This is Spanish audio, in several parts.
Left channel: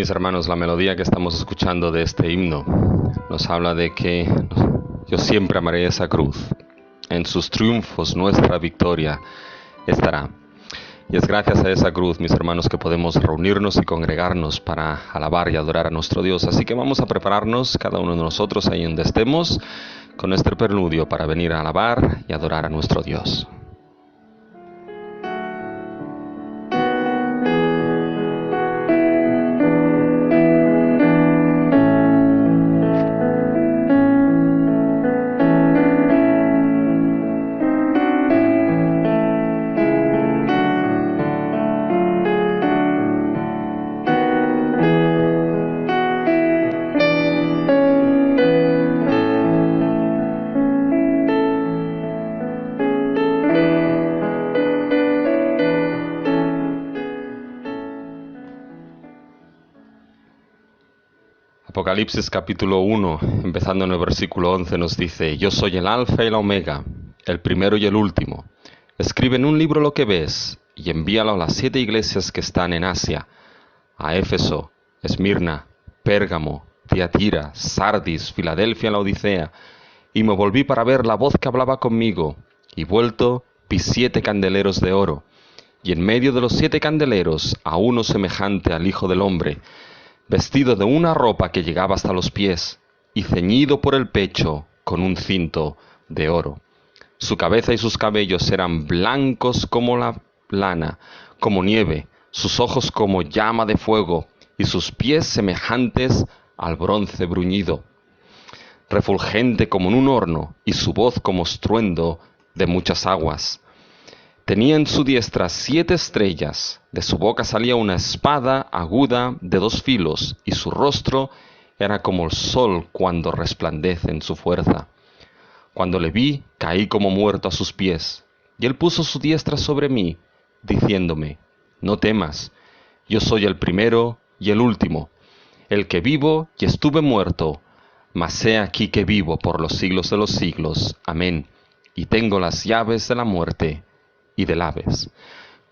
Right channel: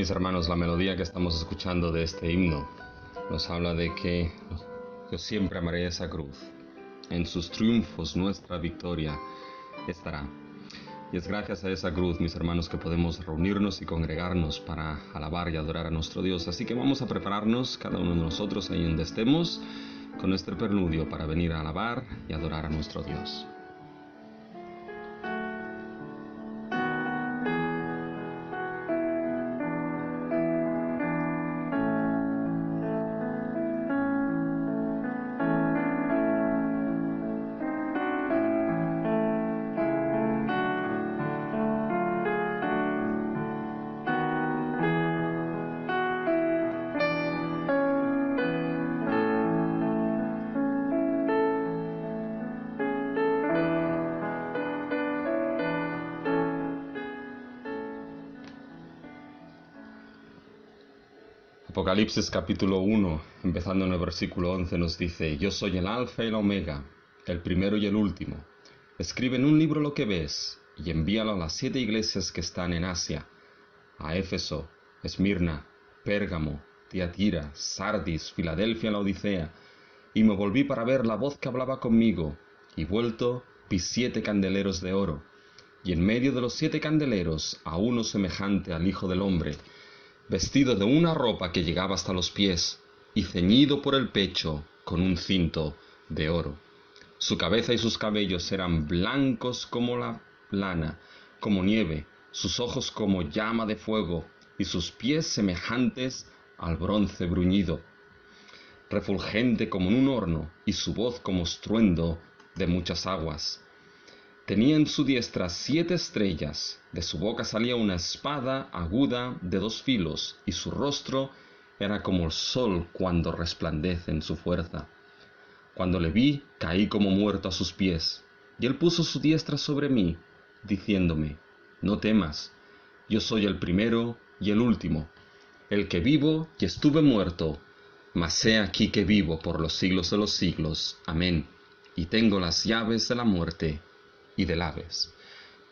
Mis hermanos, la melodía que estamos escuchando de este himno nos habla de que yo siempre amaré esa cruz. En sus triunfos nuestra victoria estará. Y es gracias a esa cruz, mis hermanos, que podemos reunirnos y congregarnos para alabar y adorar a nuestro Dios. Así que vamos a prepararnos, cada uno de nosotros, ahí donde estemos, con este preludio para venir a alabar y adorar a nuestro Dios. Apocalipsis capítulo 1, empezando en el versículo 11, nos dice: Yo soy el Alfa y la Omega, el primero y el último. Escribe en un libro lo que ves y envíalo a las 7 iglesias que están en Asia, a Éfeso, Esmirna, Pérgamo, Tiatira, Sardis, Filadelfia, Laodicea. Y me volví para ver la voz que hablaba conmigo, y vuelto vi 7 candeleros de oro, y en medio de los 7 candeleros a uno semejante al Hijo del Hombre, vestido de una ropa que llegaba hasta los pies, y ceñido por el pecho con un cinto de oro. Su cabeza y sus cabellos eran blancos como la lana, como nieve, sus ojos como llama de fuego, y sus pies semejantes al bronce bruñido, refulgente como en un horno, y su voz como estruendo de muchas aguas. Tenía en su diestra 7 estrellas, de su boca salía una espada aguda de 2 filos, y su rostro era como el sol cuando resplandece en su fuerza. Cuando le vi, caí como muerto a sus pies, y él puso su diestra sobre mí, diciéndome: No temas, yo soy el primero y el último, el que vivo y estuve muerto, mas he aquí que vivo por los siglos de los siglos. Amén. Y tengo las llaves de la muerte y del Hades.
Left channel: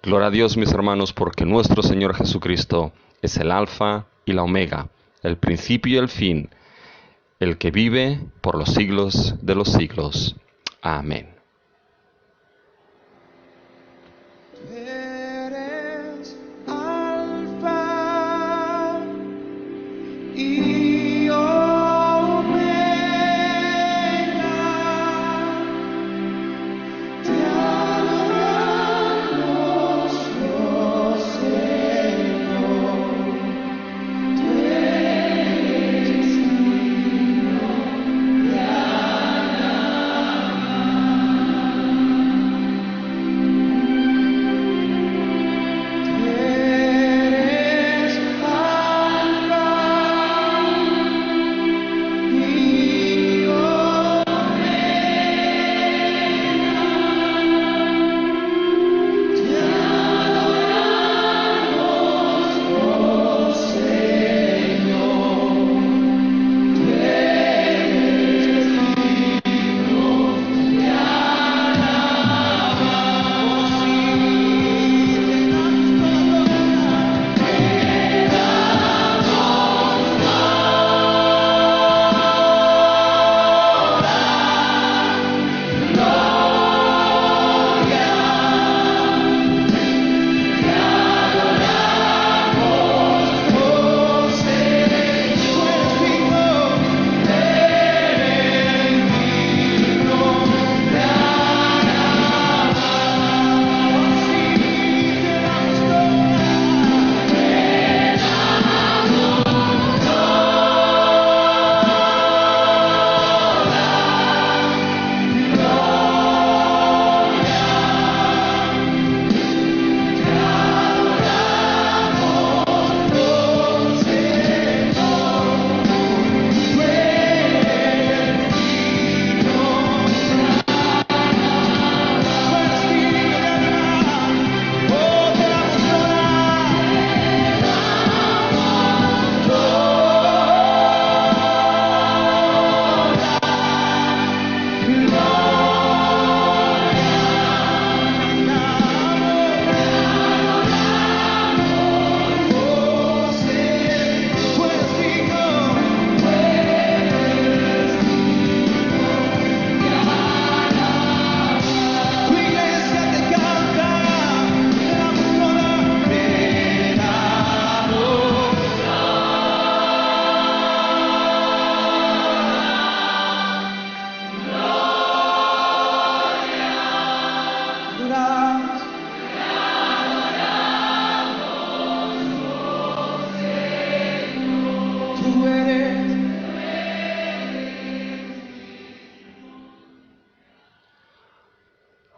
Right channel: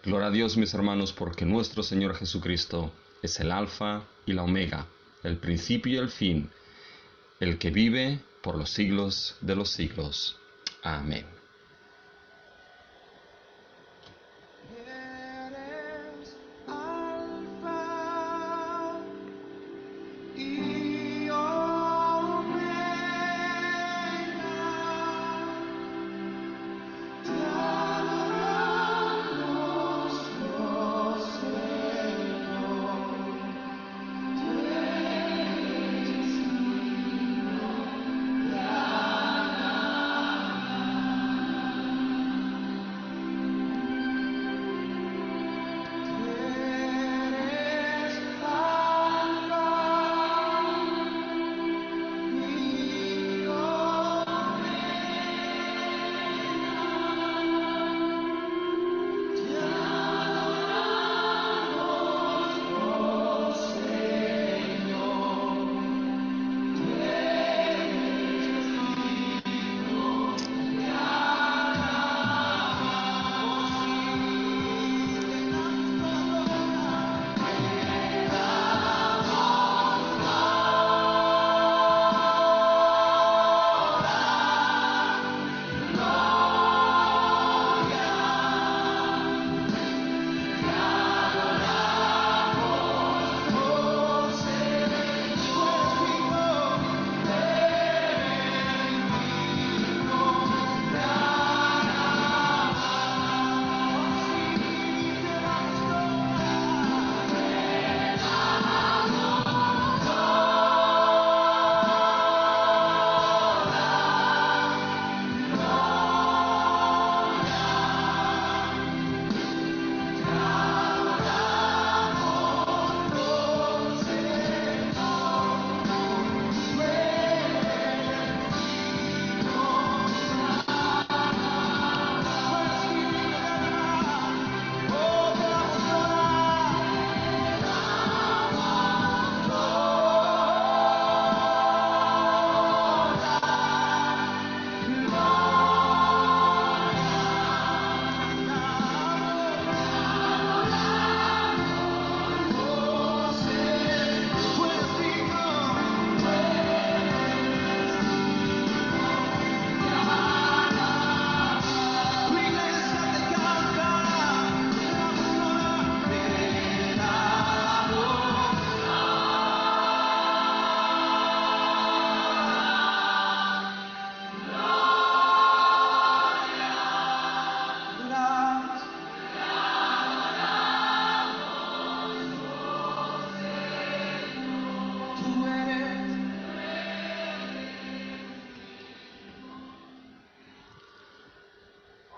Gloria a Dios, mis hermanos, porque nuestro Señor Jesucristo es el Alfa y la Omega, el principio y el fin, el que vive por los siglos de los siglos. Amén. Eres Alfa y Omega, te adoramos, oh Señor, tú eres digno de alabanza.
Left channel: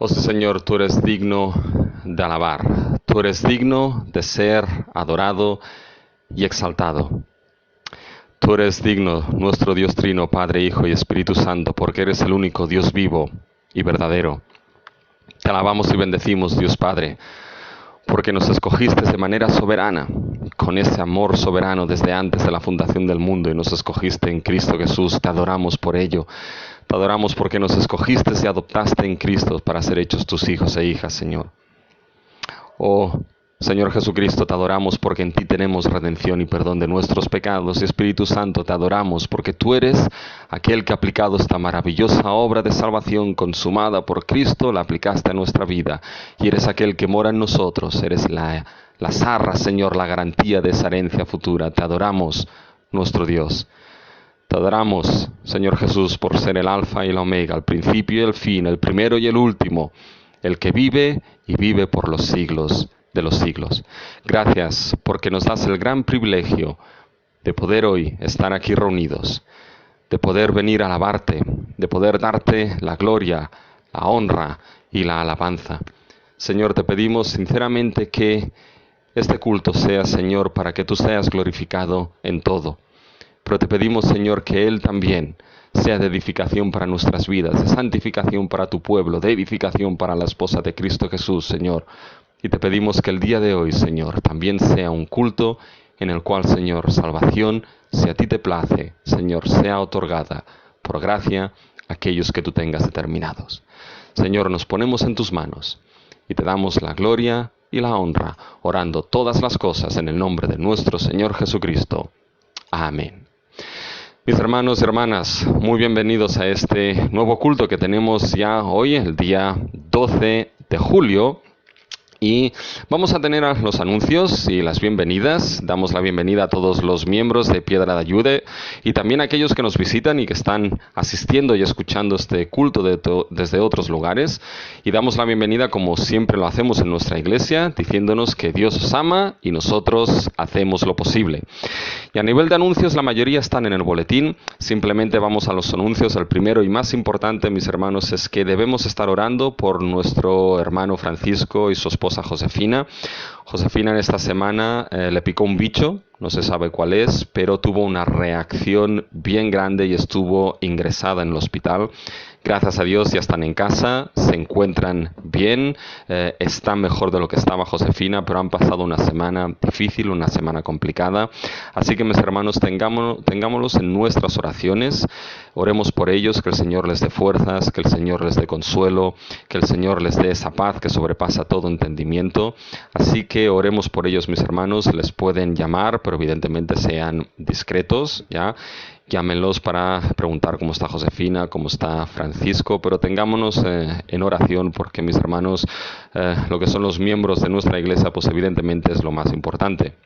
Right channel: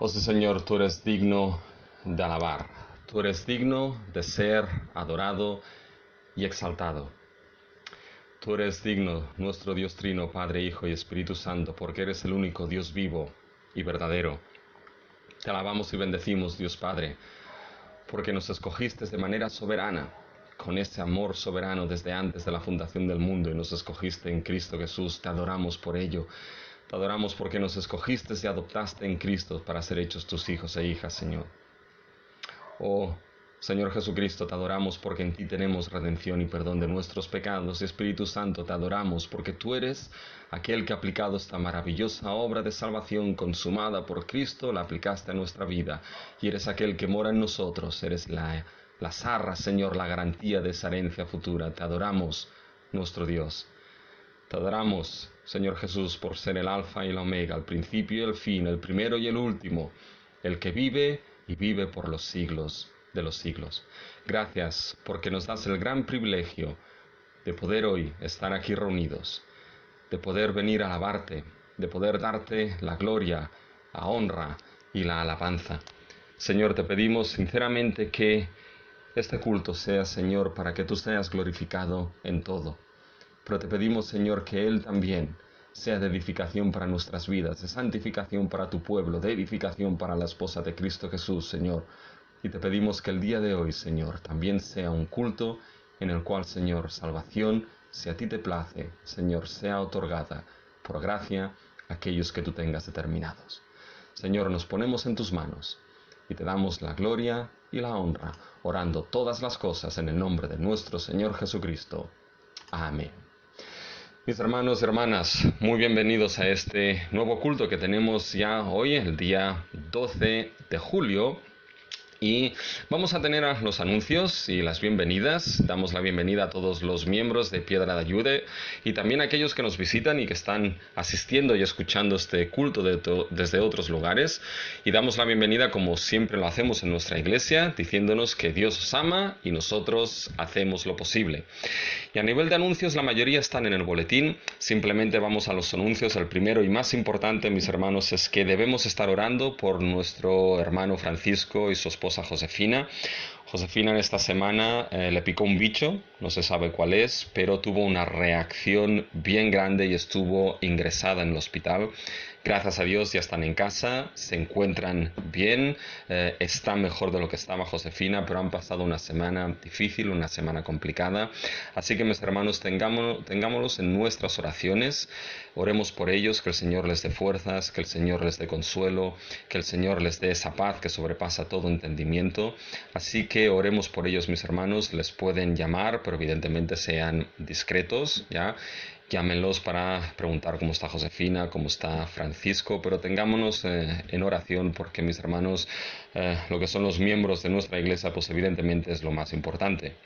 Oh sí, Señor, tú eres digno de alabar, tú eres digno de ser adorado y exaltado. Tú eres digno, nuestro Dios Trino, Padre, Hijo y Espíritu Santo, porque eres el único Dios vivo y verdadero. Te alabamos y bendecimos, Dios Padre, porque nos escogiste de manera soberana, con ese amor soberano desde antes de la fundación del mundo, y nos escogiste en Cristo Jesús. Te adoramos por ello. Te adoramos porque nos escogiste y adoptaste en Cristo para ser hechos tus hijos e hijas, Señor. Oh, Señor Jesucristo, te adoramos porque en ti tenemos redención y perdón de nuestros pecados. Y Espíritu Santo, te adoramos porque tú eres aquel que ha aplicado esta maravillosa obra de salvación consumada por Cristo, la aplicaste a nuestra vida. Y eres aquel que mora en nosotros, eres las arras, Señor, la garantía de esa herencia futura. Te adoramos, nuestro Dios. Te adoramos, Señor Jesús, por ser el Alfa y el Omega, el principio y el fin, el primero y el último, el que vive y vive por los siglos de los siglos. Gracias porque nos das el gran privilegio de poder hoy estar aquí reunidos, de poder venir a alabarte, de poder darte la gloria, la honra y la alabanza. Señor, te pedimos sinceramente que este culto sea, Señor, para que tú seas glorificado en todo. Pero te pedimos, Señor, que Él también sea de edificación para nuestras vidas, de santificación para tu pueblo, de edificación para la esposa de Cristo Jesús, Señor. Y te pedimos que el día de hoy, Señor, también sea un culto en el cual, Señor, salvación, si a ti te place, Señor, sea otorgada por gracia a aquellos que tú tengas determinados. Señor, nos ponemos en tus manos y te damos la gloria y la honra, orando todas las cosas en el nombre de nuestro Señor Jesucristo. Amén. Mis hermanos y hermanas, muy bienvenidos a este nuevo culto que tenemos ya hoy, el día 12 de julio. Y vamos a tener los anuncios y las bienvenidas. Damos la bienvenida a todos los miembros de Piedra de Ayude y también a aquellos que nos visitan y que están asistiendo y escuchando este culto desde otros lugares. Y damos la bienvenida, como siempre lo hacemos en nuestra iglesia, diciéndonos que Dios os ama y nosotros hacemos lo posible. Y a nivel de anuncios, la mayoría están en el boletín. Simplemente vamos a los anuncios. El primero y más importante, mis hermanos, es que debemos estar orando por nuestro hermano Francisco y su esposa Josefina. Josefina en esta semana le picó un bicho, no se sabe cuál es, pero tuvo una reacción bien grande y estuvo ingresada en el hospital. Gracias a Dios ya están en casa, se encuentran bien, están mejor de lo que estaba Josefina, pero han pasado una semana difícil, una semana complicada. Así que mis hermanos, tengámoslos en nuestras oraciones, oremos por ellos, que el Señor les dé fuerzas, que el Señor les dé consuelo, que el Señor les dé esa paz que sobrepasa todo entendimiento. Así que oremos por ellos, mis hermanos. Les pueden llamar, pero evidentemente sean discretos, ¿ya? Llámenlos para preguntar cómo está Josefina, cómo está Francisco, pero tengámonos en oración porque, mis hermanos, lo que son los miembros de nuestra iglesia, pues evidentemente es lo más importante.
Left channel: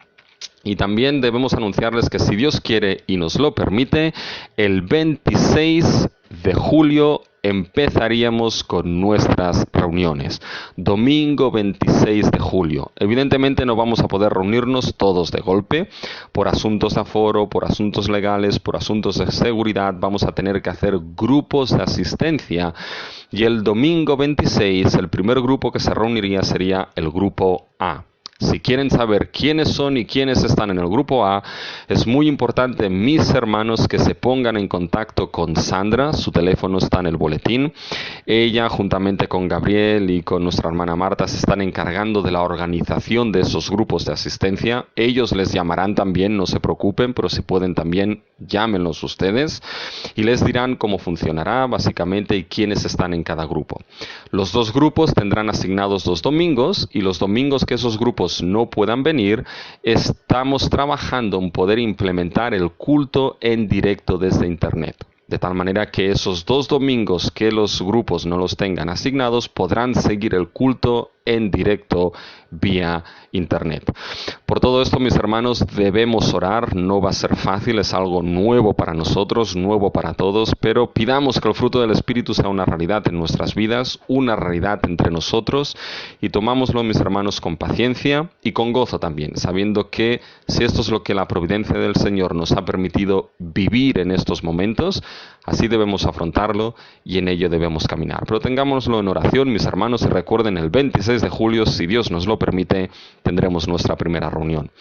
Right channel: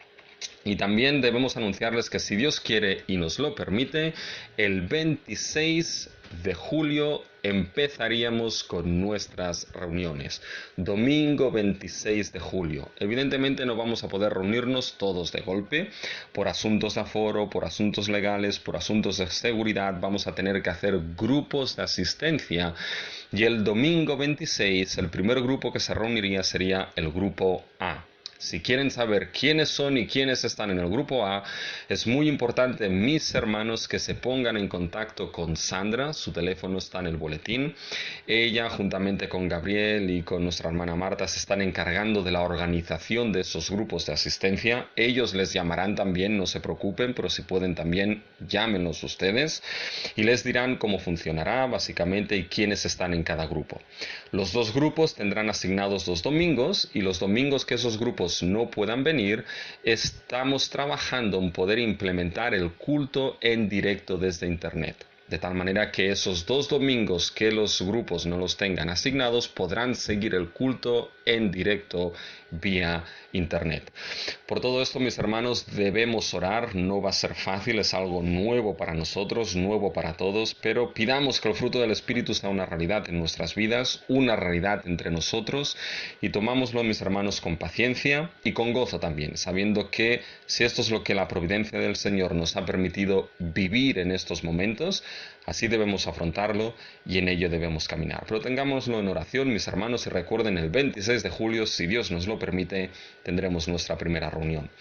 Y también debemos anunciarles que, si Dios quiere y nos lo permite, el 26 de julio empezaríamos con nuestras reuniones. Domingo 26 de julio. Evidentemente no vamos a poder reunirnos todos de golpe. Por asuntos de aforo, por asuntos legales, por asuntos de seguridad, vamos a tener que hacer grupos de asistencia. Y el domingo 26, el primer grupo que se reuniría sería el grupo A. Si quieren saber quiénes son y quiénes están en el grupo A, es muy importante, mis hermanos, que se pongan en contacto con Sandra. Su teléfono está en el boletín. Ella, juntamente con Gabriel y con nuestra hermana Marta, se están encargando de la organización de esos grupos de asistencia. Ellos les llamarán también, no se preocupen, pero si pueden también, llámenlos ustedes y les dirán cómo funcionará básicamente y quiénes están en cada grupo. Los dos grupos tendrán asignados 2 domingos, y los domingos que esos grupos no puedan venir, estamos trabajando en poder implementar el culto en directo desde internet. De tal manera que esos 2 domingos que los grupos no los tengan asignados, podrán seguir el culto en directo vía internet. Por todo esto, mis hermanos, debemos orar. No va a ser fácil, es algo nuevo para nosotros, nuevo para todos, pero pidamos que el fruto del Espíritu sea una realidad en nuestras vidas, una realidad entre nosotros, y tomámoslo, mis hermanos, con paciencia y con gozo también, sabiendo que si esto es lo que la providencia del Señor nos ha permitido vivir en estos momentos, Así debemos afrontarlo y en ello debemos caminar. Pero tengámoslo en oración, mis hermanos, y recuerden, el 26 de julio, si Dios nos lo permite, tendremos nuestra primera reunión.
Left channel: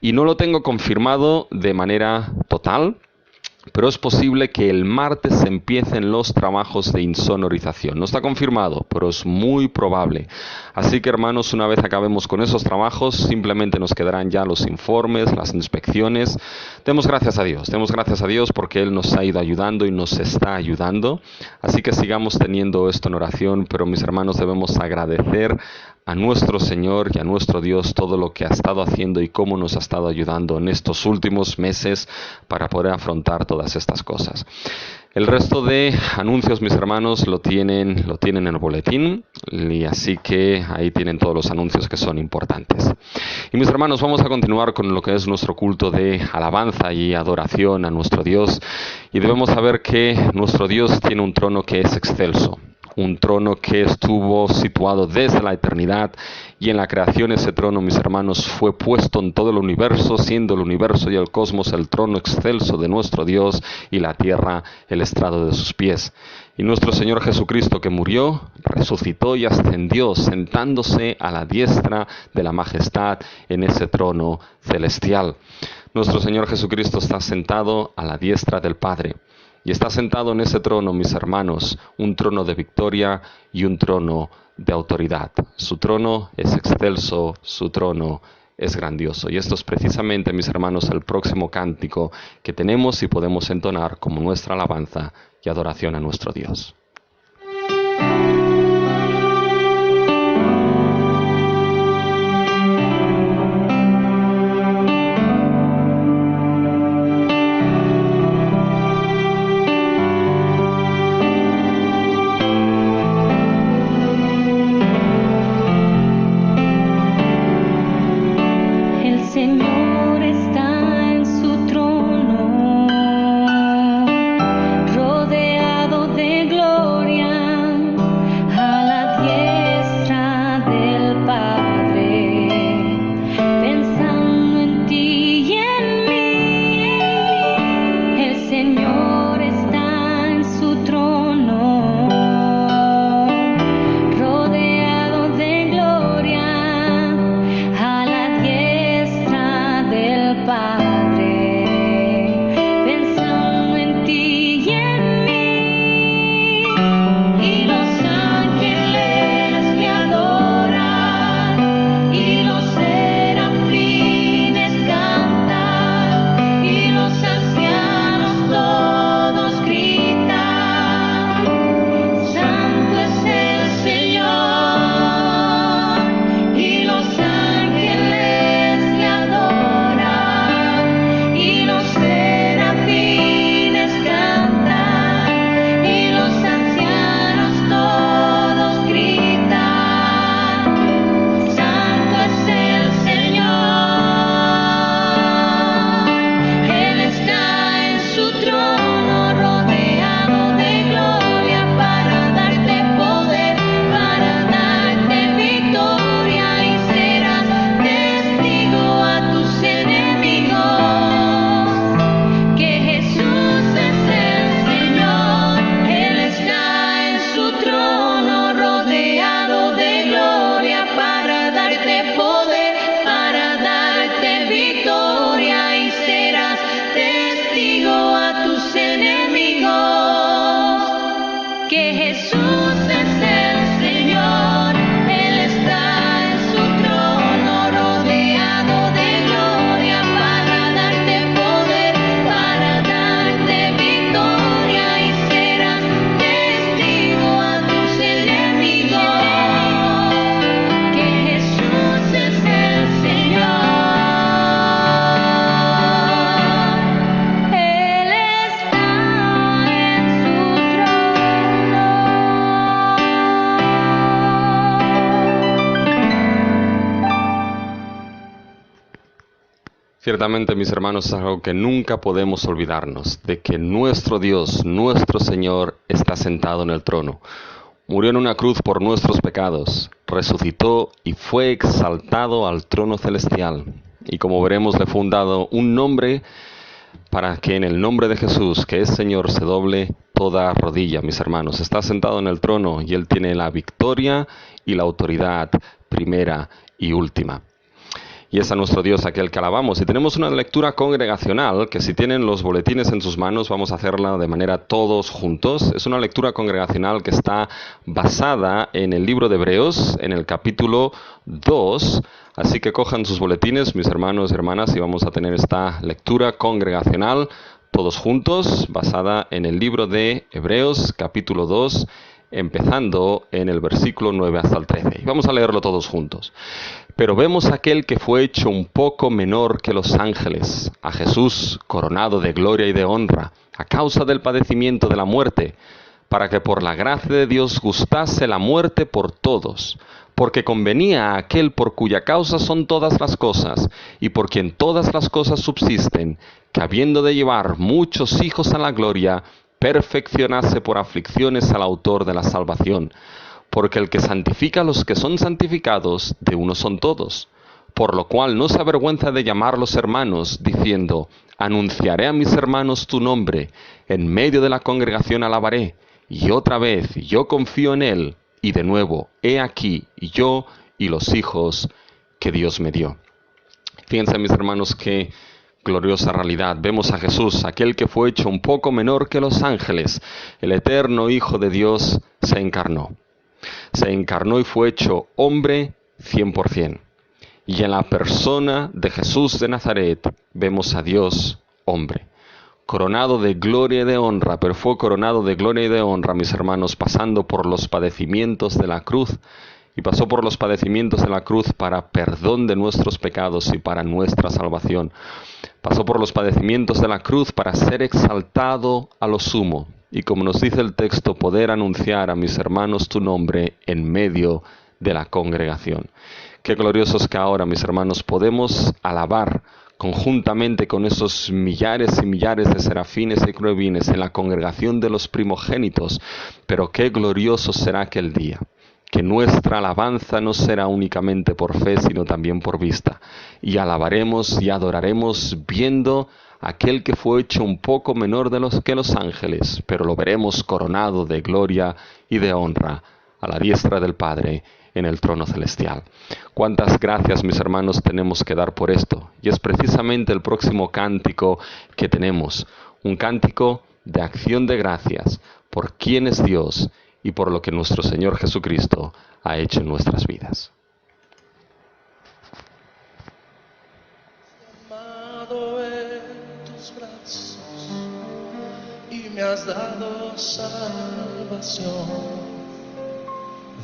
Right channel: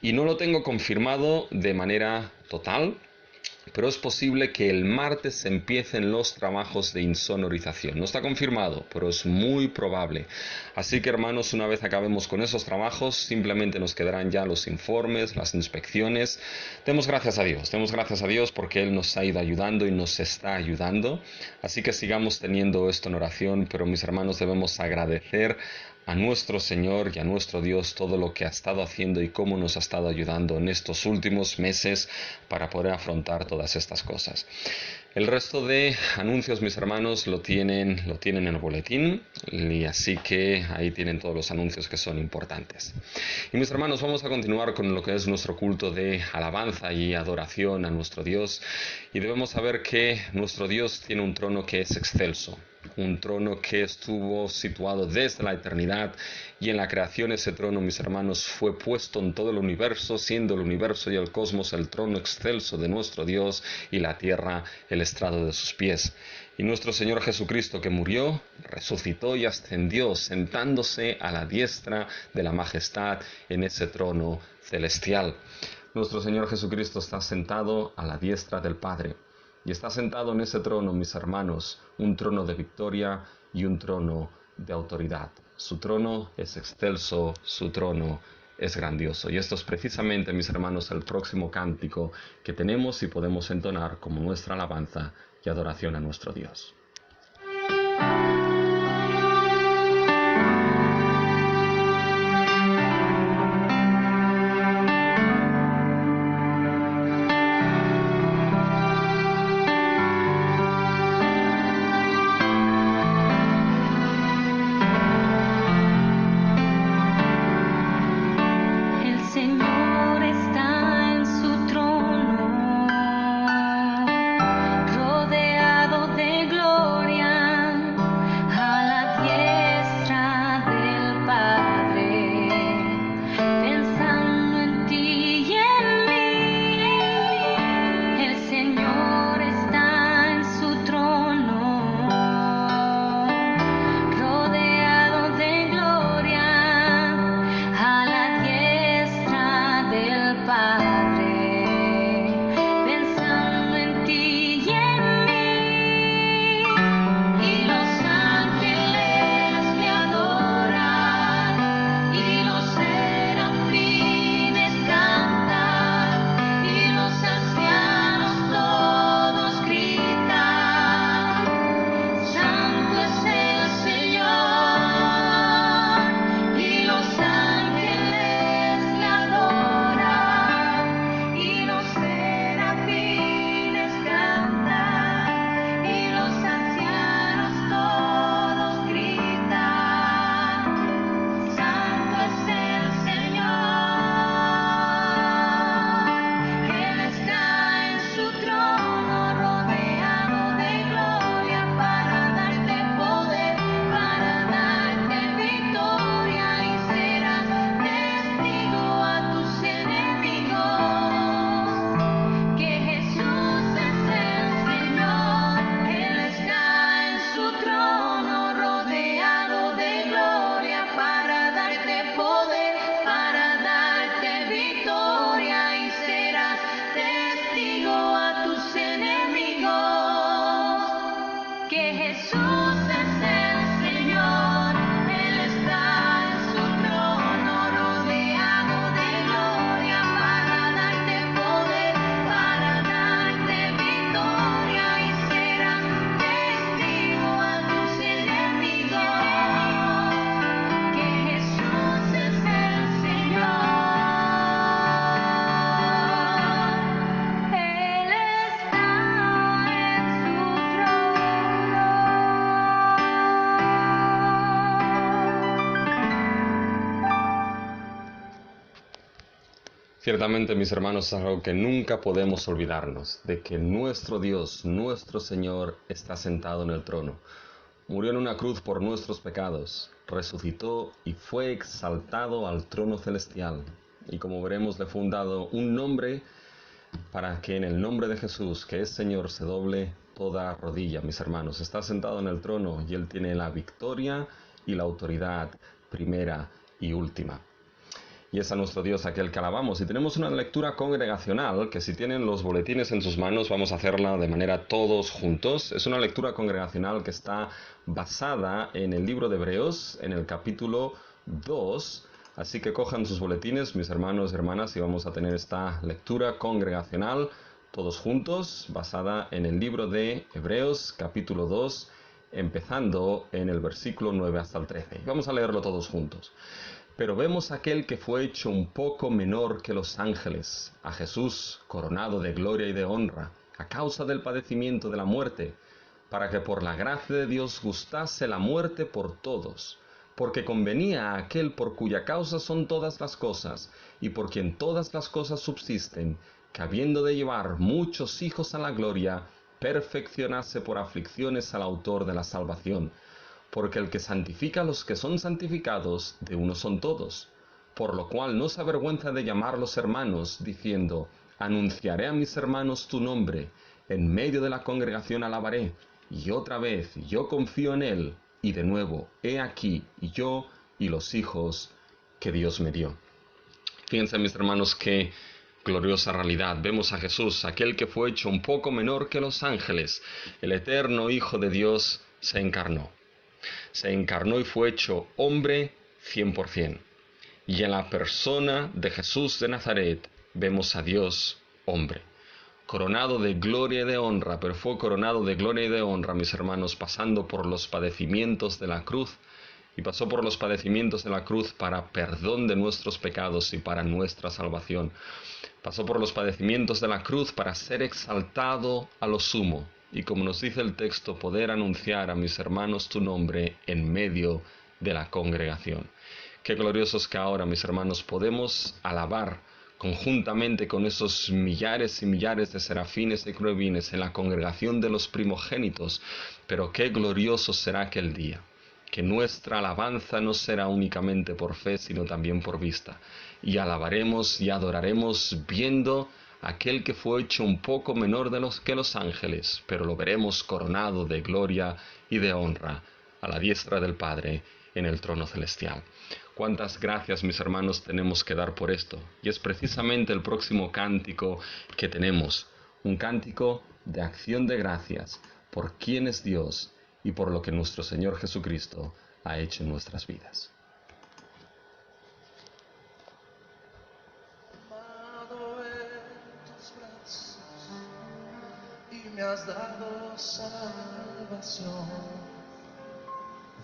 Y no lo tengo confirmado de manera total, pero es posible que el martes empiecen los trabajos de insonorización. No está confirmado, pero es muy probable. Así que, hermanos, una vez acabemos con esos trabajos, simplemente nos quedarán ya los informes, las inspecciones. Demos gracias a Dios porque Él nos ha ido ayudando y nos está ayudando. Así que sigamos teniendo esto en oración, pero mis hermanos, debemos agradecer a nuestro Señor y a nuestro Dios todo lo que ha estado haciendo y cómo nos ha estado ayudando en estos últimos meses para poder afrontar todas estas cosas. El resto de anuncios, mis hermanos, lo tienen en el boletín, y así que ahí tienen todos los anuncios que son importantes. Y mis hermanos, vamos a continuar con lo que es nuestro culto de alabanza y adoración a nuestro Dios, y debemos saber que nuestro Dios tiene un trono que es excelso. Un trono que estuvo situado desde la eternidad, y en la creación ese trono, mis hermanos, fue puesto en todo el universo, siendo el universo y el cosmos el trono excelso de nuestro Dios y la tierra el estrado de sus pies. Y nuestro Señor Jesucristo, que murió, resucitó y ascendió, sentándose a la diestra de la majestad en ese trono celestial. Nuestro Señor Jesucristo está sentado a la diestra del Padre. Y está sentado en ese trono, mis hermanos, un trono de victoria y un trono de autoridad. Su trono es excelso, su trono es grandioso. Y esto es precisamente, mis hermanos, el próximo cántico que tenemos y podemos entonar como nuestra alabanza y adoración a nuestro Dios. El Señor está en su trono, rodeado de gloria, a la diestra del Padre, pensando en ti y en mí. El Señor está en su trono, rodeado de gloria, a la diestra del Padre, pensando en ti y en mí. Y los ángeles le adoran, y los serafines cantan, y los ancianos todos gritan: Santo es el Señor. Y los ángeles le adoran, y los serafines cantan, y los ancianos todos gritan: Santo es el Señor. Él está en su trono, rodeado de gloria, para darte poder, para darte victoria, y serás testigo a tus enemigos que Jesús es el Señor. Él está en su trono, rodeado de gloria, para darte poder, para darte victoria, y serás testigo a tus enemigos que Jesús es el Señor. Él está en su trono, rodeado de gloria, para darte poder, para darte victoria, y serás testigo a tus enemigos que Jesús es el Señor. Él está en su Ciertamente, mis hermanos, es algo que nunca podemos olvidarnos, de que nuestro Dios, nuestro Señor, está sentado en el trono. Murió en una cruz por nuestros pecados, resucitó y fue exaltado al trono celestial. Y como veremos, le fue dado un nombre para que en el nombre de Jesús, que es Señor, se doble toda rodilla, mis hermanos. Está sentado en el trono y Él tiene la victoria y la autoridad primera y última. Y es a nuestro Dios aquel que alabamos. Y tenemos una lectura congregacional, que si tienen los boletines en sus manos, vamos a hacerla de manera todos juntos. Es una lectura congregacional que está basada en el libro de Hebreos, en el capítulo 2. Así que cojan sus boletines, mis hermanos y hermanas, y vamos a tener esta lectura congregacional todos juntos, basada en el libro de Hebreos, capítulo 2, empezando en el versículo 9 hasta el 13. Y vamos a leerlo todos juntos. Pero vemos a aquel que fue hecho un poco menor que los ángeles, a Jesús coronado de gloria y de honra, a causa del padecimiento de la muerte, para que por la gracia de Dios gustase la muerte por todos, porque convenía a aquel por cuya causa son todas las cosas, y por quien todas las cosas subsisten, que habiendo de llevar muchos hijos a la gloria, perfeccionase por aflicciones al autor de la salvación. Porque el que santifica a los que son santificados, de uno son todos. Por lo cual no se avergüenza de llamarlos hermanos, diciendo, anunciaré a mis hermanos tu nombre, en medio de la congregación alabaré. Y otra vez, yo confío en él, y de nuevo, he aquí, yo y los hijos que Dios me dio. Fíjense, mis hermanos, qué gloriosa realidad. Vemos a Jesús, aquel que fue hecho un poco menor que los ángeles, el eterno Hijo de Dios, se encarnó. Se encarnó y fue hecho hombre 100%. Y en la persona de Jesús de Nazaret vemos a Dios hombre, coronado de gloria y de honra, pero fue coronado de gloria y de honra, mis hermanos, pasando por los padecimientos de la cruz, y pasó por los padecimientos de la cruz para perdón de nuestros pecados y para nuestra salvación. Pasó por los padecimientos de la cruz para ser exaltado a lo sumo, y como nos dice el texto, poder anunciar a mis hermanos tu nombre en medio de la congregación. Qué gloriosos que ahora, mis hermanos, podemos alabar conjuntamente con esos millares y millares de serafines y querubines en la congregación de los primogénitos. Pero qué glorioso será aquel día, que nuestra alabanza no será únicamente por fe, sino también por vista. Y alabaremos y adoraremos viendo aquel que fue hecho un poco menor que los ángeles, pero lo veremos coronado de gloria y de honra a la diestra del Padre en el trono celestial. Cuántas gracias, mis hermanos, tenemos que dar por esto. Y es precisamente el próximo cántico que tenemos, un cántico de acción de gracias por quién es Dios y por lo que nuestro Señor Jesucristo ha hecho en nuestras vidas. Amado en tus brazos y me has dado salvación.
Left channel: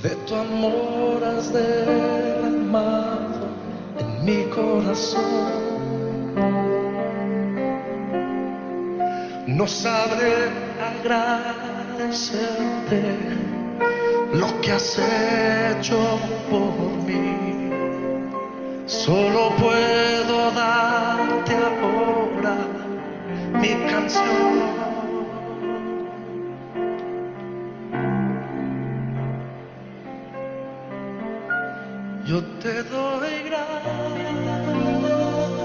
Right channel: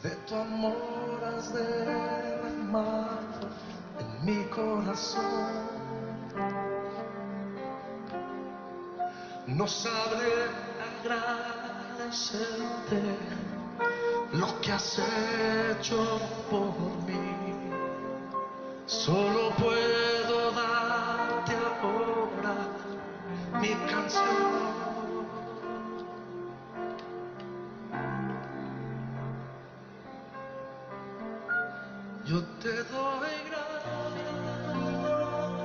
De tu amor has derramado en mi corazón. No sabré agradecerte lo que has hecho por mí. Solo puedo darte ahora mi canción. Yo te doy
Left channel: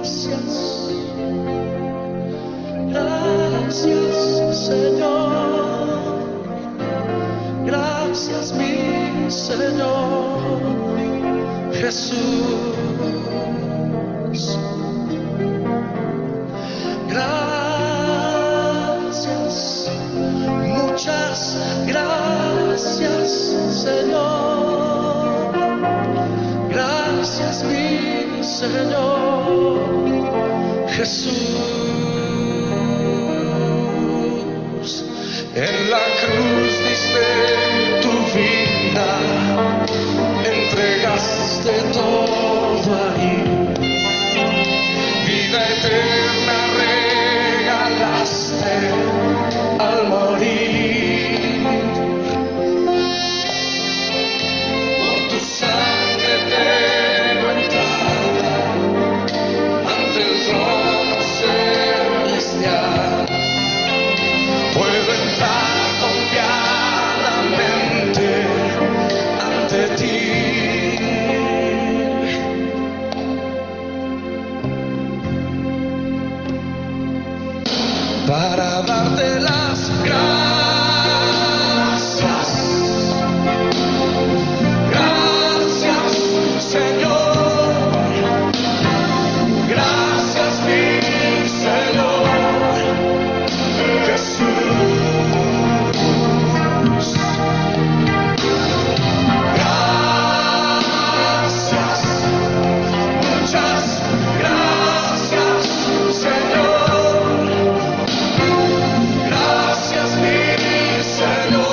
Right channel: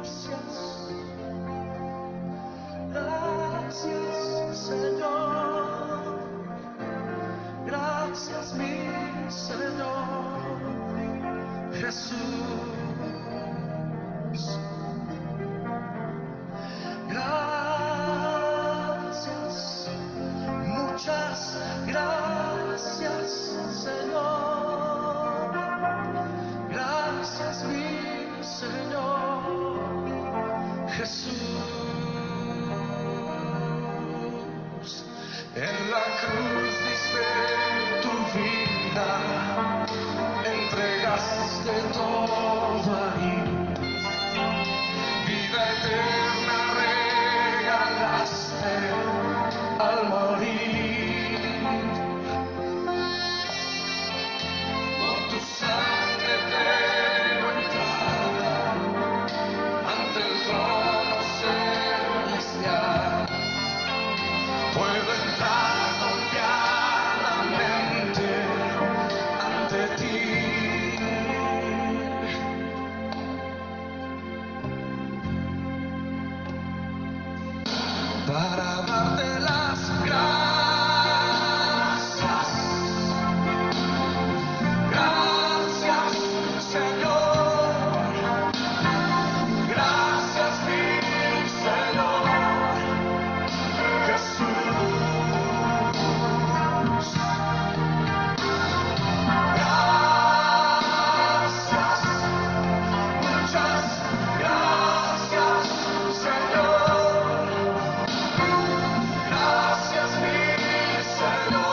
gracias, gracias Señor, gracias mi Señor Jesús. Gracias, muchas gracias Señor. Gracias mi Señor Jesús. En la cruz diste tu vida, entregaste todo ahí. Vida eterna regalaste al morir. Por tu sangre tengo entrada ante el trono celestial. Puedo entrar confiadamente para darte las gracias. Gracias, Señor. Gracias, mi Señor Jesús. Gracias, muchas gracias, Señor. Gracias, mi Señor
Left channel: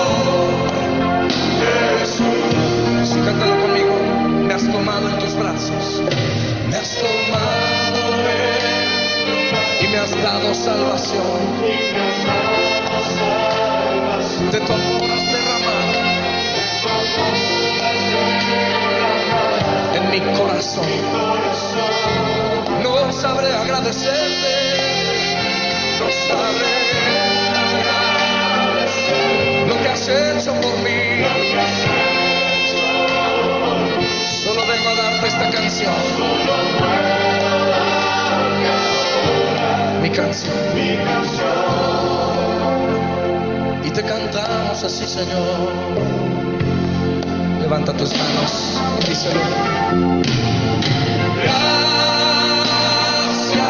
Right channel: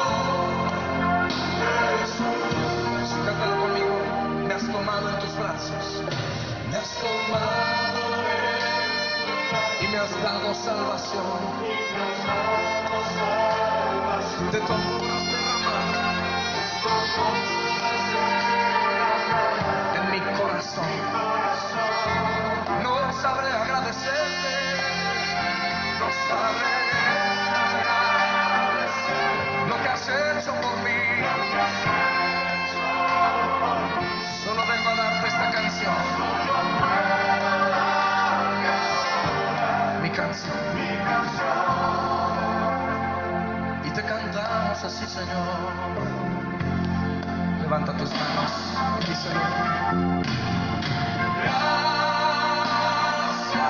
Jesús. Cántalo conmigo. Me has tomado en tus brazos. Me has tomado y me has dado salvación. De tu amor has derramado en mi corazón. No sabré agradecerte, no sabré lo que has hecho por mí. Solo vengo a darte esta canción. Mi canción. Y te cantamos así, Señor. Levanta tus manos y díselo. Gracias,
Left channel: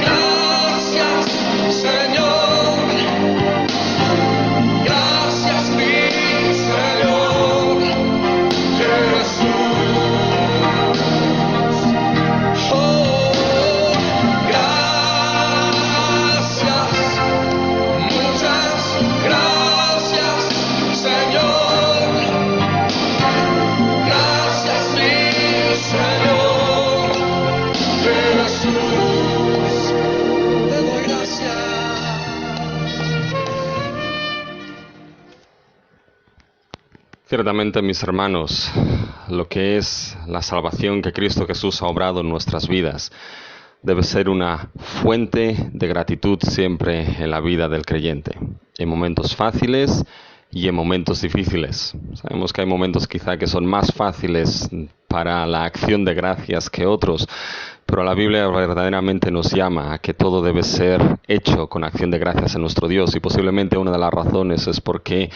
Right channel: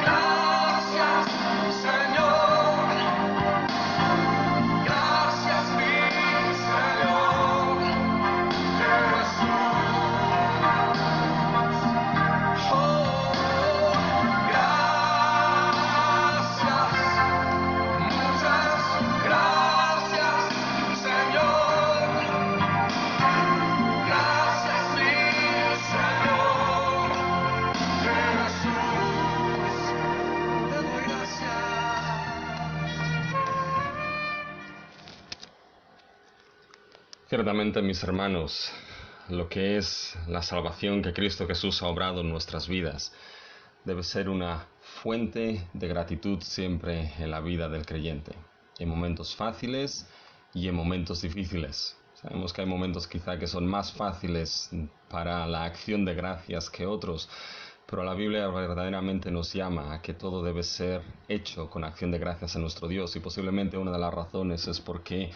gracias, Señor. Gracias, mi Señor Jesús. Oh, gracias, muchas gracias, Señor. Gracias, mi Señor Jesús. Te doy gracias. Ciertamente, mis hermanos, lo que es la salvación que Cristo Jesús ha obrado en nuestras vidas debe ser una fuente de gratitud siempre en la vida del creyente, en momentos fáciles y en momentos difíciles. Sabemos que hay momentos quizá que son más fáciles para la acción de gracias que otros, pero la Biblia verdaderamente nos llama a que todo debe ser hecho con acción de gracias a nuestro Dios, y posiblemente una de las razones es porque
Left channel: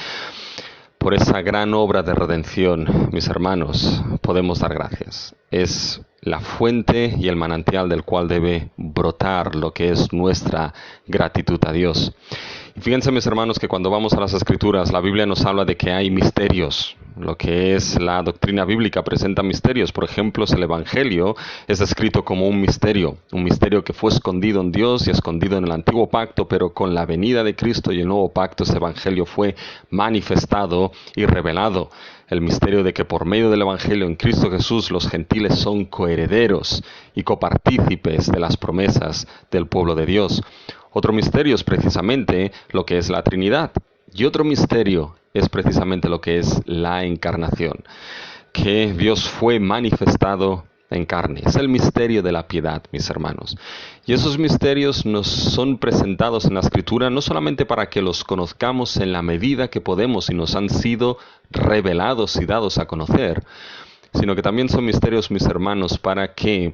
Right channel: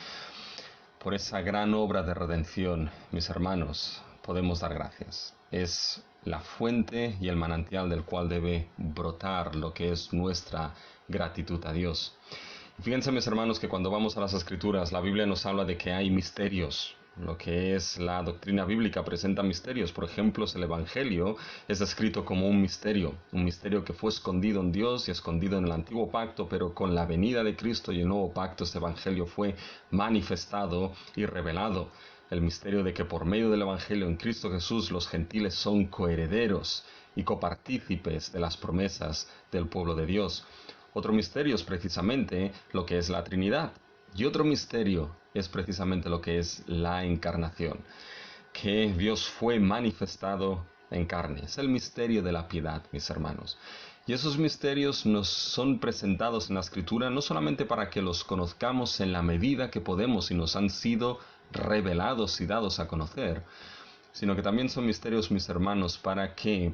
por esa gran obra de redención, mis hermanos, podemos dar gracias. Es la fuente y el manantial del cual debe brotar lo que es nuestra gratitud a Dios. Y fíjense, mis hermanos, que cuando vamos a las Escrituras, la Biblia nos habla de que hay misterios. Lo que es la doctrina bíblica presenta misterios. Por ejemplo, el Evangelio es descrito como un misterio que fue escondido en Dios y escondido en el Antiguo Pacto, pero con la venida de Cristo y el Nuevo Pacto, ese Evangelio fue manifestado y revelado. El misterio de que por medio del Evangelio en Cristo Jesús los gentiles son coherederos y copartícipes de las promesas del pueblo de Dios. Otro misterio es precisamente lo que es la Trinidad. Y otro misterio es precisamente lo que es la encarnación, que Dios fue manifestado en carne. Es el misterio de la piedad, mis hermanos. Y esos misterios nos son presentados en la Escritura no solamente para que los conozcamos en la medida que podemos y nos han sido revelados y dados a conocer, sino que también son misterios, mis hermanos, para que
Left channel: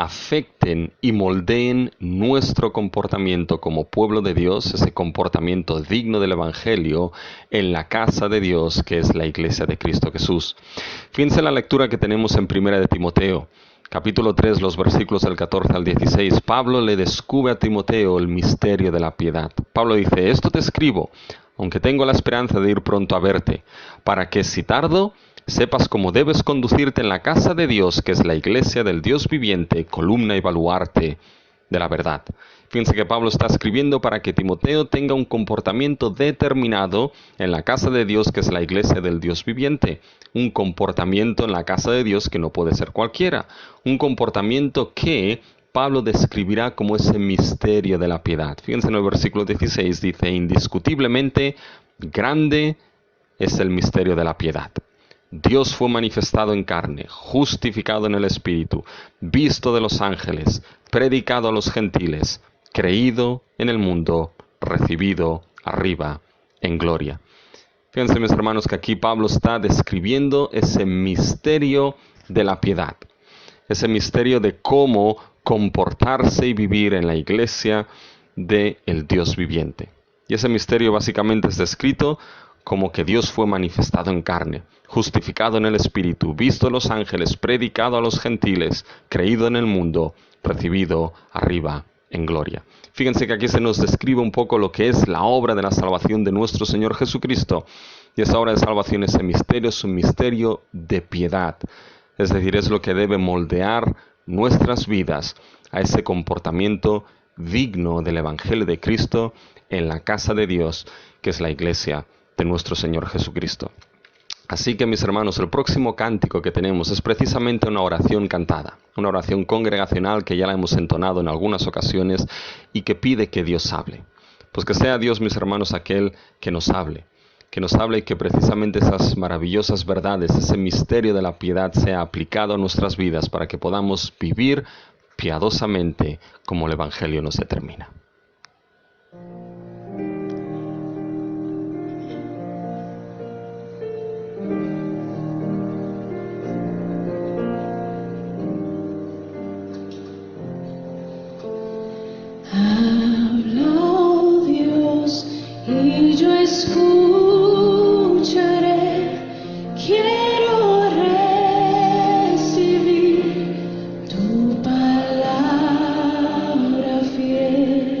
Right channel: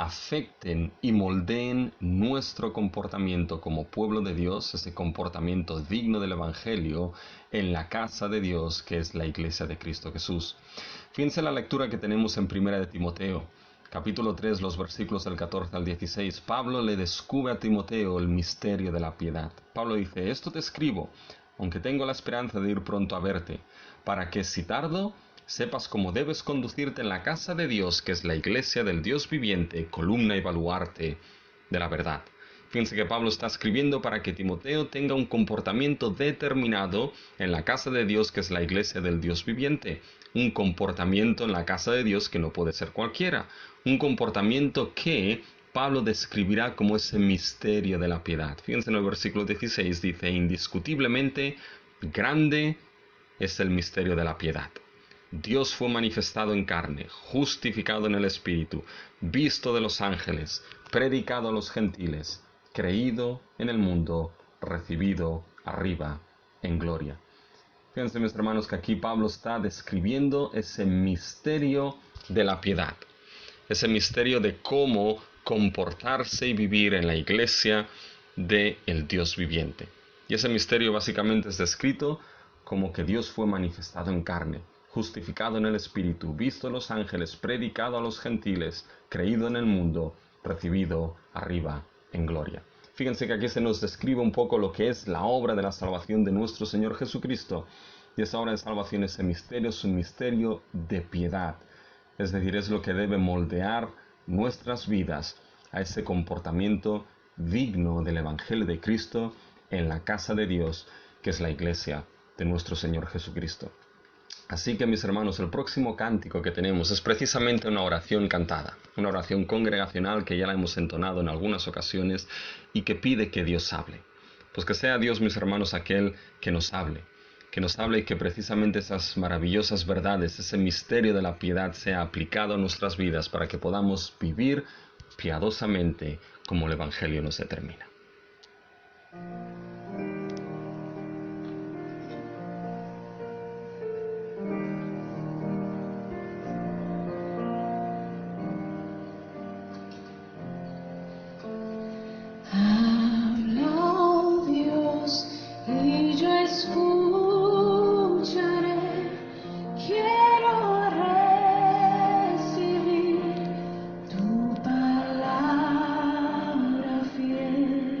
afecten y moldeen nuestro comportamiento como pueblo de Dios, ese comportamiento digno del Evangelio en la casa de Dios, que es la iglesia de Cristo Jesús. Fíjense en la lectura que tenemos en 1 de Timoteo, capítulo 3, los versículos del 14 al 16. Pablo le descubre a Timoteo el misterio de la piedad. Pablo dice: esto te escribo, aunque tengo la esperanza de ir pronto a verte, para que si tardo, sepas cómo debes conducirte en la casa de Dios, que es la iglesia del Dios viviente, columna y baluarte de la verdad. Fíjense que Pablo está escribiendo para que Timoteo tenga un comportamiento determinado en la casa de Dios, que es la iglesia del Dios viviente. Un comportamiento en la casa de Dios que no puede ser cualquiera. Un comportamiento que Pablo describirá como ese misterio de la piedad. Fíjense en el versículo 16, dice: indiscutiblemente grande es el misterio de la piedad. Dios fue manifestado en carne, justificado en el Espíritu, visto de los ángeles, predicado a los gentiles, creído en el mundo, recibido arriba en gloria. Fíjense, mis hermanos, que aquí Pablo está describiendo ese misterio de la piedad, ese misterio de cómo comportarse y vivir en la iglesia del Dios viviente. Y ese misterio básicamente es descrito como que Dios fue manifestado en carne, justificado en el Espíritu, visto a los ángeles, predicado a los gentiles, creído en el mundo, recibido arriba en gloria. Fíjense que aquí se nos describe un poco lo que es la obra de la salvación de nuestro Señor Jesucristo. Y esa obra de salvación, ese misterio, es un misterio de piedad. Es decir, es lo que debe moldear nuestras vidas a ese comportamiento digno del Evangelio de Cristo en la casa de Dios, que es la iglesia de nuestro Señor Jesucristo. Así que, mis hermanos, el próximo cántico que tenemos es precisamente una oración cantada, una oración congregacional que ya la hemos entonado en algunas ocasiones y que pide que Dios hable. Pues que sea Dios, mis hermanos, aquel que nos hable y que precisamente esas maravillosas verdades, ese misterio de la piedad sea aplicado a nuestras vidas para que podamos vivir piadosamente como el Evangelio nos determina. Habla, Dios, y yo escucharé. Quiero recibir tu palabra fiel.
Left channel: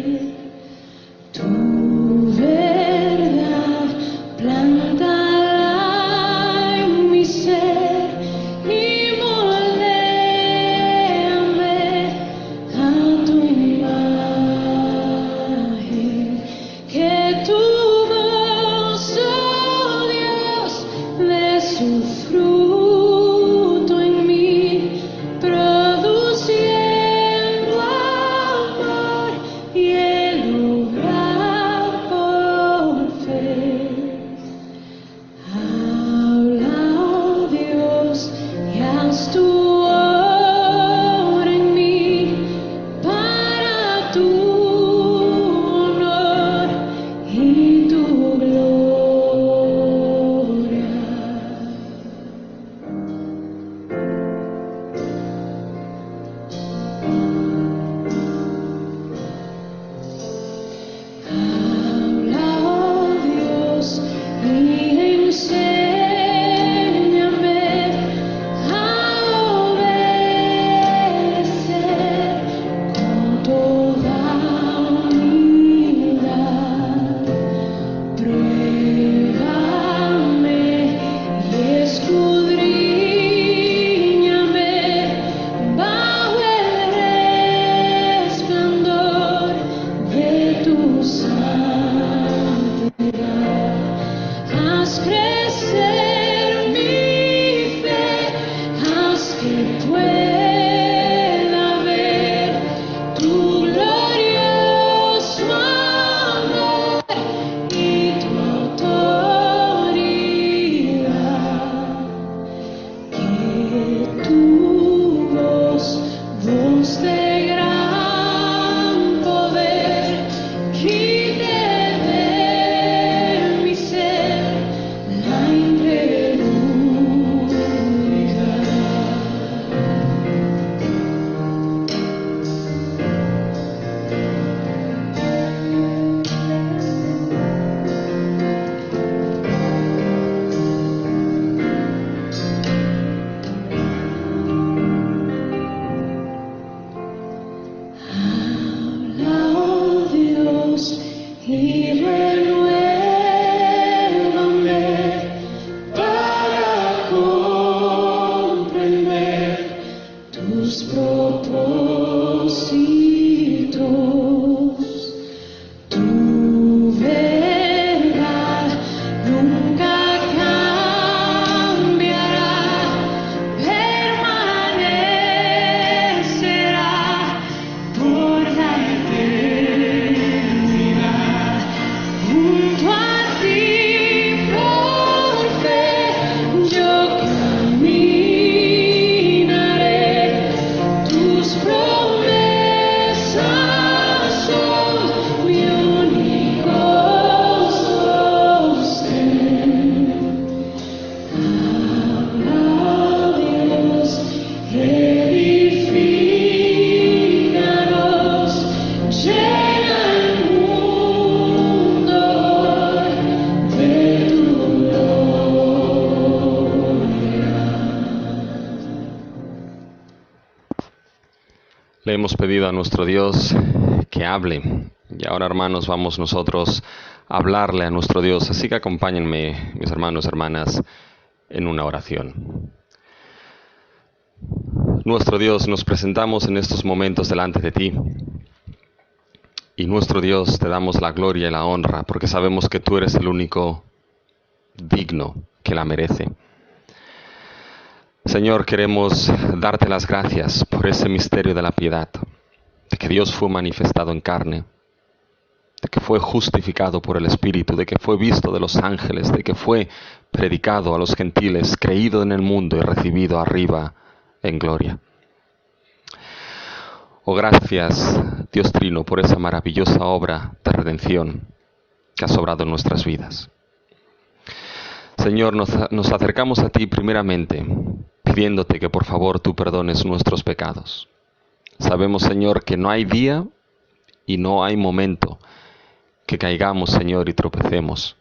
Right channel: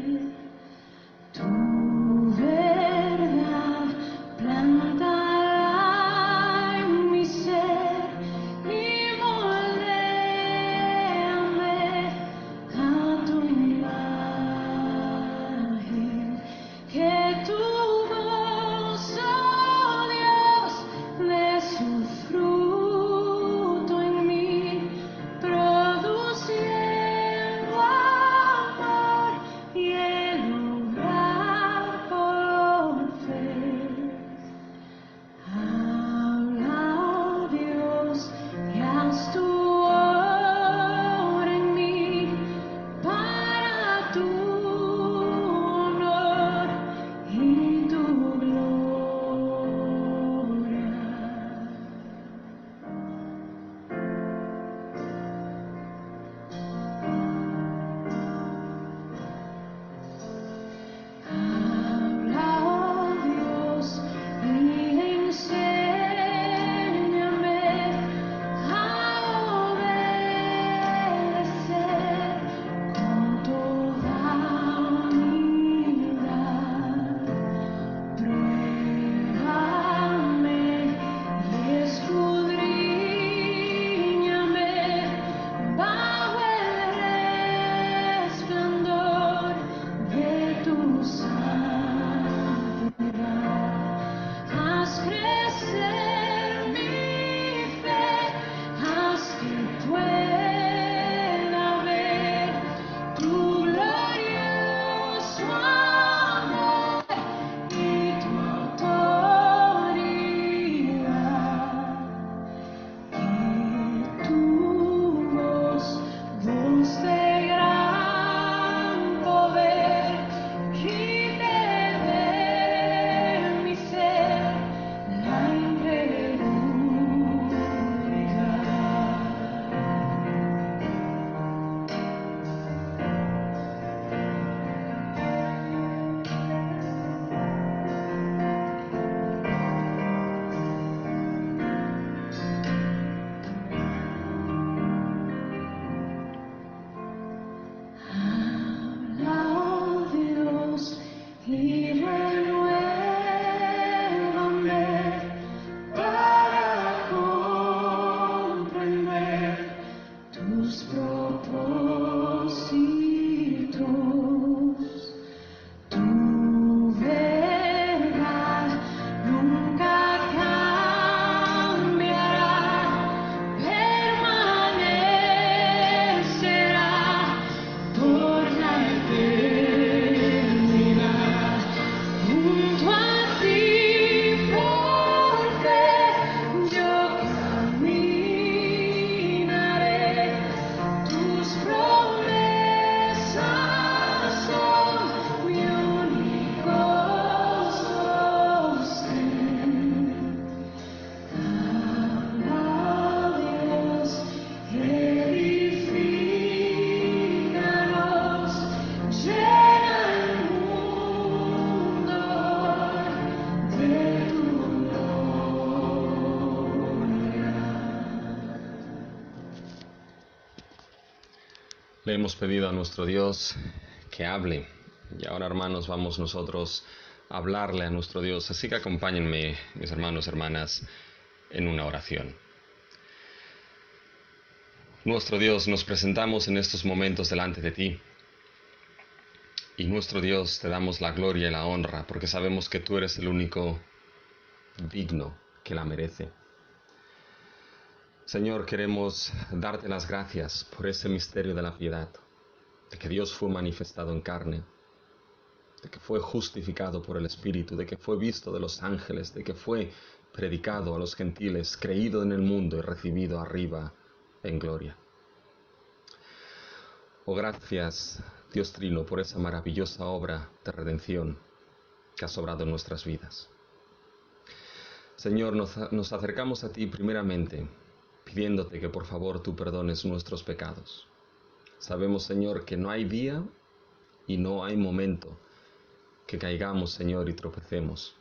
Le hemos pedido a nuestro Dios que hable. Y ahora, hermanos, vamos nosotros a hablarle a nuestro Dios. Así que acompáñenme, mis hermanos y hermanas, en una oración. Nuestro Dios, nos presentamos en estos momentos delante de ti. Y nuestro Dios, te damos la gloria y la honra, porque sabemos que tú eres el único digno que la merece. Señor, queremos darte las gracias por ese misterio de la piedad, de que Dios fue manifestado en carne, de que fue justificado por el Espíritu, de que fue visto de los ángeles, de que fue predicado a los gentiles, creído en el mundo y recibido arriba en gloria. Oh, gracias, Dios Trino, por esa maravillosa obra de redención que has obrado en nuestras vidas. Señor, nos acercamos a ti primeramente, pidiéndote que por favor tú perdones nuestros pecados. Sabemos, Señor, que no hay día y no hay momento que caigamos, Señor, y tropecemos.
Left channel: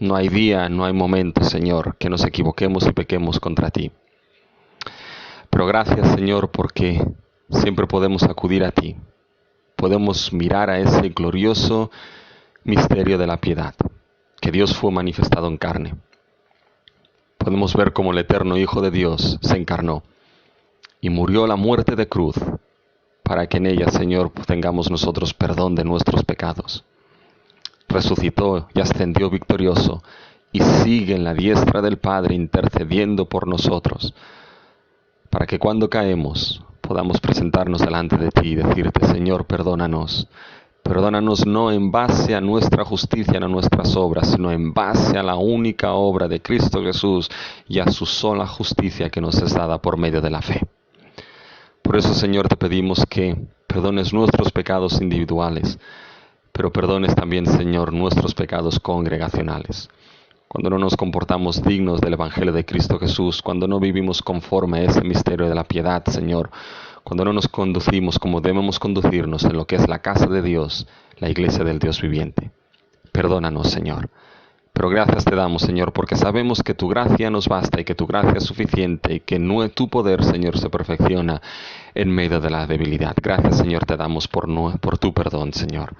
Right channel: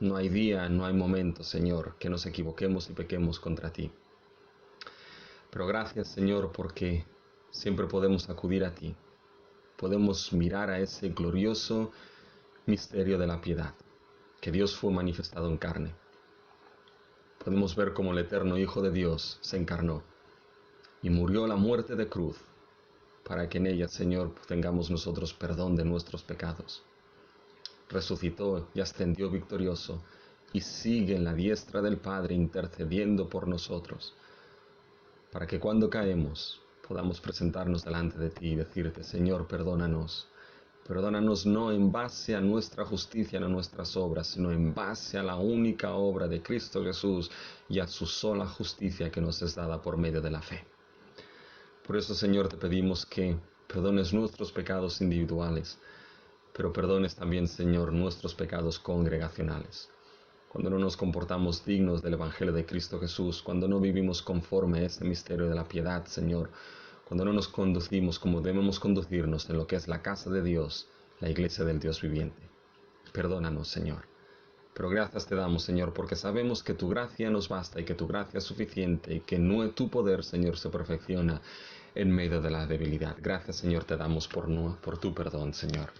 No hay día, no hay momento, Señor, que nos equivoquemos y pequemos contra ti. Pero gracias, Señor, porque siempre podemos acudir a ti. Podemos mirar a ese glorioso misterio de la piedad, que Dios fue manifestado en carne. Podemos ver cómo el eterno Hijo de Dios se encarnó y murió la muerte de cruz para que en ella, Señor, tengamos nosotros perdón de nuestros pecados. Resucitó y ascendió victorioso y sigue en la diestra del Padre intercediendo por nosotros, para que cuando caemos podamos presentarnos delante de ti y decirte, Señor, perdónanos. Perdónanos no en base a nuestra justicia, no a nuestras obras, sino en base a la única obra de Cristo Jesús y a su sola justicia que nos es dada por medio de la fe. Por eso, Señor, te pedimos que perdones nuestros pecados individuales, pero perdones también, Señor, nuestros pecados congregacionales. Cuando no nos comportamos dignos del Evangelio de Cristo Jesús, cuando no vivimos conforme a ese misterio de la piedad, Señor, cuando no nos conducimos como debemos conducirnos en lo que es la casa de Dios, la iglesia del Dios viviente. Perdónanos, Señor. Pero gracias te damos, Señor, porque sabemos que tu gracia nos basta y que tu gracia es suficiente y que tu poder, Señor, se perfecciona en medio de la debilidad. Gracias, Señor, te damos por tu perdón, Señor.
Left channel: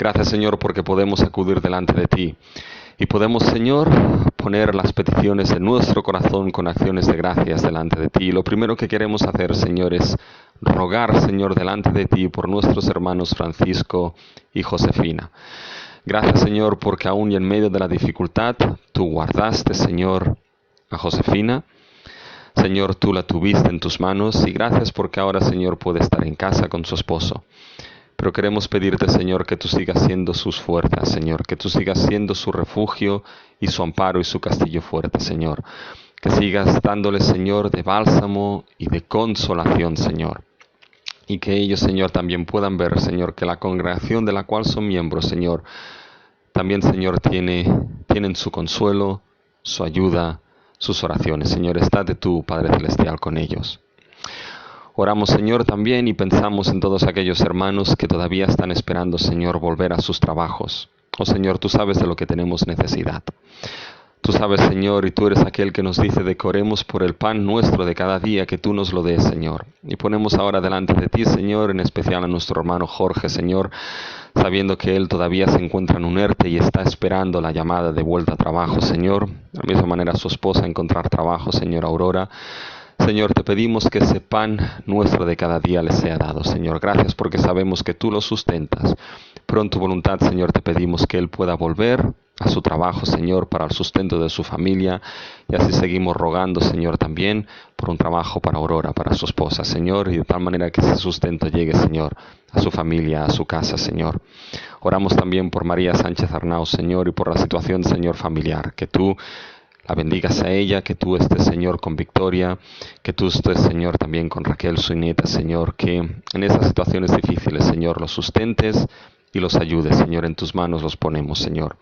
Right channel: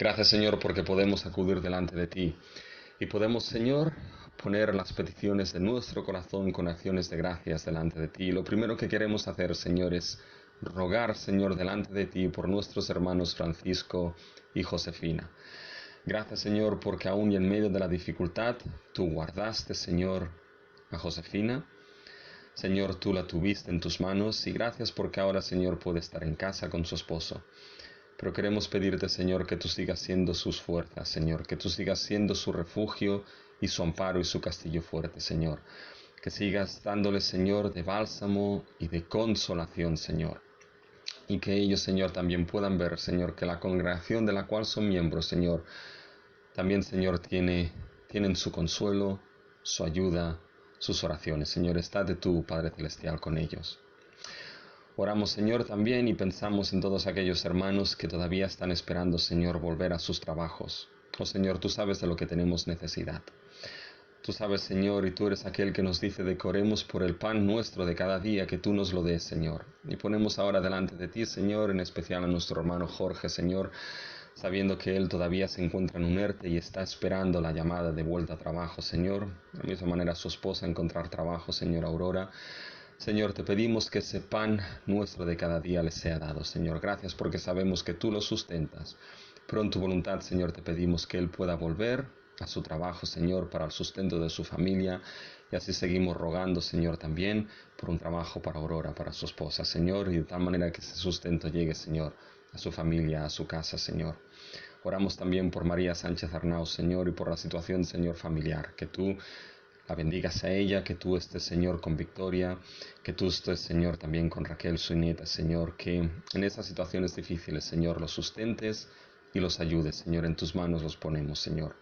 Gracias, Señor, porque podemos acudir delante de ti. Y podemos, Señor, poner las peticiones de nuestro corazón con acciones de gracias delante de ti. Y lo primero que queremos hacer, Señor, es rogar, Señor, delante de ti por nuestros hermanos Francisco y Josefina. Gracias, Señor, porque aún y en medio de la dificultad, tú guardaste, Señor, a Josefina. Señor, tú la tuviste en tus manos y gracias porque ahora, Señor, puede estar en casa con su esposo. Pero queremos pedirte, Señor, que tú sigas siendo sus fuerzas, Señor, que tú sigas siendo su refugio y su amparo y su castillo fuerte, Señor. Que sigas dándoles, Señor, de bálsamo y de consolación, Señor. Y que ellos, Señor, también puedan ver, Señor, que la congregación de la cual son miembros, Señor, también, Señor, tienen su consuelo, su ayuda, sus oraciones. Señor, estate tú, Padre Celestial, con ellos. Oramos, Señor, también y pensamos en todos aquellos hermanos que todavía están esperando, Señor, volver a sus trabajos. Oh, Señor, tú sabes de lo que tenemos necesidad. Tú sabes, Señor, y tú eres aquel que nos dice de que oremos por el pan nuestro de cada día, que tú nos lo des, Señor. Y ponemos ahora delante de ti, Señor, en especial a nuestro hermano Jorge, Señor, sabiendo que él todavía se encuentra en un ERTE y está esperando la llamada de vuelta a trabajo, Señor. De la misma manera su esposa encontrar trabajo, Señor Aurora. Señor, te pedimos que ese pan nuestro de cada día le sea dado, Señor. Gracias porque sabemos que tú lo sustentas. Pero en tu voluntad, Señor, te pedimos que él pueda volver a su trabajo, Señor, para el sustento de su familia. Y así seguimos rogando, Señor, también por un trabajo para Aurora, para su esposa, Señor. Y de tal manera que ese sustento llegue, Señor, a su familia, a su casa, Señor. Oramos también por María Sánchez Arnau, Señor, y por la situación, Señor, familiar. Que tú la bendigas a ella, que tú estés, Señor, con Victoria, que tú estés, Señor, también con Raquel, su nieta, Señor, que en esas situaciones difíciles, Señor, los sustentes y los ayudes, Señor, en tus manos los ponemos, Señor.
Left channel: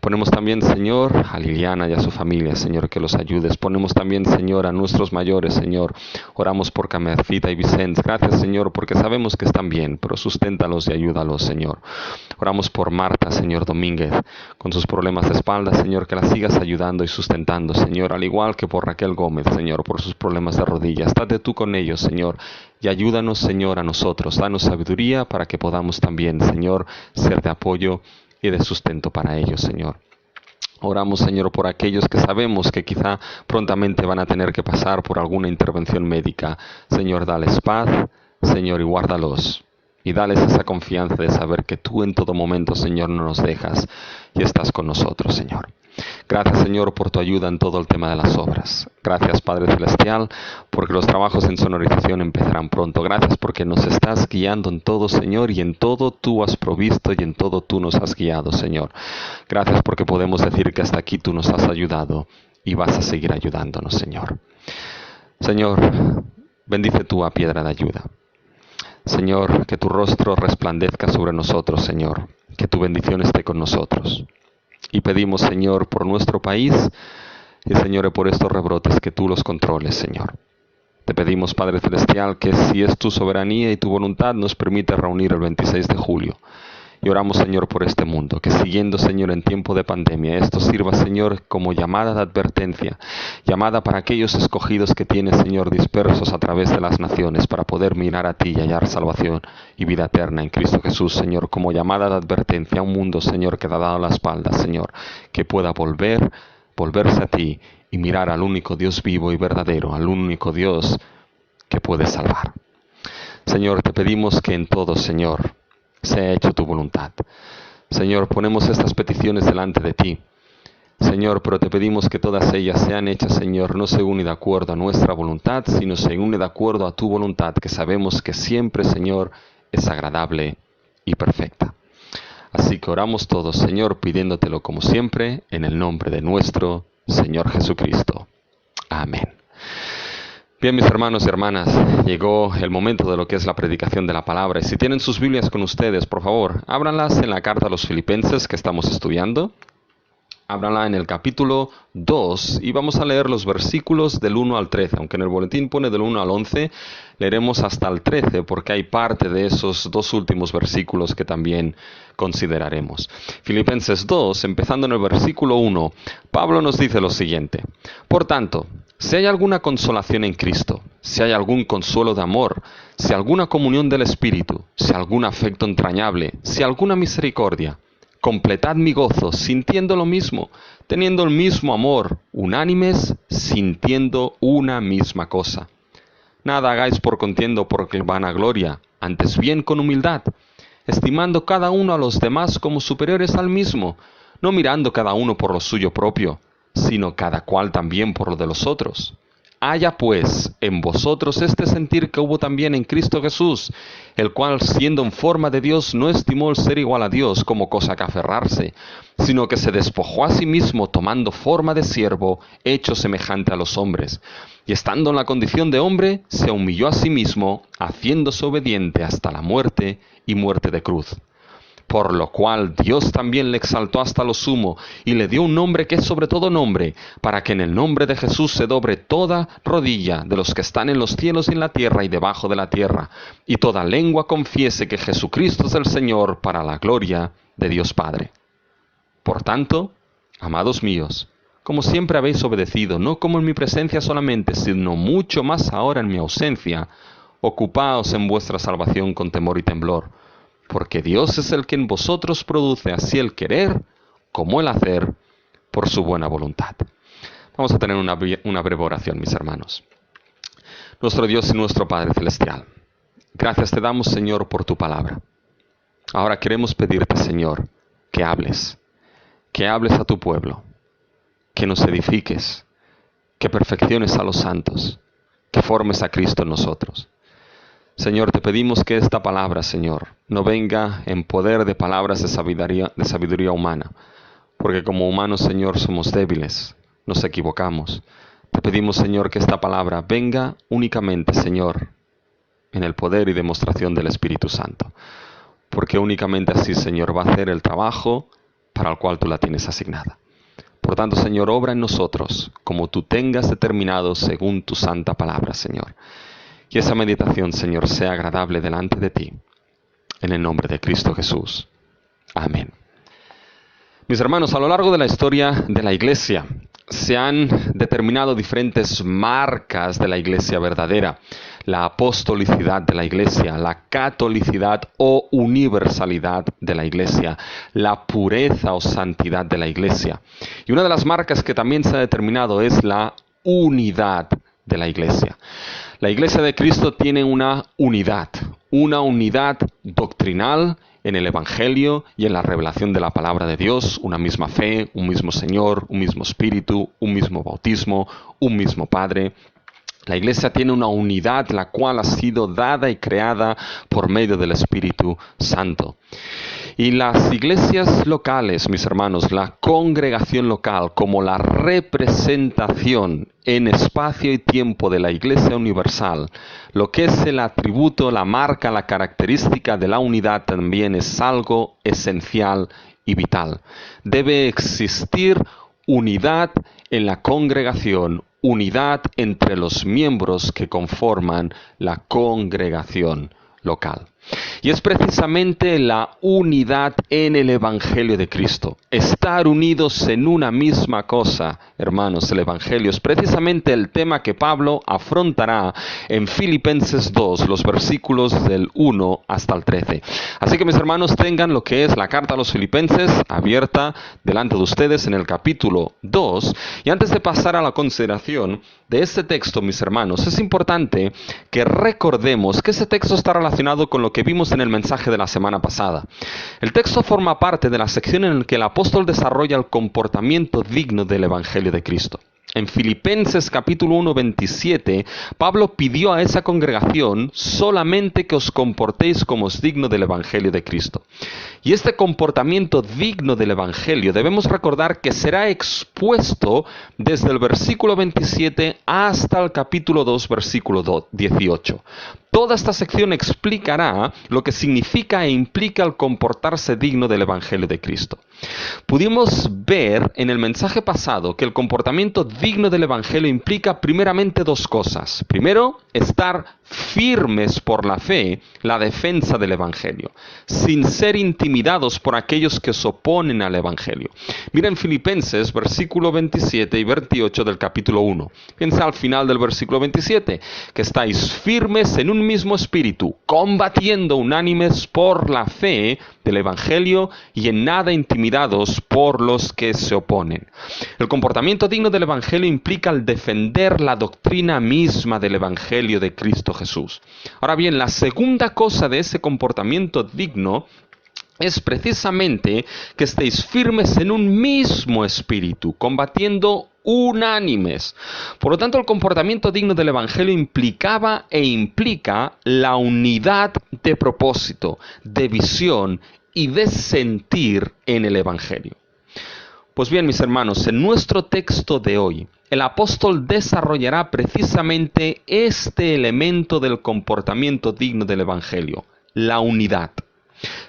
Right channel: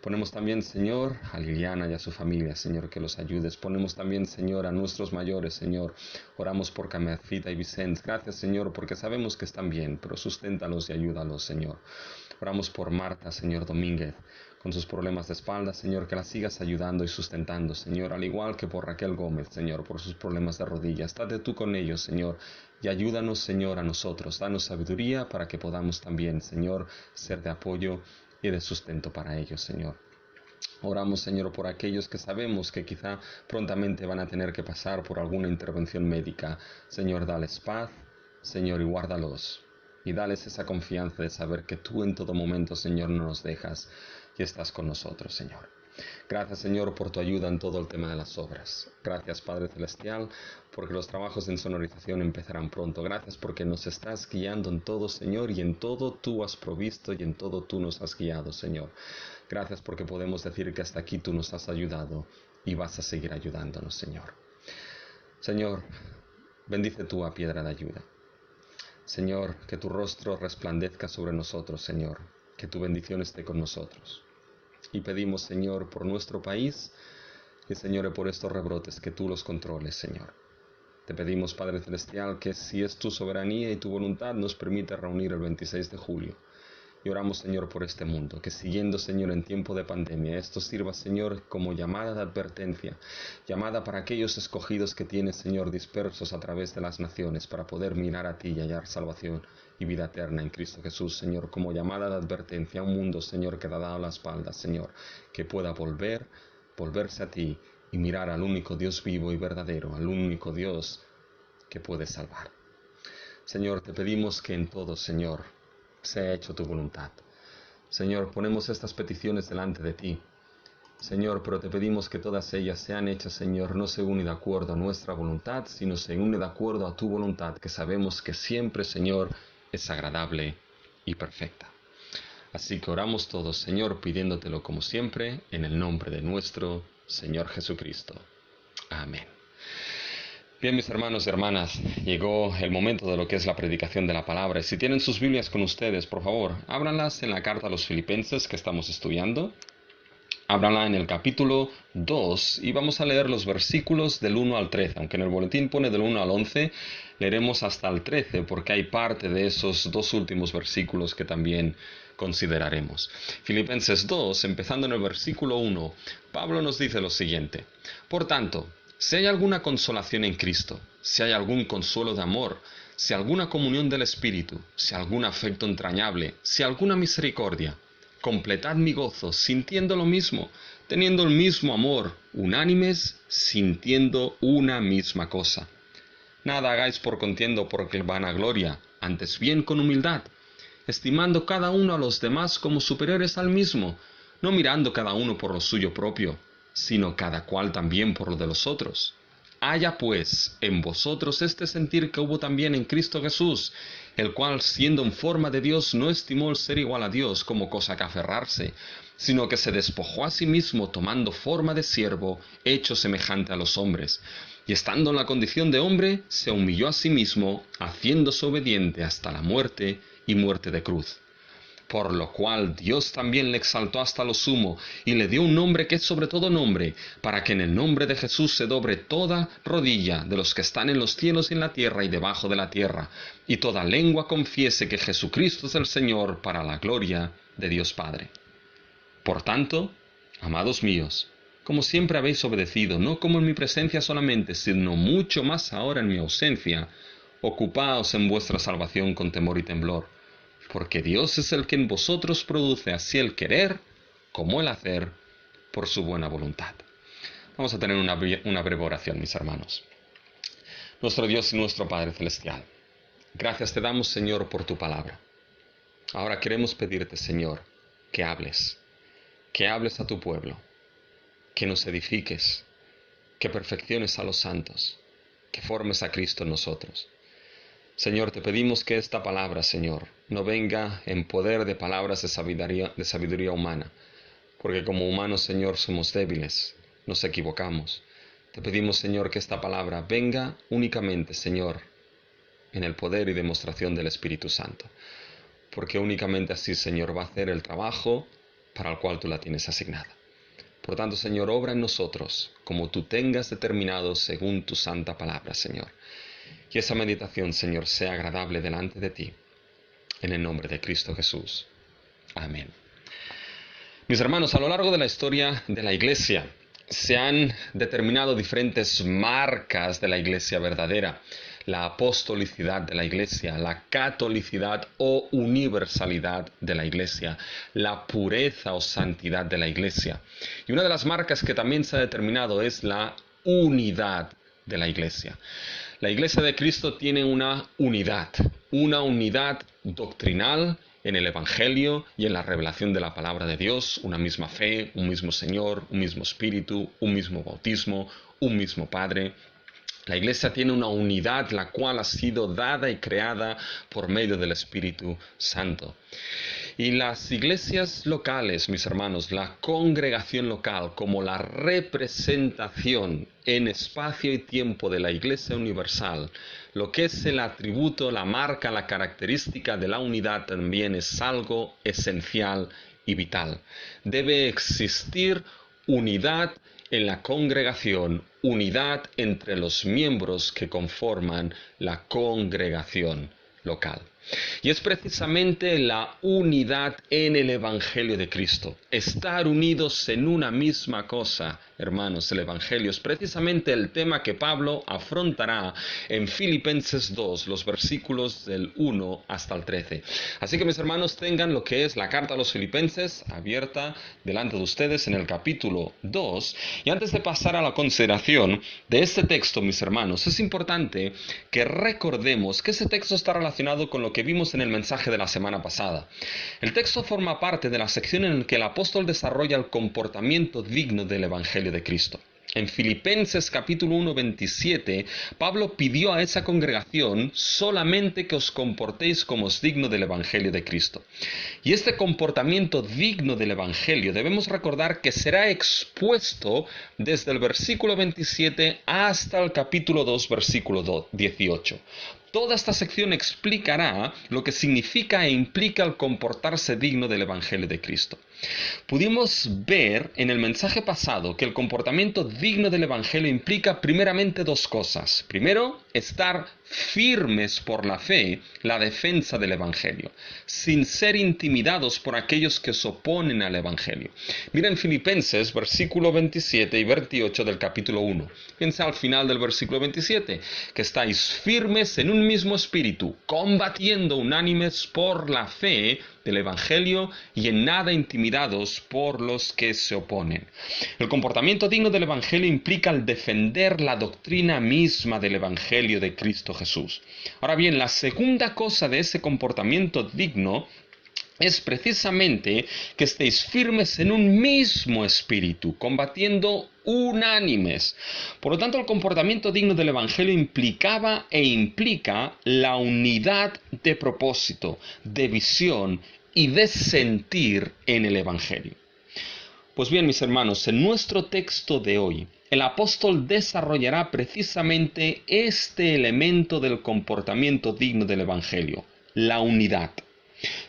Ponemos también, Señor, a Liliana y a su familia, Señor, que los ayudes. Ponemos también, Señor, a nuestros mayores, Señor. Oramos por Camercita y Vicente. Gracias, Señor, porque sabemos que están bien, pero susténtalos y ayúdalos, Señor. Oramos por Marta, Señor Domínguez, con sus problemas de espalda, Señor, que la sigas ayudando y sustentando, Señor, al igual que por Raquel Gómez, Señor, por sus problemas de rodillas. Estate tú con ellos, Señor, y ayúdanos, Señor, a nosotros. Danos sabiduría para que podamos también, Señor, ser de apoyo y de sustento para ellos, Señor. Oramos, Señor, por aquellos que sabemos que quizá prontamente van a tener que pasar por alguna intervención médica. Señor, dales paz, Señor, y guárdalos. Y dales esa confianza de saber que tú en todo momento, Señor, no nos dejas y estás con nosotros, Señor. Gracias, Señor, por tu ayuda en todo el tema de las obras. Gracias, Padre Celestial, porque los trabajos en sonorización empezarán pronto. Gracias porque nos estás guiando en todo, Señor, y en todo tú has provisto y en todo tú nos has guiado, Señor. Gracias porque podemos decir que hasta aquí tú nos has ayudado y vas a seguir ayudándonos, Señor. Señor, bendice tú a Piedra de Ayuda. Señor, que tu rostro resplandezca sobre nosotros, Señor. Que tu bendición esté con nosotros. Y pedimos, Señor, por nuestro país y, Señor, por estos rebrotes, que tú los controles, Señor. Te pedimos, Padre Celestial, que si es tu soberanía y tu voluntad, nos permite reunir el 26 de julio. Y oramos, Señor, por este mundo, que siguiendo, Señor, en tiempo de pandemia, esto sirva, Señor, como llamada de advertencia, llamada para aquellos escogidos que tienes, Señor, dispersos a través de las naciones, para poder mirar a ti y hallar salvación y vida eterna en Cristo Jesús, Señor, como llamada de advertencia a un mundo, Señor, que te ha dado la espalda, Señor, que pueda volverse a ti y mirar al único Dios vivo y verdadero, al único Dios que puede salvar. Señor, te pedimos que en todo, Señor, sea hecho tu voluntad. Señor, ponemos estas peticiones delante de ti. Señor, pero te pedimos que todas ellas sean hechas, Señor, no según y de acuerdo a nuestra voluntad, sino según y de acuerdo a tu voluntad, que sabemos que siempre, Señor, es agradable y perfecta. Así que oramos todos, Señor, pidiéndotelo como siempre, en el nombre de nuestro Señor Jesucristo. Amén. Bien, mis hermanos y hermanas, llegó el momento de lo que es la predicación de la palabra. Y si tienen sus Biblias con ustedes, por favor, ábranlas en la carta a los Filipenses que estamos estudiando. Ábranla en el capítulo 2 y vamos a leer los versículos del 1 al 13. Aunque en el boletín pone del 1 al 11, leeremos hasta el 13 porque hay parte de esos dos últimos versículos que también consideraremos. Filipenses 2, empezando en el versículo 1, Pablo nos dice lo siguiente: Por tanto, si hay alguna consolación en Cristo, si hay algún consuelo de amor, si alguna comunión del Espíritu, si algún afecto entrañable, si alguna misericordia, completad mi gozo, sintiendo lo mismo, teniendo el mismo amor, unánimes, sintiendo una misma cosa. Nada hagáis por contienda o por vanagloria, antes bien con humildad, estimando cada uno a los demás como superiores al mismo, no mirando cada uno por lo suyo propio, sino cada cual también por lo de los otros. Haya pues en vosotros este sentir que hubo también en Cristo Jesús, el cual siendo en forma de Dios no estimó el ser igual a Dios como cosa que aferrarse, sino que se despojó a sí mismo tomando forma de siervo, hecho semejante a los hombres. Y estando en la condición de hombre, se humilló a sí mismo, haciéndose obediente hasta la muerte y muerte de cruz. Por lo cual Dios también le exaltó hasta lo sumo, y le dio un nombre que es sobre todo nombre, para que en el nombre de Jesús se dobre toda rodilla de los que están en los cielos y en la tierra y debajo de la tierra, y toda lengua confiese que Jesucristo es el Señor, para la gloria de Dios Padre. Por tanto, amados míos, como siempre habéis obedecido, no como en mi presencia solamente, sino mucho más ahora en mi ausencia, ocupaos en vuestra salvación con temor y temblor, porque Dios es el que en vosotros produce así el querer como el hacer por su buena voluntad. Vamos a tener una breve oración, mis hermanos. Nuestro Dios y nuestro Padre Celestial, gracias te damos, Señor, por tu palabra. Ahora queremos pedirte, Señor, que hables a tu pueblo, que nos edifiques, que perfecciones a los santos, que formes a Cristo en nosotros. Señor, te pedimos que esta palabra, Señor, no venga en poder de palabras de sabiduría humana, porque como humanos, Señor, somos débiles, nos equivocamos. Te pedimos, Señor, que esta palabra venga únicamente, Señor, en el poder y demostración del Espíritu Santo, porque únicamente así, Señor, va a hacer el trabajo para el cual tú la tienes asignada. Por tanto, Señor, obra en nosotros como tú tengas determinado según tu santa palabra, Señor. Y esa meditación, Señor, sea agradable delante de ti. En el nombre de Cristo Jesús. Amén. Mis hermanos, a lo largo de la historia de la Iglesia se han determinado diferentes marcas de la Iglesia verdadera. La apostolicidad de la Iglesia, la catolicidad o universalidad de la Iglesia, la pureza o santidad de la Iglesia. Y una de las marcas que también se ha determinado es la unidad de la Iglesia. La Iglesia de Cristo tiene una unidad doctrinal en el Evangelio y en la revelación de la palabra de Dios, una misma fe, un mismo Señor, un mismo Espíritu, un mismo bautismo, un mismo Padre. La Iglesia tiene una unidad la cual ha sido dada y creada por medio del Espíritu Santo. Y las iglesias locales, mis hermanos, la congregación local como la representación en espacio y tiempo de la Iglesia universal, lo que es el atributo, la marca, la característica de la unidad también es algo esencial y vital. Debe existir unidad en la congregación, unidad entre los miembros que conforman la congregación local. Y es precisamente la unidad en el Evangelio de Cristo. Estar unidos en una misma cosa, hermanos, el Evangelio es precisamente el tema que Pablo afrontará en Filipenses 2, los versículos del 1 hasta el 13. Así que mis hermanos, tengan lo que es la carta a los Filipenses abierta delante de ustedes en el capítulo 2. Y antes de pasar a la consideración de este texto, mis hermanos, es importante que recordemos que este texto está relacionado con lo que vimos en el mensaje de la semana pasada. El texto forma parte de la sección en la que el apóstol desarrolla el comportamiento digno del Evangelio de Cristo. En Filipenses capítulo 1, 27, Pablo pidió a esa congregación solamente que os comportéis como es digno del Evangelio de Cristo. Y este comportamiento digno del Evangelio debemos recordar que será expuesto desde el versículo 27 hasta el capítulo 2, versículo 18. Toda esta sección explicará lo que significa e implica el comportarse digno del Evangelio de Cristo. Pudimos ver en el mensaje pasado que el comportamiento digno del Evangelio implica primeramente dos cosas. Primero, estar firmes por la fe, la defensa del Evangelio, sin ser intimidados por aquellos que se oponen al Evangelio. Miren Filipenses, versículo 27 y 28 del capítulo 1. Piensa al final del versículo 27, que estáis firmes en un mismo espíritu, combatiendo unánimes por la fe del Evangelio y en nada intimidados por los que se oponen. El comportamiento digno del Evangelio implica el defender la doctrina misma del Evangelio de Cristo Jesús. Ahora bien, la segunda cosa de ese comportamiento digno es precisamente que estéis firmes en un mismo espíritu, combatiendo unánimes. Por lo tanto, el comportamiento digno del Evangelio implicaba e implica la unidad de propósito, de visión y de sentir en el Evangelio. Pues bien, mis hermanos, en nuestro texto de hoy, el apóstol desarrollará precisamente este elemento del comportamiento digno del Evangelio, la unidad.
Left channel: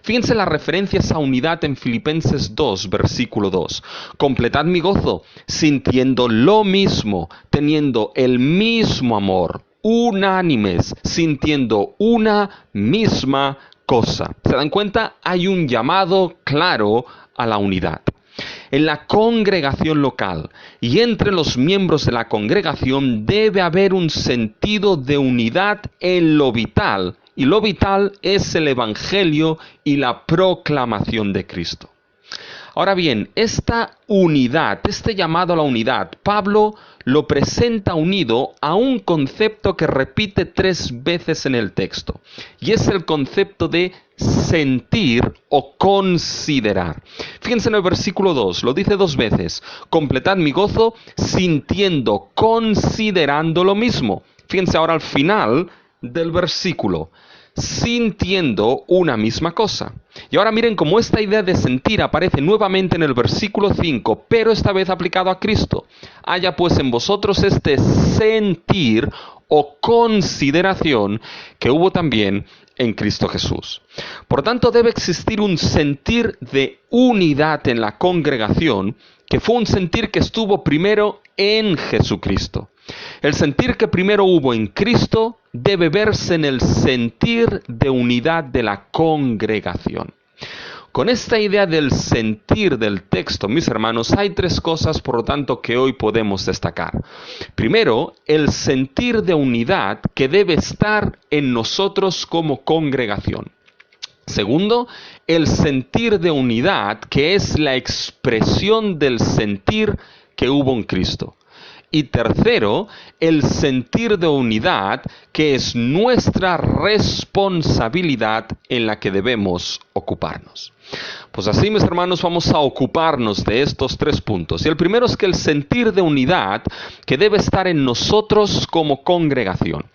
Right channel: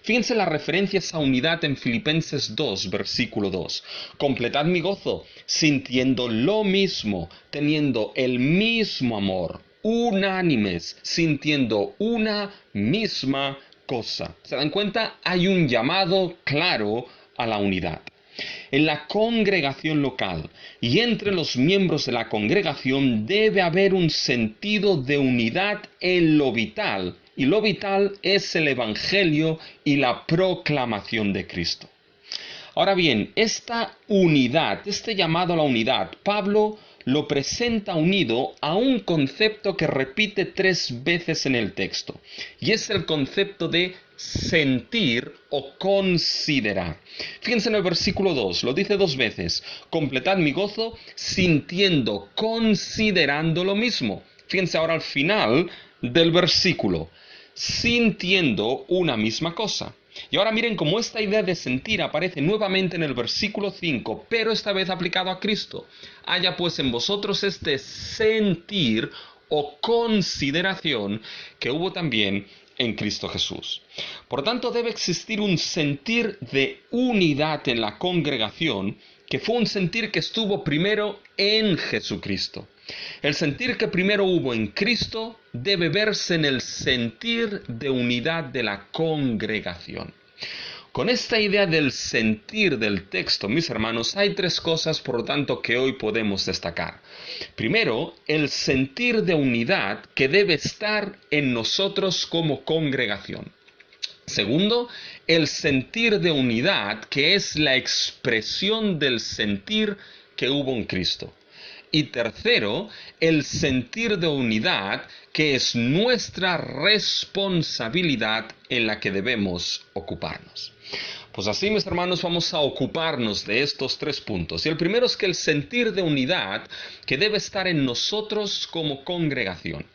Fíjense la referencia a esa unidad en Filipenses 2, versículo 2. Completad mi gozo, sintiendo lo mismo, teniendo el mismo amor, unánimes, sintiendo una misma cosa. ¿Se dan cuenta? Hay un llamado claro a la unidad. En la congregación local y entre los miembros de la congregación debe haber un sentido de unidad en lo vital. Y lo vital es el Evangelio y la proclamación de Cristo. Ahora bien, esta unidad, este llamado a la unidad, Pablo lo presenta unido a un concepto que repite 3 veces en el texto. Y es el concepto de sentir o considerar. Fíjense en el versículo 2, lo dice 2 veces. Completad mi gozo sintiendo, considerando lo mismo. Fíjense ahora al final del versículo. Sintiendo una misma cosa. Y ahora miren cómo esta idea de sentir aparece nuevamente en el versículo 5, pero esta vez aplicado a Cristo. Haya pues en vosotros este sentir o consideración que hubo también en Cristo Jesús. Por tanto, debe existir un sentir de unidad en la congregación, que fue un sentir que estuvo primero en Jesucristo. El sentir que primero hubo en Cristo debe verse en el sentir de unidad de la congregación. Con esta idea del sentir del texto, mis hermanos, hay tres cosas, por lo tanto, que hoy podemos destacar. Primero, el sentir de unidad que debe estar en nosotros como congregación. Segundo, el sentir de unidad que es la expresión del sentir que hubo en Cristo. Y tercero, el sentir de unidad que es nuestra responsabilidad en la que debemos ocuparnos. Pues así, mis hermanos, vamos a ocuparnos de estos tres puntos. Y el primero es que el sentir de unidad que debe estar en nosotros como congregación.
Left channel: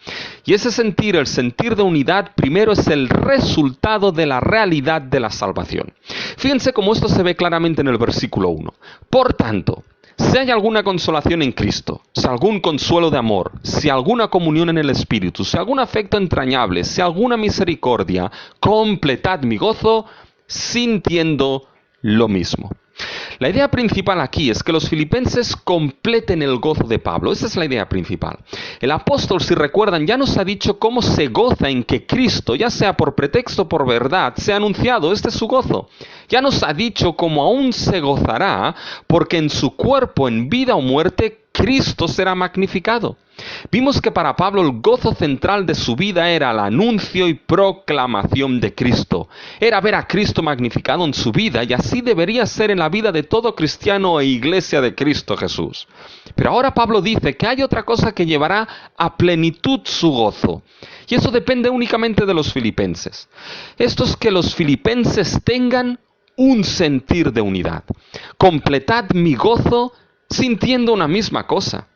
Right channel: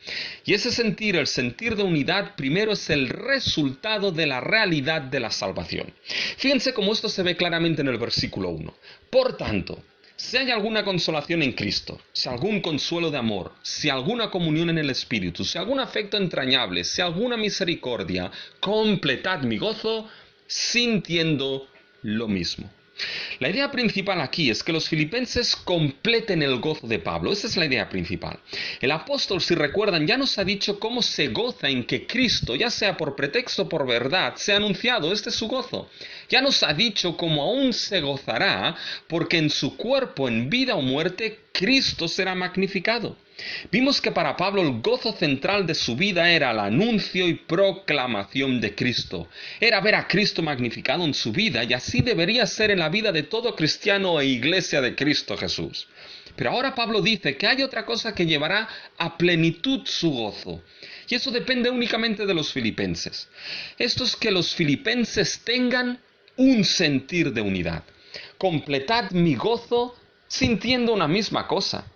Y ese sentir, el sentir de unidad, primero es el resultado de la realidad de la salvación. Fíjense cómo esto se ve claramente en el versículo 1. Por tanto, si hay alguna consolación en Cristo, si algún consuelo de amor, si alguna comunión en el Espíritu, si algún afecto entrañable, si alguna misericordia, completad mi gozo, sintiendo lo mismo. La idea principal aquí es que los filipenses completen el gozo de Pablo. Esa es la idea principal. El apóstol, si recuerdan, ya nos ha dicho cómo se goza en que Cristo, ya sea por pretexto o por verdad, sea anunciado. Este es su gozo. Ya nos ha dicho cómo aún se gozará, porque en su cuerpo, en vida o muerte, Cristo será magnificado. Vimos que para Pablo el gozo central de su vida era el anuncio y proclamación de Cristo. Era ver a Cristo magnificado en su vida, y así debería ser en la vida de todo cristiano e iglesia de Cristo Jesús. Pero ahora Pablo dice que hay otra cosa que llevará a plenitud su gozo. Y eso depende únicamente de los filipenses. Esto es que los filipenses tengan un sentir de unidad. Completad mi gozo sintiendo una misma cosa.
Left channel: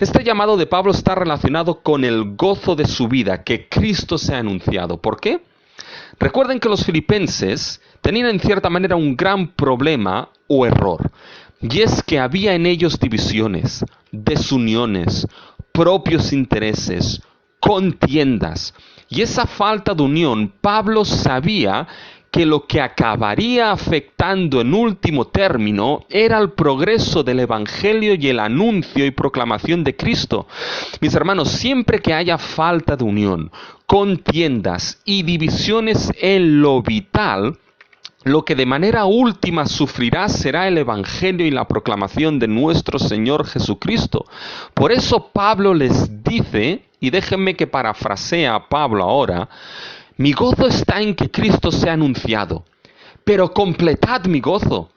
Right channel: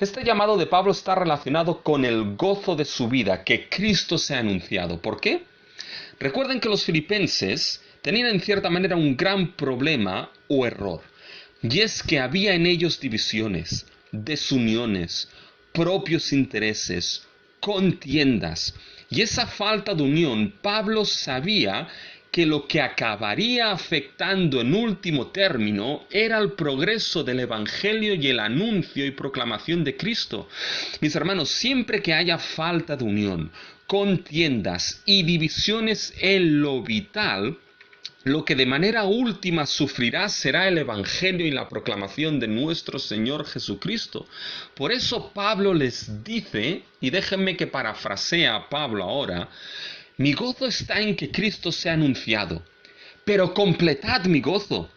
Este llamado de Pablo está relacionado con el gozo de su vida, que Cristo se ha anunciado. ¿Por qué? Recuerden que los filipenses tenían en cierta manera un gran problema o error, y es que había en ellos divisiones, desuniones, propios intereses, contiendas, y esa falta de unión Pablo sabía que lo que acabaría afectando en último término era el progreso del Evangelio y el anuncio y proclamación de Cristo. Mis hermanos, siempre que haya falta de unión, contiendas y divisiones en lo vital, lo que de manera última sufrirá será el Evangelio y la proclamación de nuestro Señor Jesucristo. Por eso Pablo les dice, y déjenme que parafrasee a Pablo ahora: mi gozo está en que Cristo sea anunciado, pero completad mi gozo,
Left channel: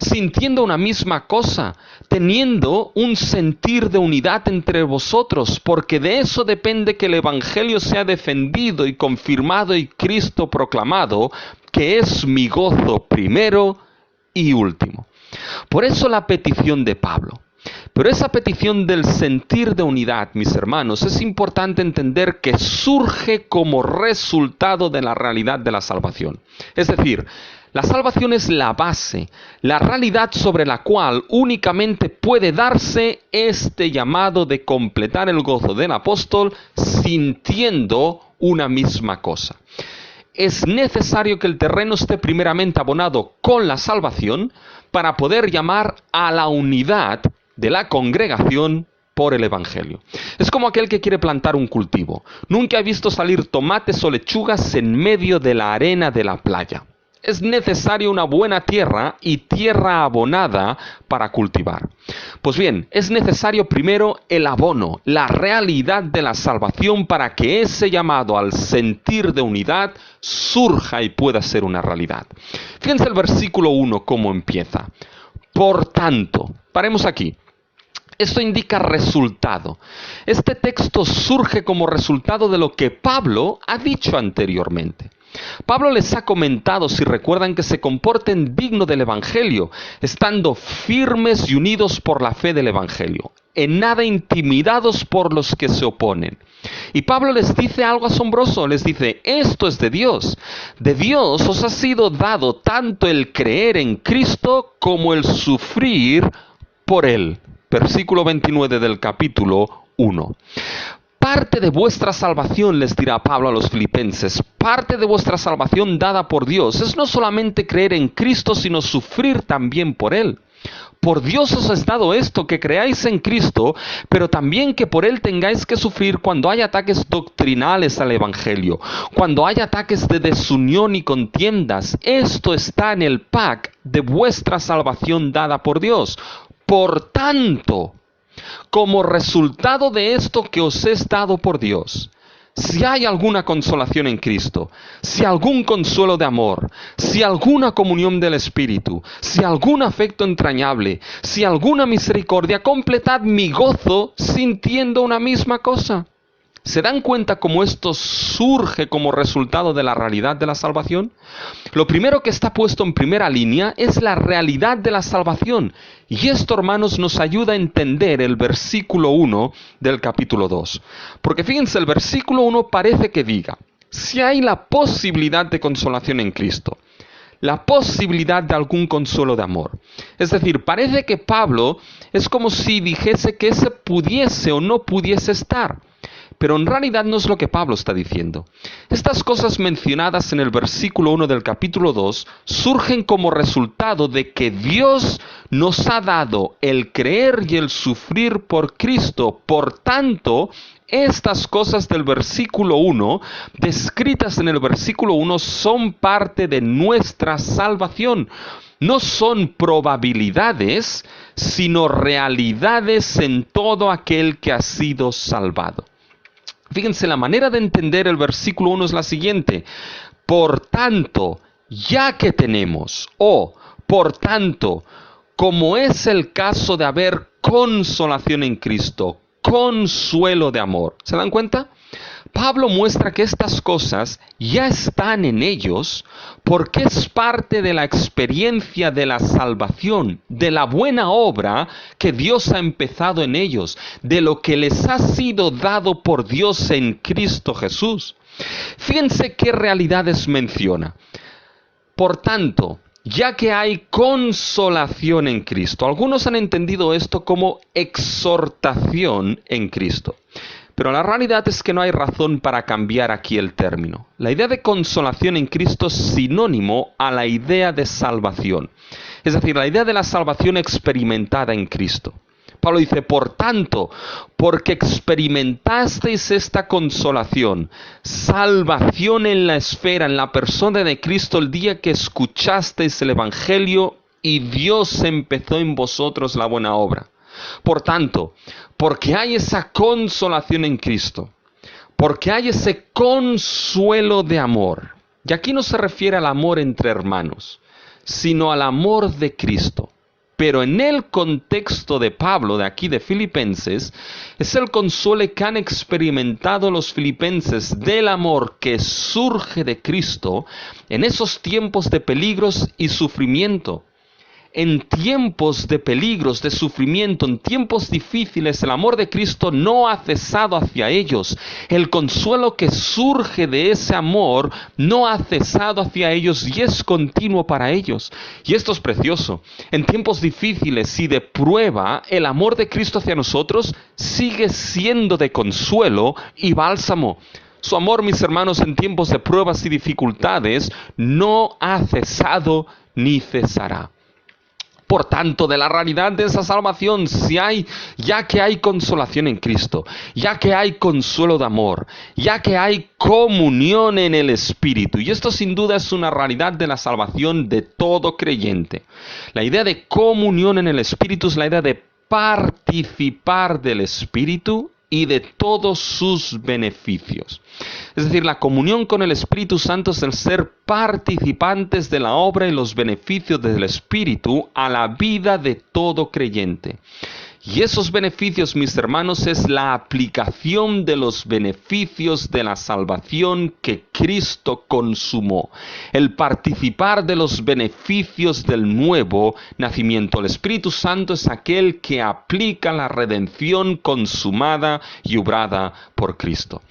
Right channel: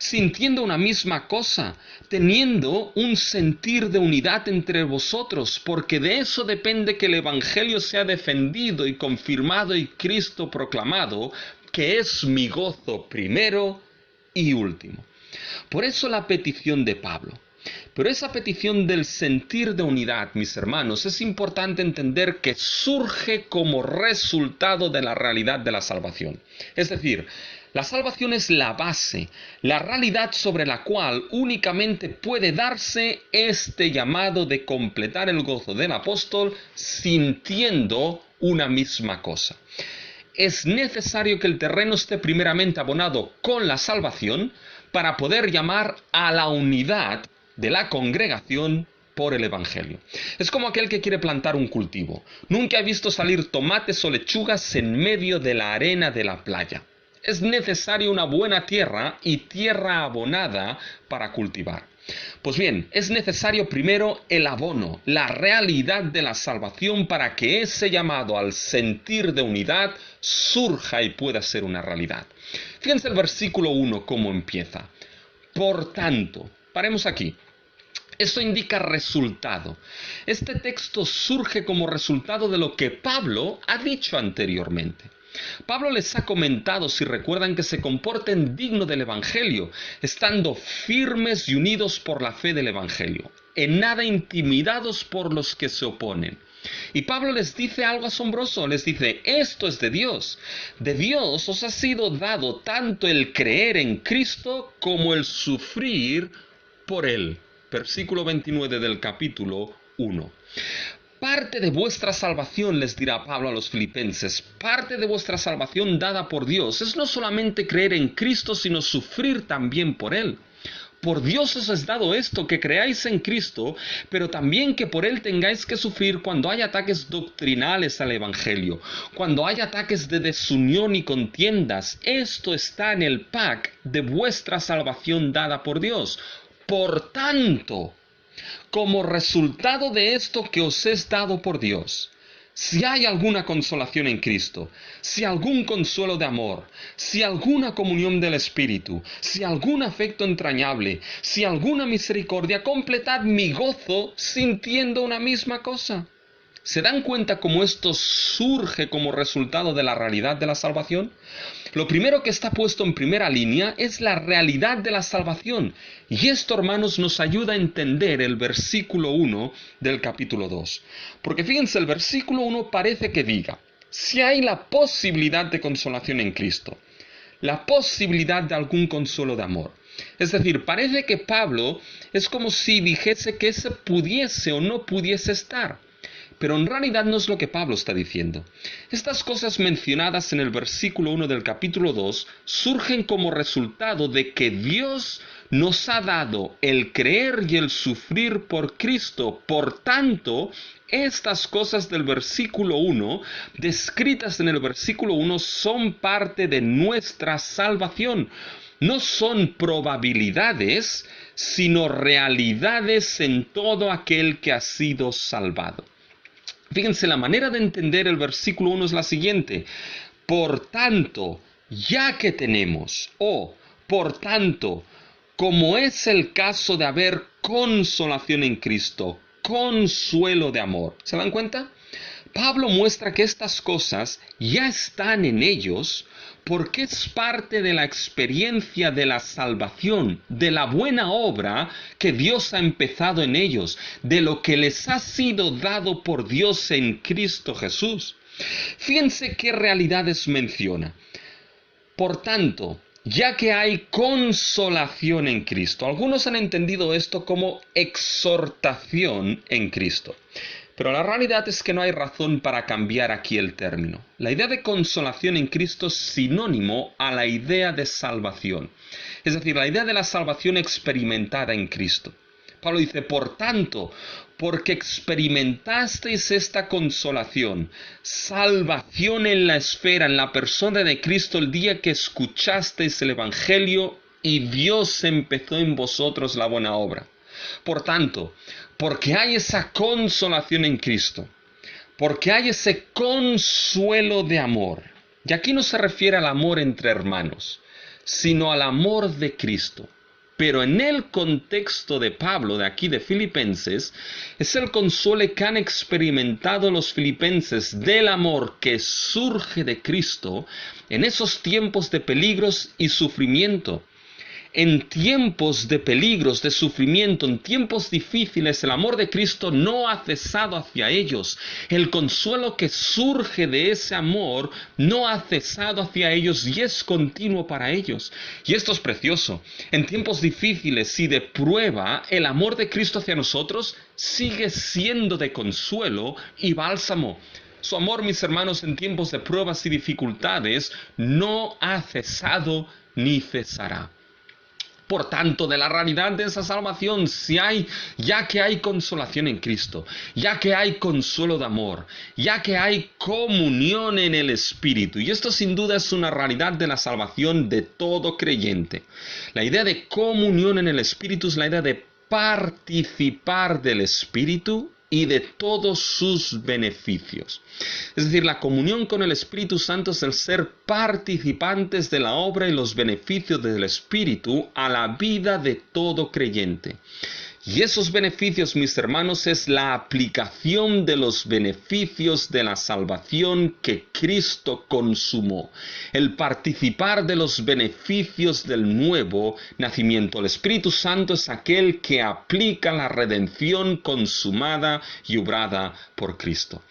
sintiendo una misma cosa, teniendo un sentir de unidad entre vosotros, porque de eso depende que el Evangelio sea defendido y confirmado y Cristo proclamado, que es mi gozo primero y último. Por eso la petición de Pablo. Pero esa petición del sentir de unidad, mis hermanos, es importante entender que surge como resultado de la realidad de la salvación. Es decir, la salvación es la base, la realidad sobre la cual únicamente puede darse este llamado de completar el gozo del apóstol sintiendo una misma cosa. Es necesario que el terreno esté primeramente abonado con la salvación para poder llamar a la unidad de la congregación por el Evangelio. Es como aquel que quiere plantar un cultivo. Nunca he visto salir tomates o lechugas en medio de la arena de la playa. Es necesaria una buena tierra y tierra abonada para cultivar. Pues bien, es necesario primero el abono, la realidad de la salvación, para que ese llamado al sentir de unidad surja y pueda ser una realidad. Fíjense el versículo 1 cómo empieza. Por tanto, paremos aquí. Esto indica resultado. Este texto surge como resultado de lo que Pablo ha dicho anteriormente. Pablo les ha comentado, si recuerdan, que se comporten digno del Evangelio, estando firmes y unidos por la fe del Evangelio, en nada intimidados por los que se oponen. Y Pablo les dice algo asombroso, les dice: esto es de Dios. De Dios os ha sido dado tanto el creer en Cristo como el sufrir por Él. Versículo 29 del capítulo 1. parte de vuestra salvación, les dirá Pablo a los filipenses, parte de vuestra salvación dada por Dios, es no solamente creer en Cristo, sino sufrir también por Él. Por Dios os es dado esto, que creáis en Cristo, pero también que por Él tengáis que sufrir cuando hay ataques doctrinales al Evangelio, cuando hay ataques de desunión y contiendas. Esto está en el pack de vuestra salvación dada por Dios. Por tanto, como resultado de esto que os es dado por Dios, si hay alguna consolación en Cristo, si algún consuelo de amor, si alguna comunión del Espíritu, si algún afecto entrañable, si alguna misericordia, completad mi gozo sintiendo una misma cosa. ¿Se dan cuenta cómo esto surge como resultado de la realidad de la salvación? Lo primero que está puesto en primera línea es la realidad de la salvación. Y esto, hermanos, nos ayuda a entender el versículo 1 del capítulo 2. Porque fíjense, el versículo 1 parece que diga, si hay la posibilidad de consolación en Cristo, la posibilidad de algún consuelo de amor. Es decir, parece que Pablo es como si dijese que ese pudiese o no pudiese estar. Pero en realidad no es lo que Pablo está diciendo. Estas cosas mencionadas en el versículo 1 del capítulo 2 surgen como resultado de que Dios nos ha dado el creer y el sufrir por Cristo. Por tanto, estas cosas del versículo 1, descritas en el versículo 1, son parte de nuestra salvación. No son probabilidades, sino realidades en todo aquel que ha sido salvado. Fíjense, la manera de entender el versículo 1 es la siguiente. Por tanto, ya que tenemos, o por tanto, como es el caso de haber consolación en Cristo, consuelo de amor. ¿Se dan cuenta? Pablo muestra que estas cosas ya están en ellos porque es parte de la experiencia de la salvación, de la buena obra que Dios ha empezado en ellos, de lo que les ha sido dado por Dios en Cristo Jesús. Fíjense qué realidades menciona. Por tanto, ya que hay consolación en Cristo, algunos han entendido esto como exhortación en Cristo. Pero la realidad es que no hay razón para cambiar aquí el término. La idea de consolación en Cristo es sinónimo a la idea de salvación. Es decir, la idea de la salvación experimentada en Cristo. Pablo dice, por tanto, porque experimentasteis esta consolación, salvación en la esfera, en la persona de Cristo, el día que escuchasteis el Evangelio y Dios empezó en vosotros la buena obra. Por tanto, porque hay esa consolación en Cristo, porque hay ese consuelo de amor. Y aquí no se refiere al amor entre hermanos, sino al amor de Cristo. Pero en el contexto de Pablo, de aquí de Filipenses, es el consuelo que han experimentado los filipenses del amor que surge de Cristo en esos tiempos de peligros y sufrimiento. En tiempos de peligros, de sufrimiento, en tiempos difíciles, el amor de Cristo no ha cesado hacia ellos. El consuelo que surge de ese amor no ha cesado hacia ellos y es continuo para ellos. Y esto es precioso. En tiempos difíciles y de prueba, el amor de Cristo hacia nosotros sigue siendo de consuelo y bálsamo. Su amor, mis hermanos, en tiempos de pruebas y dificultades, no ha cesado ni cesará. Por tanto, de la realidad de esa salvación, ya que hay consolación en Cristo, ya que hay consuelo de amor, ya que hay comunión en el Espíritu, y esto sin duda es una realidad de la salvación de todo creyente. La idea de comunión en el Espíritu es la idea de participar del Espíritu y de todos sus beneficios. Es decir, la comunión con el Espíritu Santo es el ser participantes de la obra y los beneficios del Espíritu a la vida de todo creyente. Y esos beneficios, mis hermanos, es la aplicación de los beneficios de la salvación que Cristo consumó. El participar de los beneficios del nuevo nacimiento. El Espíritu Santo es aquel que aplica la redención consumada y obrada por Cristo.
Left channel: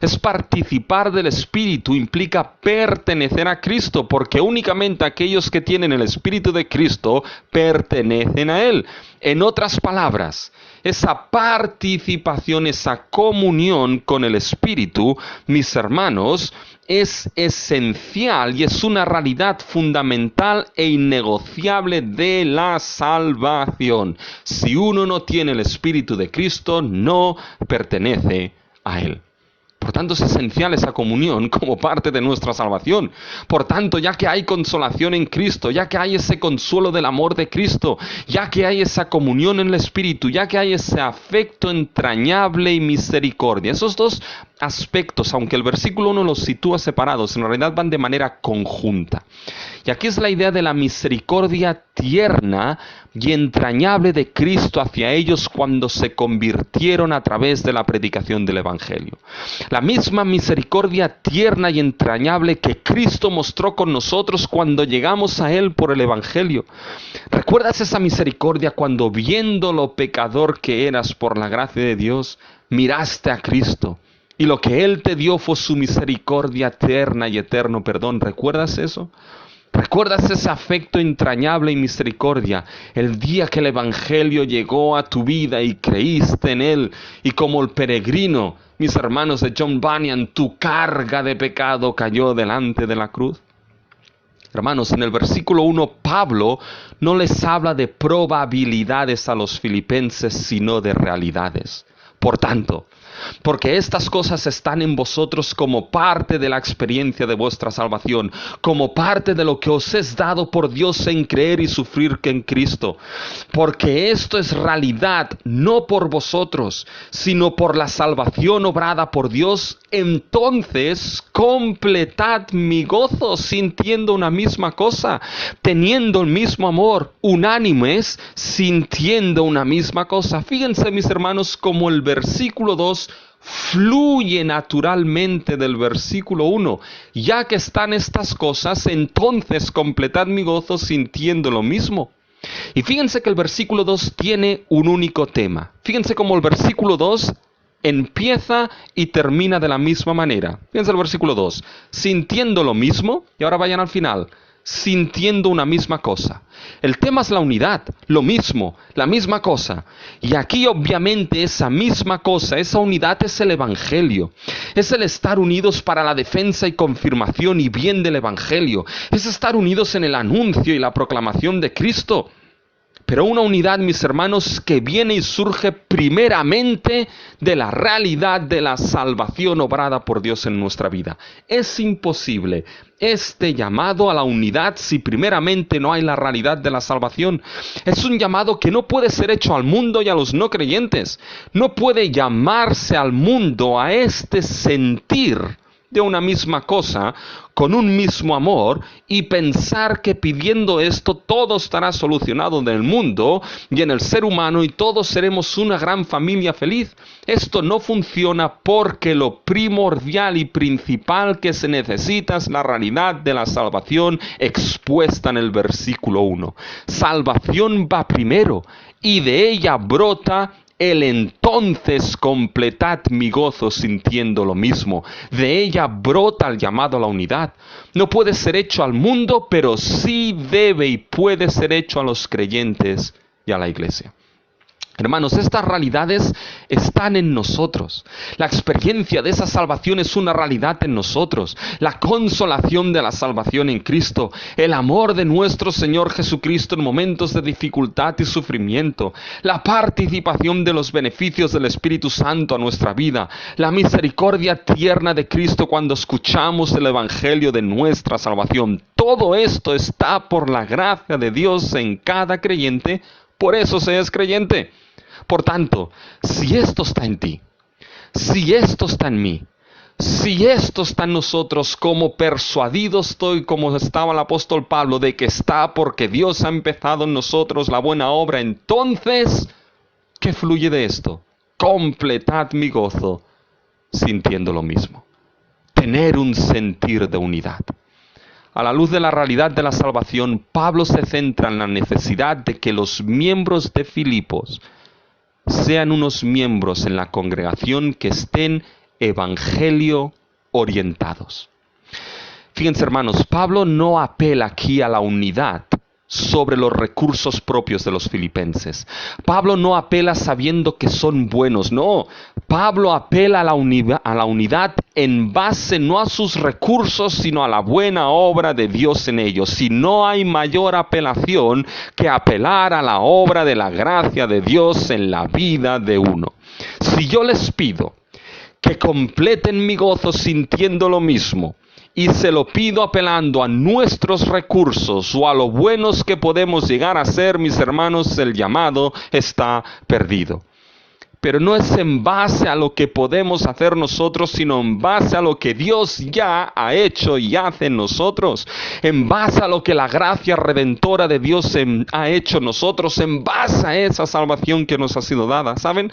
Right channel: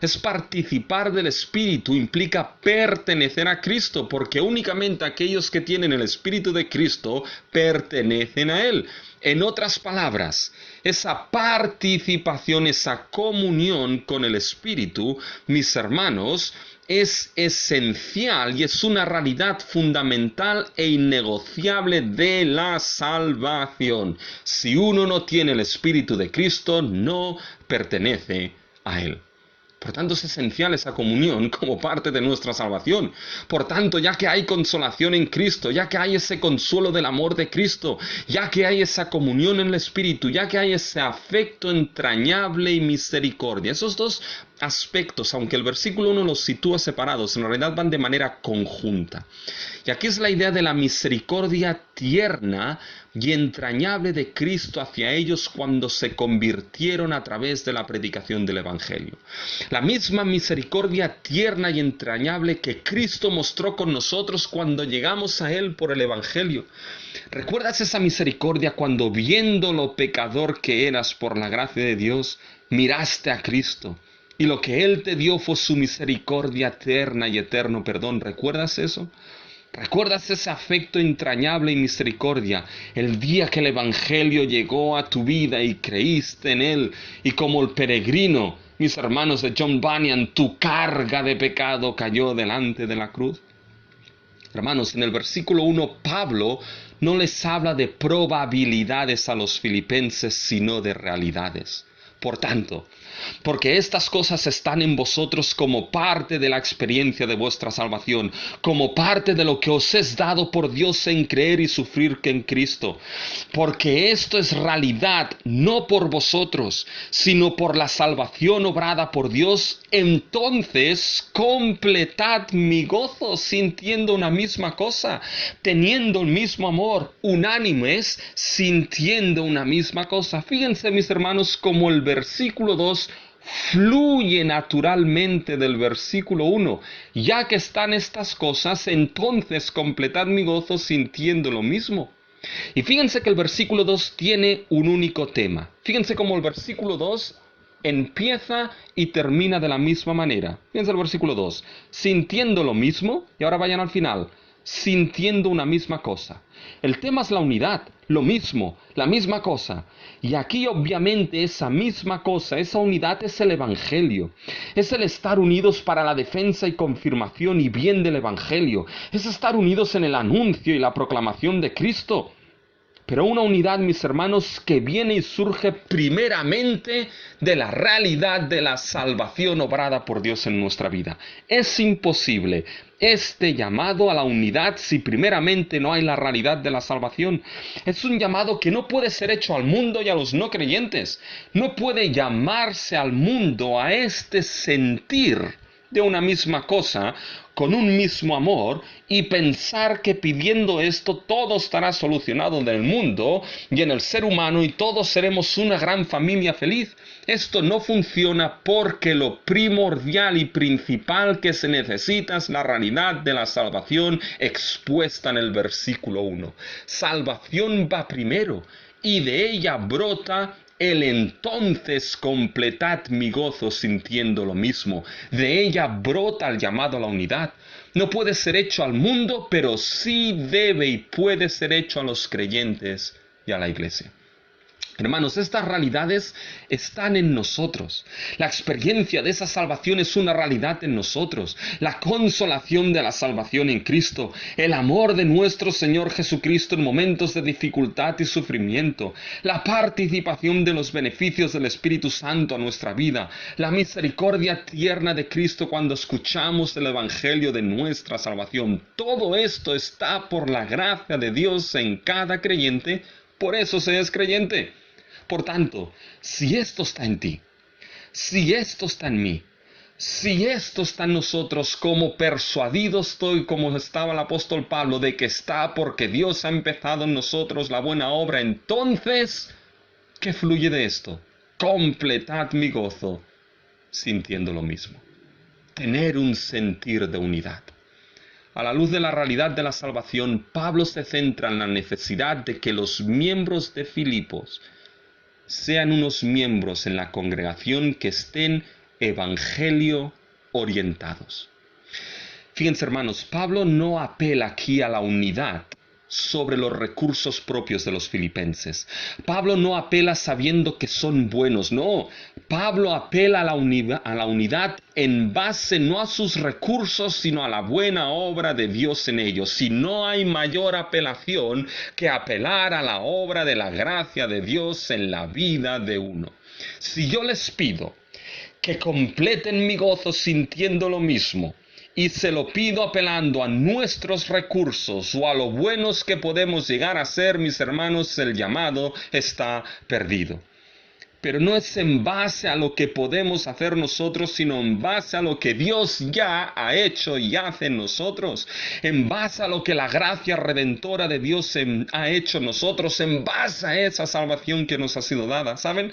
Es participar del Espíritu, implica pertenecer a Cristo, porque únicamente aquellos que tienen el Espíritu de Cristo pertenecen a Él. En otras palabras, esa participación, esa comunión con el Espíritu, mis hermanos, es esencial y es una realidad fundamental e innegociable de la salvación. Si uno no tiene el Espíritu de Cristo, no pertenece a Él. Por tanto, es esencial esa comunión como parte de nuestra salvación. Por tanto, ya que hay consolación en Cristo, ya que hay ese consuelo del amor de Cristo, ya que hay esa comunión en el Espíritu, ya que hay ese afecto entrañable y misericordia, esos dos aspectos, aunque el versículo 1 los sitúa separados, en realidad van de manera conjunta. Y aquí es la idea de la misericordia tierna y entrañable de Cristo hacia ellos cuando se convirtieron a través de la predicación del Evangelio. La misma misericordia tierna y entrañable que Cristo mostró con nosotros cuando llegamos a Él por el Evangelio. ¿Recuerdas esa misericordia cuando, viendo lo pecador que eras por la gracia de Dios, miraste a Cristo? Y lo que Él te dio fue su misericordia eterna y eterno perdón. ¿Recuerdas eso? ¿Recuerdas ese afecto entrañable y misericordia el día que el Evangelio llegó a tu vida y creíste en él? Y como el peregrino, mis hermanos de John Bunyan, tu carga de pecado cayó delante de la cruz. Hermanos, en el versículo 1, Pablo no les habla de probabilidades a los filipenses, sino de realidades. Por tanto, porque estas cosas están en vosotros como parte de la experiencia de vuestra salvación, como parte de lo que os es dado por Dios en creer y sufrir que en Cristo. Porque esto es realidad, no por vosotros, sino por la salvación obrada por Dios. Entonces completad mi gozo, sintiendo una misma cosa, teniendo el mismo amor, unánimes, sintiendo una misma cosa. Fíjense, mis hermanos, como el versículo 2 fluye naturalmente del versículo 1. Ya que están estas cosas, entonces completad mi gozo sintiendo lo mismo. Y fíjense que el versículo 2 tiene un único tema. Fíjense cómo el versículo 2 empieza y termina de la misma manera. Fíjense el versículo 2. Sintiendo lo mismo, y ahora vayan al final. Sintiendo una misma cosa. El tema es la unidad, lo mismo, la misma cosa. Y aquí obviamente esa misma cosa, esa unidad es el Evangelio. Es el estar unidos para la defensa y confirmación y bien del Evangelio. Es estar unidos en el anuncio y la proclamación de Cristo. Pero una unidad, mis hermanos, que viene y surge primeramente de la realidad de la salvación obrada por Dios en nuestra vida. Es imposible este llamado a la unidad si primeramente no hay la realidad de la salvación. Es un llamado que no puede ser hecho al mundo y a los no creyentes. No puede llamarse al mundo a este sentir de una misma cosa, con un mismo amor, y pensar que pidiendo esto todo estará solucionado en el mundo y en el ser humano y todos seremos una gran familia feliz. Esto no funciona porque lo primordial y principal que se necesita es la realidad de la salvación expuesta en el versículo 1. Salvación va primero y de ella brota el entonces completad mi gozo sintiendo lo mismo. De ella brota el llamado a la unidad. No puede ser hecho al mundo, pero sí debe y puede ser hecho a los creyentes y a la iglesia. Hermanos, estas realidades están en nosotros. La experiencia de esa salvación es una realidad en nosotros. La consolación de la salvación en Cristo. El amor de nuestro Señor Jesucristo en momentos de dificultad y sufrimiento. La participación de los beneficios del Espíritu Santo a nuestra vida. La misericordia tierna de Cristo cuando escuchamos el Evangelio de nuestra salvación. Todo esto está por la gracia de Dios en cada creyente. Por eso se es creyente. Por tanto, si esto está en ti, si esto está en mí, si esto está en nosotros, como persuadido estoy, como estaba el apóstol Pablo, de que está porque Dios ha empezado en nosotros la buena obra, entonces, ¿qué fluye de esto? Completad mi gozo, sintiendo lo mismo. Tener un sentir de unidad. A la luz de la realidad de la salvación, Pablo se centra en la necesidad de que los miembros de Filipos sean unos miembros en la congregación que estén evangelio orientados. Fíjense, hermanos, Pablo no apela aquí a la unidad sobre los recursos propios de los filipenses. Pablo no apela sabiendo que son buenos, no. Pablo apela a la unidad en base no a sus recursos, sino a la buena obra de Dios en ellos. Si no hay mayor apelación que apelar a la obra de la gracia de Dios en la vida de uno. Si yo les pido que completen mi gozo sintiendo lo mismo, y se lo pido apelando a nuestros recursos o a lo buenos que podemos llegar a ser, mis hermanos, el llamado está perdido. Pero no es en base a lo que podemos hacer nosotros, sino en base a lo que Dios ya ha hecho y hace en nosotros, en base a lo que la gracia redentora de Dios ha hecho en nosotros, en base a esa salvación que nos ha sido dada. ¿Saben?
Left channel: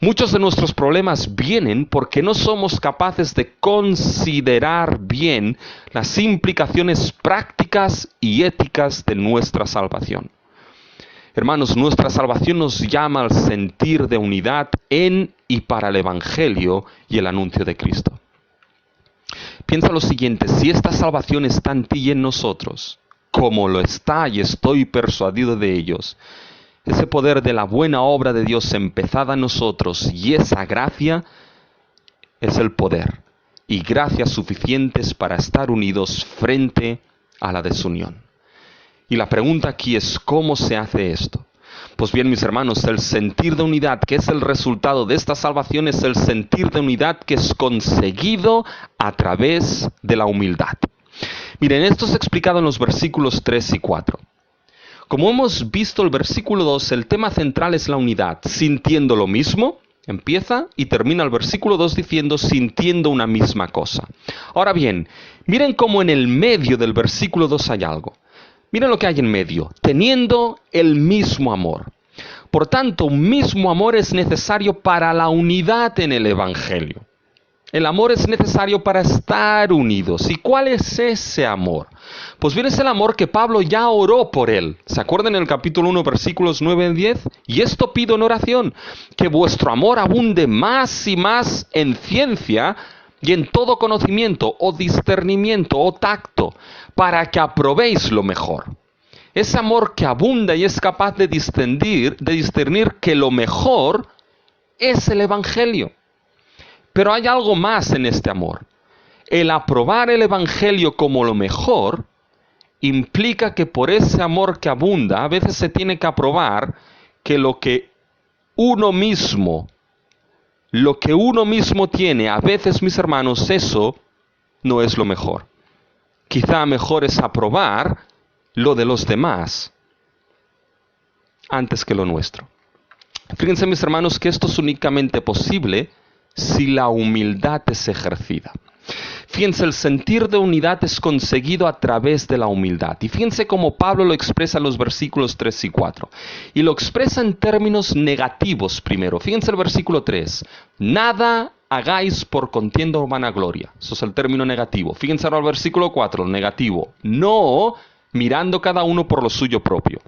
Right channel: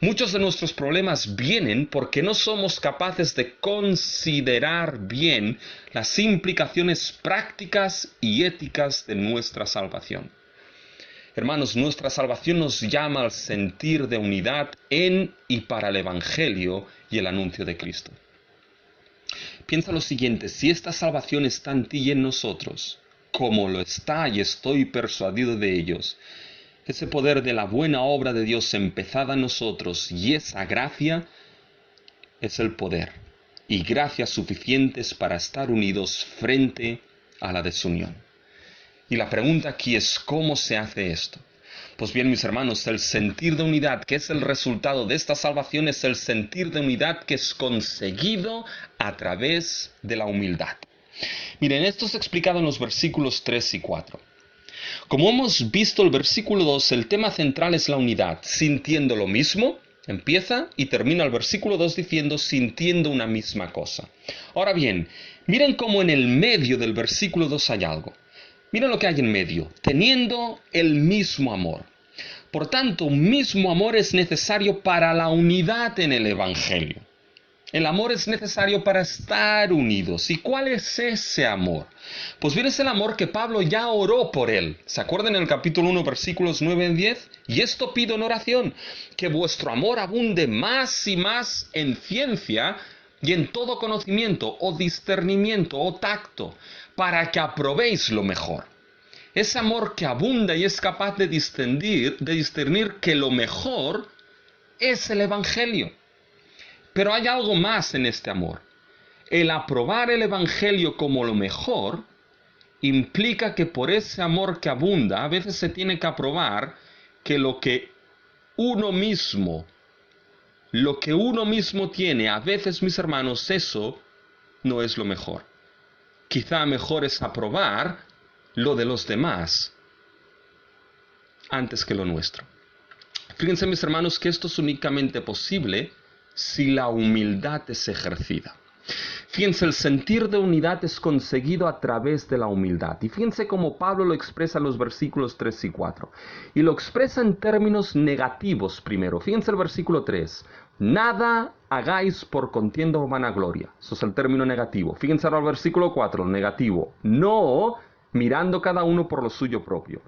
Muchos de nuestros problemas vienen porque no somos capaces de considerar bien las implicaciones prácticas y éticas de nuestra salvación. Hermanos, nuestra salvación nos llama al sentir de unidad en y para el Evangelio y el anuncio de Cristo. Piensa lo siguiente: si esta salvación está en ti y en nosotros, como lo está y estoy persuadido de ellos, ese poder de la buena obra de Dios empezada en nosotros y esa gracia es el poder y gracias suficientes para estar unidos frente a la desunión. Y la pregunta aquí es: ¿cómo se hace esto? Pues bien, mis hermanos, el sentir de unidad que es el resultado de esta salvación es el sentir de unidad que es conseguido a través de la humildad. Miren, esto es explicado en los versículos 3 y 4. Como hemos visto el versículo 2, el tema central es la unidad, sintiendo lo mismo. Empieza y termina el versículo 2 diciendo sintiendo una misma cosa. Ahora bien, miren cómo en el medio del versículo 2 hay algo. Miren lo que hay en medio: teniendo el mismo amor. Por tanto, un mismo amor es necesario para la unidad en el Evangelio. El amor es necesario para estar unidos. ¿Y cuál es ese amor? Pues bien, es el amor que Pablo ya oró por él. ¿Se acuerdan en el capítulo 1, versículos 9 y 10? Y esto pido en oración, que vuestro amor abunde más y más en ciencia y en todo conocimiento o discernimiento o tacto, para que aprobéis lo mejor. Ese amor que abunda y es capaz de discernir que lo mejor es el Evangelio. Pero hay algo más en este amor. El aprobar el Evangelio como lo mejor implica que por ese amor que abunda, a veces se tiene que aprobar que lo que uno mismo tiene, a veces, mis hermanos, eso no es lo mejor. Quizá mejor es aprobar lo de los demás antes que lo nuestro. Fíjense, mis hermanos, que esto es únicamente posible si la humildad es ejercida. Fíjense, el sentir de unidad es conseguido a través de la humildad. Y fíjense cómo Pablo lo expresa en los versículos 3 y 4. Y lo expresa en términos negativos primero. Fíjense el versículo 3. Nada hagáis por contienda o vanagloria. Eso es el término negativo. Fíjense ahora el versículo 4, el negativo. No mirando cada uno por lo suyo propio.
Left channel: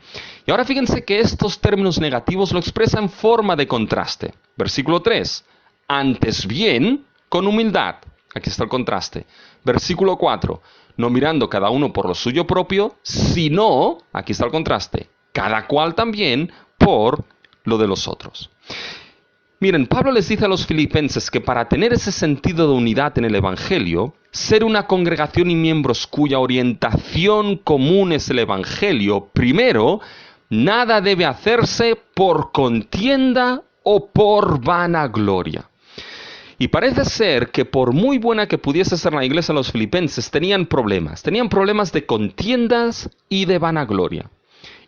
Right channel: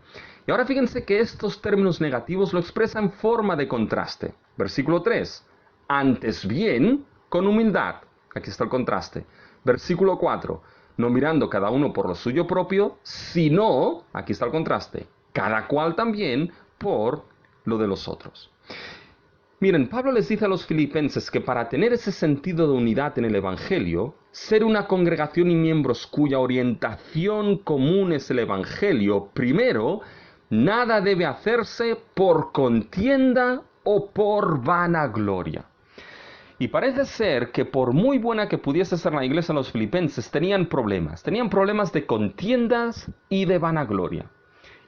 Y ahora fíjense que estos términos negativos lo expresa en forma de contraste. Versículo 3. Antes bien, con humildad. Aquí está el contraste. Versículo 4. No mirando cada uno por lo suyo propio, sino, aquí está el contraste, cada cual también por lo de los otros. Miren, Pablo les dice a los filipenses que para tener ese sentido de unidad en el Evangelio, ser una congregación y miembros cuya orientación común es el Evangelio, primero, nada debe hacerse por contienda o por vanagloria. Y parece ser que por muy buena que pudiese ser la iglesia de los filipenses, tenían problemas de contiendas y de vanagloria.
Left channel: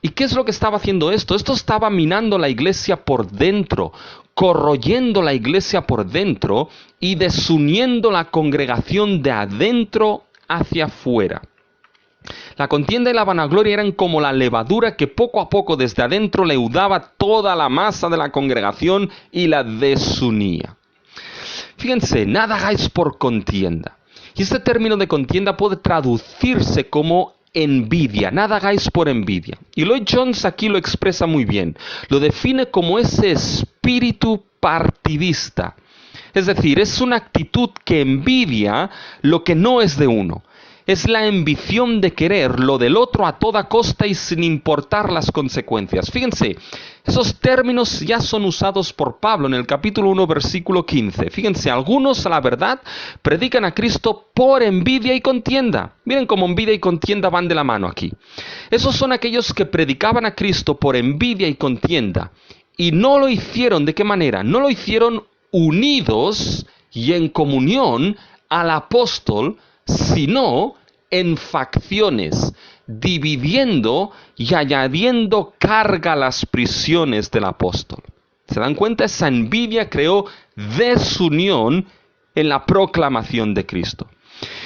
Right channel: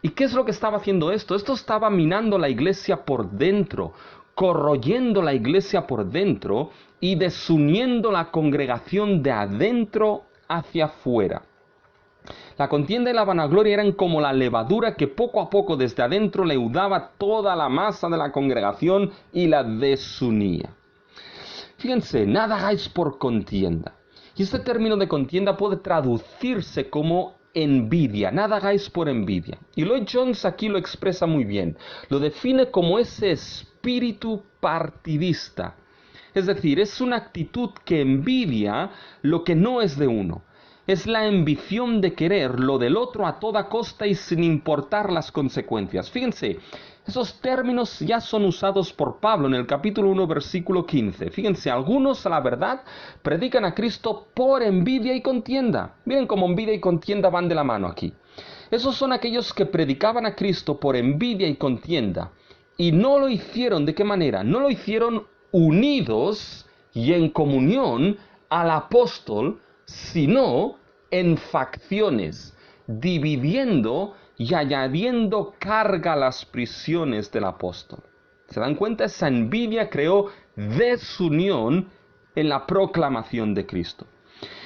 ¿Y qué es lo que estaba haciendo esto? Esto estaba minando la iglesia por dentro, corroyendo la iglesia por dentro y desuniendo la congregación de adentro hacia afuera. La contienda y la vanagloria eran como la levadura que poco a poco desde adentro leudaba toda la masa de la congregación y la desunía. Fíjense, nada hagáis por contienda. Y este término de contienda puede traducirse como envidia. Nada hagáis por envidia. Y Lloyd Jones aquí lo expresa muy bien. Lo define como ese espíritu partidista. Es decir, es una actitud que envidia lo que no es de uno, Es la ambición de querer lo del otro a toda costa y sin importar las consecuencias. Fíjense, esos términos ya son usados por Pablo en el capítulo 1, versículo 15. Fíjense, algunos a la verdad predican a Cristo por envidia y contienda. Miren cómo envidia y contienda van de la mano aquí. Esos son aquellos que predicaban a Cristo por envidia y contienda. Y no lo hicieron, ¿de qué manera? No lo hicieron unidos y en comunión al apóstol, sino en facciones, dividiendo y añadiendo carga a las prisiones del apóstol. ¿Se dan cuenta? Esa envidia creó desunión en la proclamación de Cristo.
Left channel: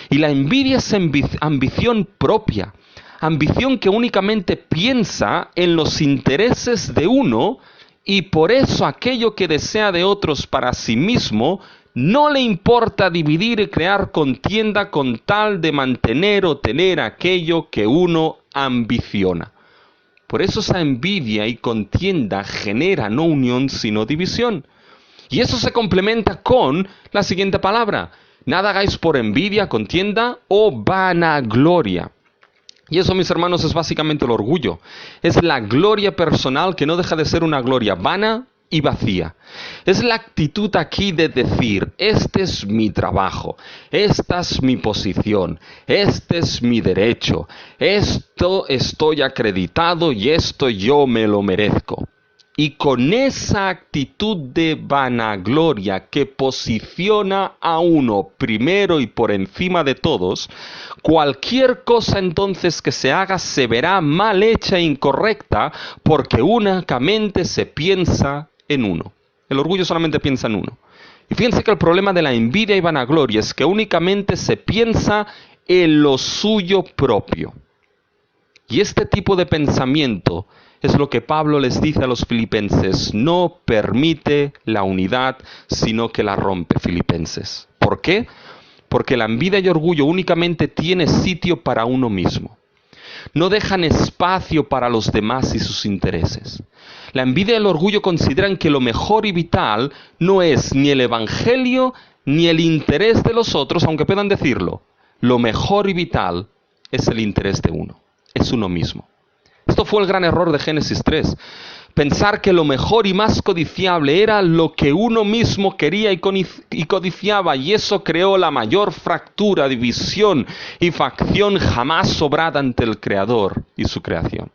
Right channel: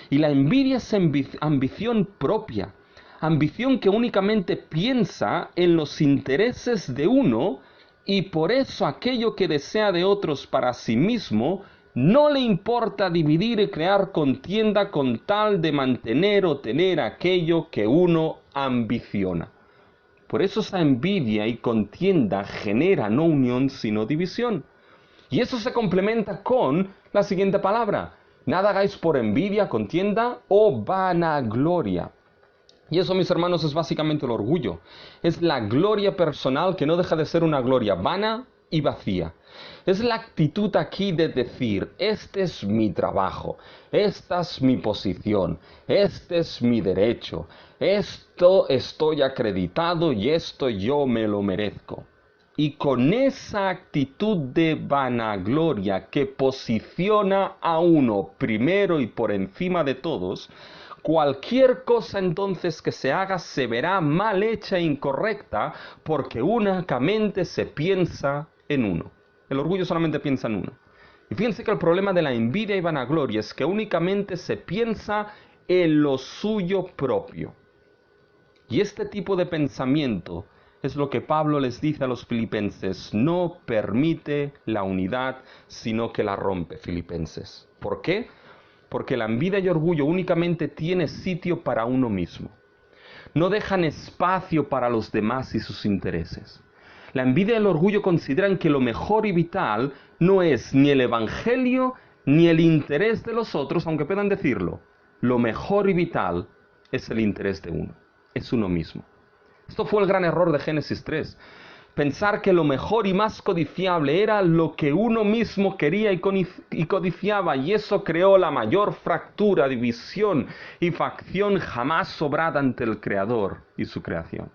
Y la envidia es ambición propia, ambición que únicamente piensa en los intereses de uno, y por eso aquello que desea de otros para sí mismo no le importa dividir y crear contienda con tal de mantener o tener aquello que uno ambiciona. Por eso esa envidia y contienda genera no unión sino división. Y eso se complementa con la siguiente palabra: nada hagáis por envidia, contienda o vanagloria. Y eso, mis hermanos, es básicamente el orgullo. Es la gloria personal que no deja de ser una gloria vana y vacía. Es la actitud aquí de decir: este es mi trabajo, esta es mi posición, este es mi derecho, esto estoy acreditado y esto yo me lo merezco. Y con esa actitud de vanagloria que posiciona a uno primero y por encima de todos, cualquier cosa entonces que se haga se verá mal hecha e incorrecta, porque únicamente se piensa en uno. El orgullo solamente piensa en uno. Y fíjense que el problema de la envidia y vanagloria es que únicamente se piensa en lo suyo propio. Y este tipo de pensamiento es lo que Pablo les dice a los filipenses: no permite la unidad, sino que la rompe. Filipenses. ¿Por qué? Porque la envidia y orgullo únicamente tiene sitio para uno mismo. No dejan espacio para los demás y sus intereses. La envidia y el orgullo consideran que lo mejor y vital no es ni el evangelio ni el interés de los otros, aunque puedan decirlo. Lo mejor y vital es el interés de uno, es uno mismo. Esto fue el gran error de Génesis 3. Pensar que lo mejor y más codiciable era lo que uno mismo quería y codiciaba, y eso creó la mayor fractura, división y facción jamás sobrada ante el Creador y su creación.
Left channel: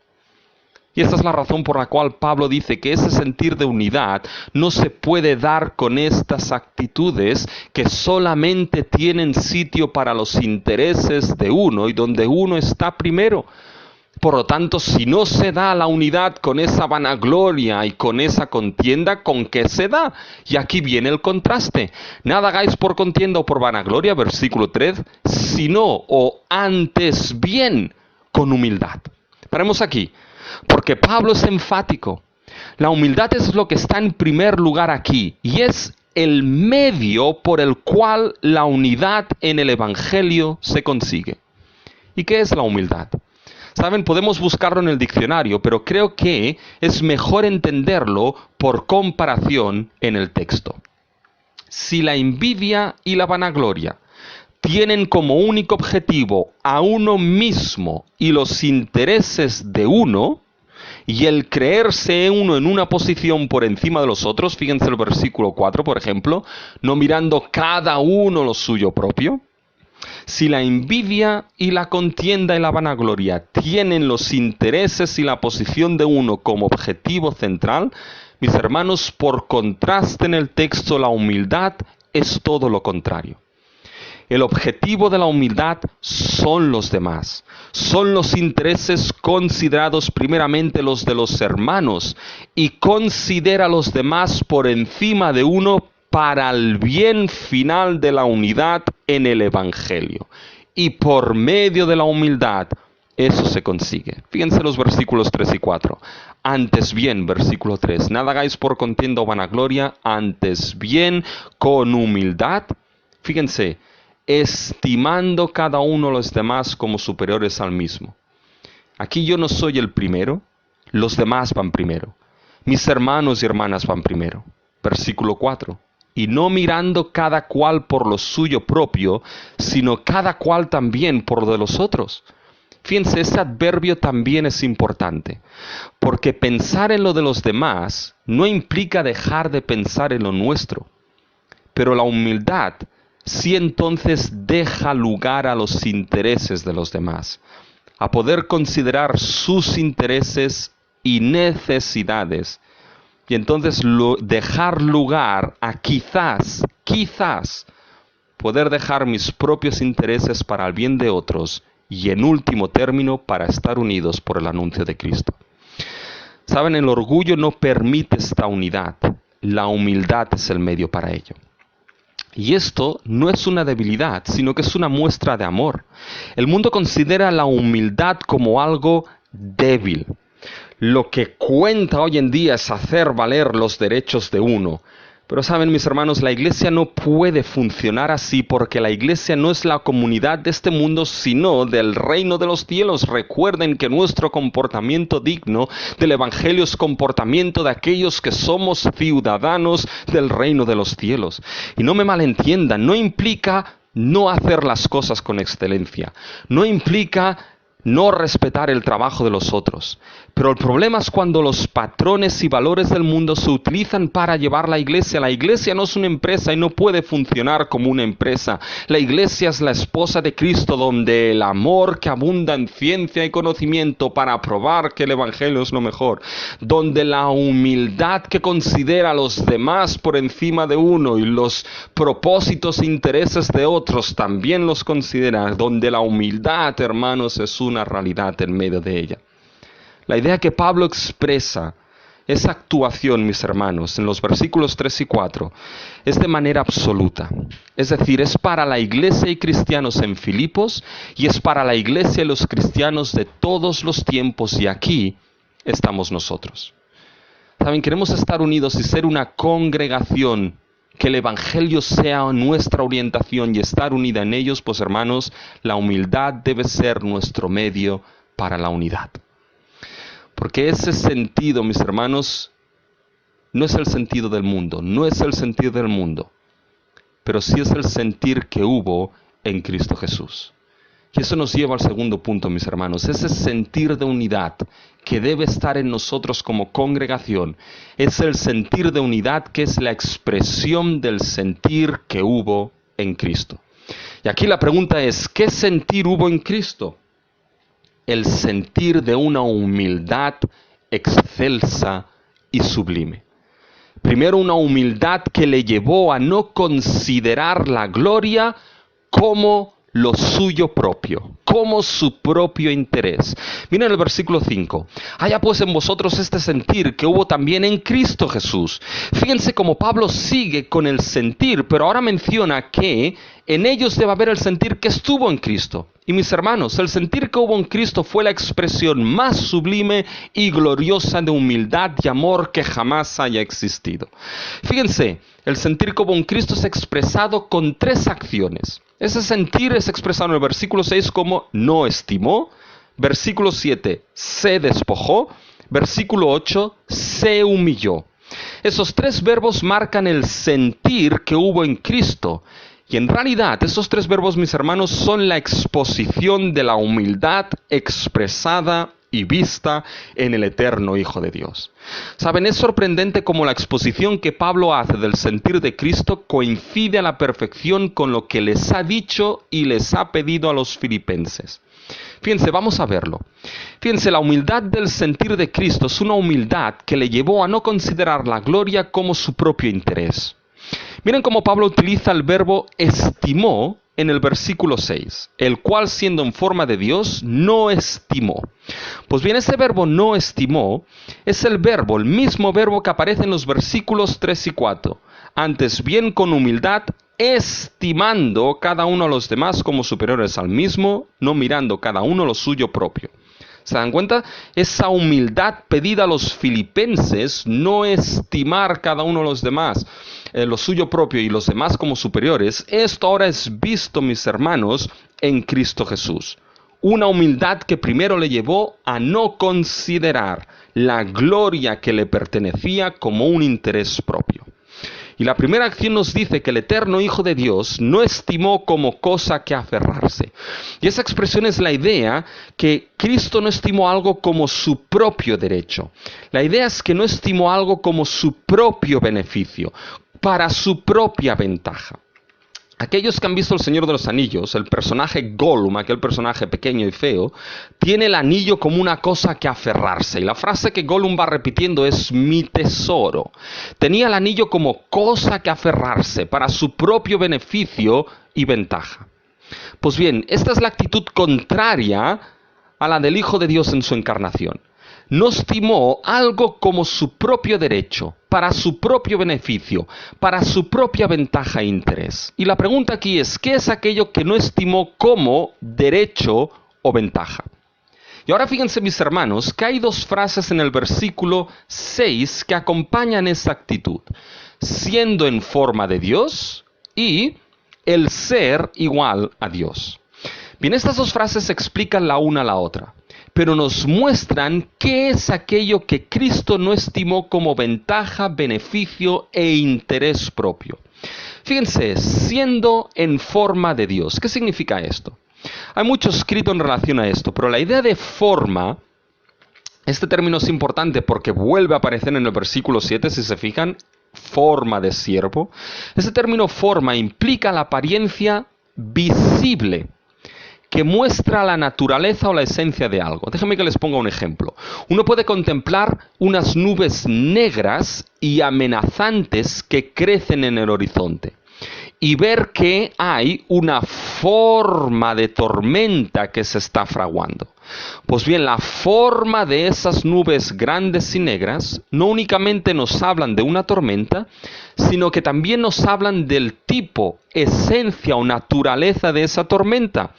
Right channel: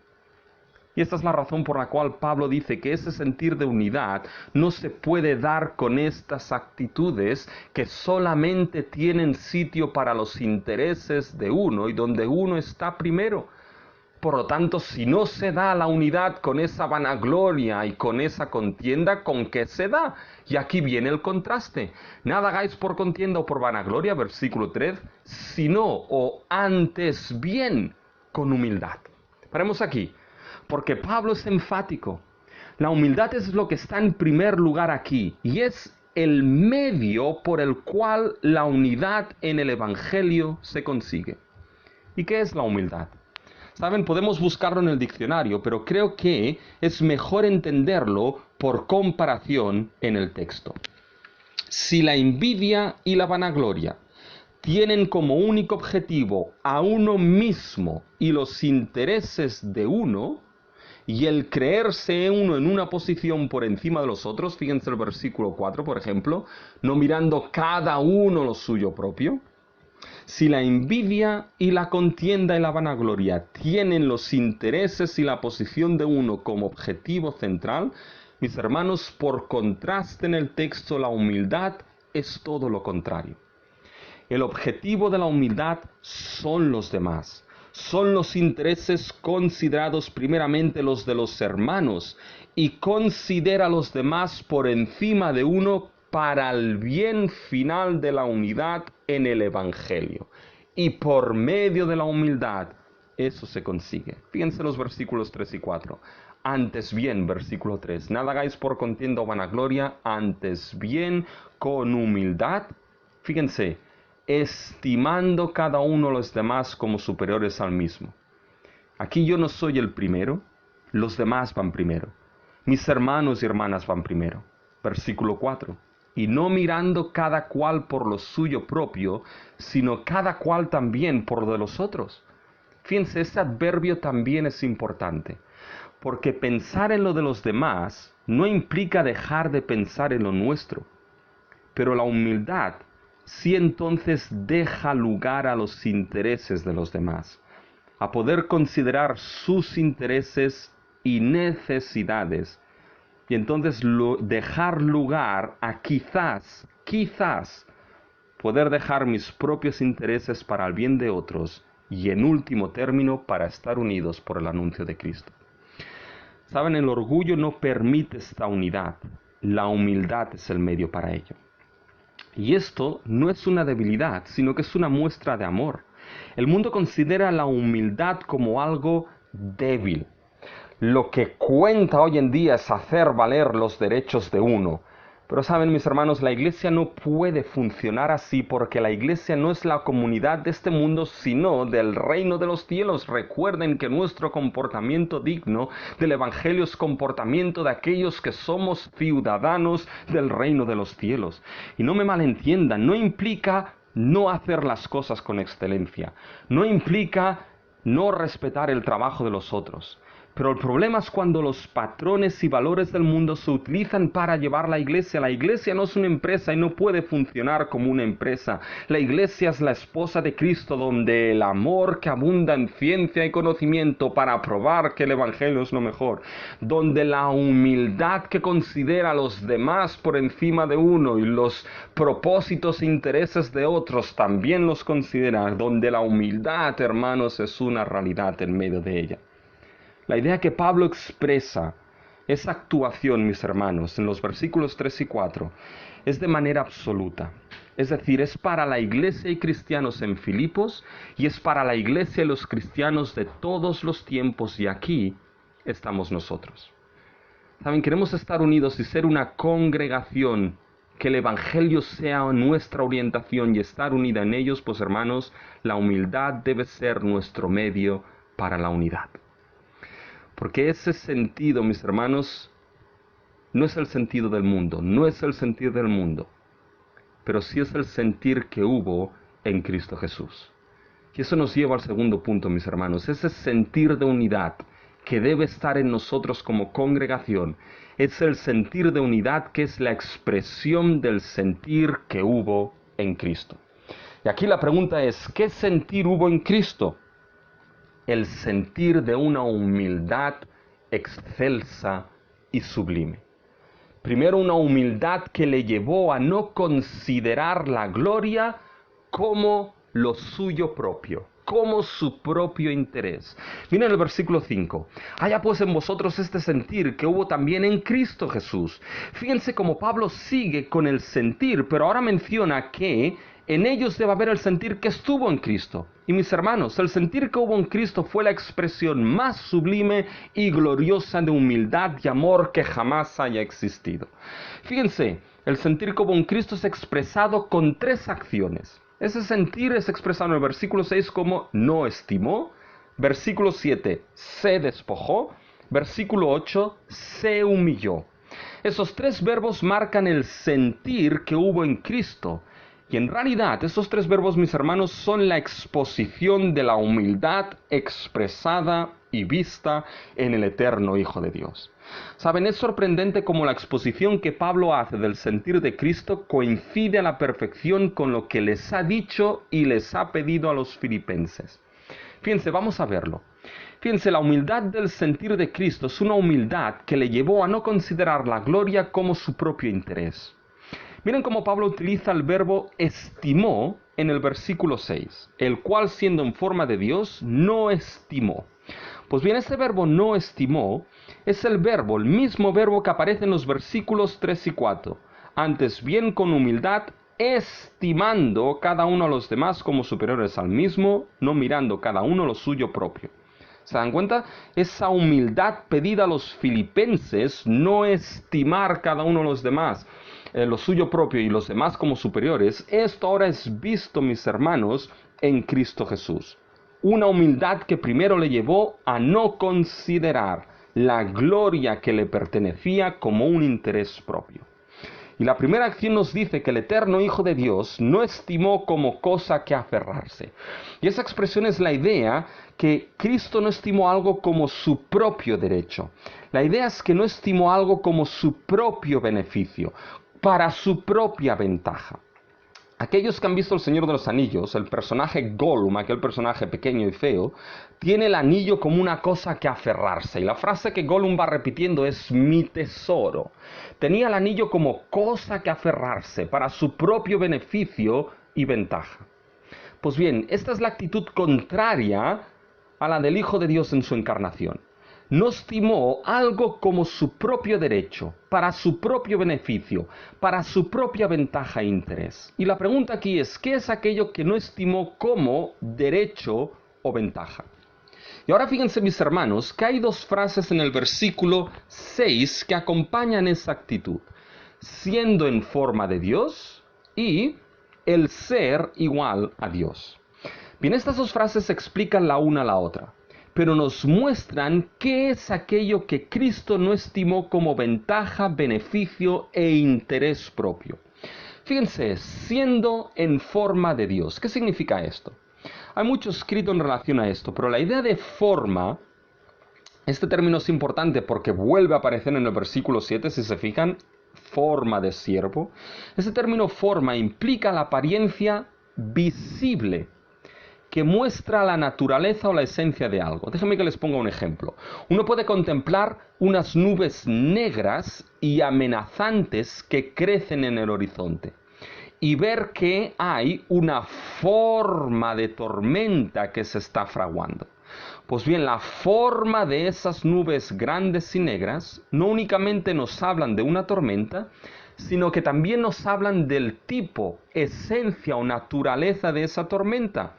Y esta es la razón por la cual Pablo dice que ese sentir de unidad no se puede dar con estas actitudes que solamente tienen sitio para los intereses de uno y donde uno está primero. Por lo tanto, si no se da la unidad con esa vanagloria y con esa contienda, ¿con qué se da? Y aquí viene el contraste. Nada hagáis por contienda o por vanagloria, versículo 3, sino o antes bien con humildad. Paremos aquí, porque Pablo es enfático. La humildad es lo que está en primer lugar aquí y es el medio por el cual la unidad en el Evangelio se consigue. ¿Y qué es la humildad? Saben, podemos buscarlo en el diccionario, pero creo que es mejor entenderlo por comparación en el texto. Si la envidia y la vanagloria tienen como único objetivo a uno mismo y los intereses de uno, y el creerse uno en una posición por encima de los otros, fíjense el versículo 4, por ejemplo, no mirando cada uno lo suyo propio. Si la envidia y la contienda y la vanagloria tienen los intereses y la posición de uno como objetivo central, mis hermanos, por contraste en el texto, la humildad es todo lo contrario. El objetivo de la humildad son los demás, son los intereses considerados primeramente los de los hermanos, y considera a los demás por encima de uno para el bien final de la unidad en el Evangelio. Y por medio de la humildad eso se consigue. Fíjense los versículos 3 y 4. Antes bien, versículo 3, nada hagáis por contienda o vanagloria, antes bien con humildad. Fíjense, estimando cada uno a los demás como superiores al mismo. Aquí yo no soy el primero, los demás van primero. Mis hermanos y hermanas van primero. Versículo 4. y no mirando cada cual por lo suyo propio, sino cada cual también por lo de los otros. Fíjense, ese adverbio también es importante, porque pensar en lo de los demás no implica dejar de pensar en lo nuestro, pero la humildad sí entonces deja lugar a los intereses de los demás, a poder considerar sus intereses y necesidades, y entonces dejar lugar a quizás poder dejar mis propios intereses para el bien de otros y en último término para estar unidos por el anuncio de Cristo. Saben, el orgullo no permite esta unidad, la humildad es el medio para ello. Y esto no es una debilidad, sino que es una muestra de amor. El mundo considera la humildad como algo débil. Lo que cuenta hoy en día es hacer valer los derechos de uno. Pero saben, mis hermanos, la iglesia no puede funcionar así porque la iglesia no es la comunidad de este mundo, sino del reino de los cielos. Recuerden que nuestro comportamiento digno del evangelio es comportamiento de aquellos que somos ciudadanos del reino de los cielos. Y no me malentiendan, no implica no hacer las cosas con excelencia, no implica no respetar el trabajo de los otros. Pero el problema es cuando los patrones y valores del mundo se utilizan para llevar la iglesia. La iglesia no es una empresa y no puede funcionar como una empresa. La iglesia es la esposa de Cristo, donde el amor que abunda en ciencia y conocimiento para probar que el evangelio es lo mejor, donde la humildad que considera a los demás por encima de uno y los propósitos e intereses de otros también los considera, donde la humildad, hermanos, es una realidad en medio de ella. La idea que Pablo expresa, esa actuación, mis hermanos, en los versículos 3 y 4, es de manera absoluta. Es decir, es para la iglesia y cristianos en Filipos y es para la iglesia y los cristianos de todos los tiempos, y aquí estamos nosotros. Saben, queremos estar unidos y ser una congregación, que el evangelio sea nuestra orientación y estar unida en ellos, pues hermanos, la humildad debe ser nuestro medio para la unidad. Porque ese sentido, mis hermanos, no es el sentido del mundo, no es el sentido del mundo, pero sí es el sentir que hubo en Cristo Jesús. Y eso nos lleva al segundo punto, mis hermanos, ese sentir de unidad que debe estar en nosotros como congregación, es el sentir de unidad que es la expresión del sentir que hubo en Cristo. Y aquí la pregunta es, ¿qué sentir hubo en Cristo? El sentir de una humildad excelsa y sublime. Primero, una humildad que le llevó a no considerar la gloria como lo suyo propio, como su propio interés. Miren el versículo 5. Haya pues en vosotros este sentir que hubo también en Cristo Jesús. Fíjense cómo Pablo sigue con el sentir, pero ahora menciona que en ellos debe haber el sentir que estuvo en Cristo. Y mis hermanos, el sentir que hubo en Cristo fue la expresión más sublime y gloriosa de humildad y amor que jamás haya existido. Fíjense, el sentir que hubo en Cristo es expresado con 3 acciones. Ese sentir es expresado en el versículo 6 como no estimó, versículo 7 se despojó, versículo 8 se humilló. Esos 3 verbos marcan el sentir que hubo en Cristo. Y en realidad esos 3 verbos, mis hermanos, son la exposición de la humildad expresada y vista en el eterno Hijo de Dios. Saben, es sorprendente cómo la exposición que Pablo hace del sentir de Cristo coincide a la perfección con lo que les ha dicho y les ha pedido a los filipenses. Fíjense, vamos a verlo. Fíjense, la humildad del sentir de Cristo es una humildad que le llevó a no considerar la gloria como su propio interés. Miren cómo Pablo utiliza el verbo estimó en el versículo 6, el cual siendo en forma de Dios, no estimó. Pues bien, ese verbo no estimó es el mismo verbo que aparece en los versículos 3 y 4. Antes bien con humildad, estimando cada uno a los demás como superiores al mismo, no mirando cada uno lo suyo propio. ¿Se dan cuenta? Esa humildad pedida a los filipenses, no estimar cada uno a los demás, lo suyo propio y los demás como superiores, esto ahora es visto, mis hermanos, en Cristo Jesús. Una humildad que primero le llevó a no considerar la gloria que le pertenecía como un interés propio. Y la primera acción nos dice que el eterno Hijo de Dios no estimó como cosa que aferrarse. Y esa expresión es la idea que Cristo no estimó algo como su propio derecho. La idea es que no estimó algo como su propio beneficio, para su propia ventaja. Aquellos que han visto El Señor de los Anillos, el personaje Gollum, aquel personaje pequeño y feo, tiene el anillo como una cosa que aferrarse. Y la frase que Gollum va repitiendo es mi tesoro. Tenía el anillo como cosa que aferrarse para su propio beneficio y ventaja. Pues bien, esta es la actitud contraria a la del Hijo de Dios en su encarnación. No estimó algo como su propio derecho, para su propio beneficio, para su propia ventaja e interés. Y la pregunta aquí es, ¿qué es aquello que no estimó como derecho o ventaja? Y ahora fíjense, mis hermanos, que hay dos frases en el versículo 6 que acompañan esa actitud. Siendo en forma de Dios y el ser igual a Dios. Bien, estas dos frases explican la una a la otra, pero nos muestran qué es aquello que Cristo no estimó como ventaja, beneficio e interés propio. Fíjense, siendo en forma de Dios. ¿Qué significa esto? Hay mucho escrito en relación a esto, pero la idea de forma, este término es importante porque vuelve a aparecer en el versículo 7, si se fijan, forma de siervo. Ese término forma implica la apariencia visible que muestra la naturaleza o la esencia de algo. Déjenme que les ponga un ejemplo. Uno puede contemplar unas nubes negras y amenazantes que crecen en el horizonte y ver que hay una forma de tormenta que se está fraguando. Pues bien, la forma de esas nubes grandes y negras no únicamente nos hablan de una tormenta, sino que también nos hablan del tipo, esencia o naturaleza de esa tormenta.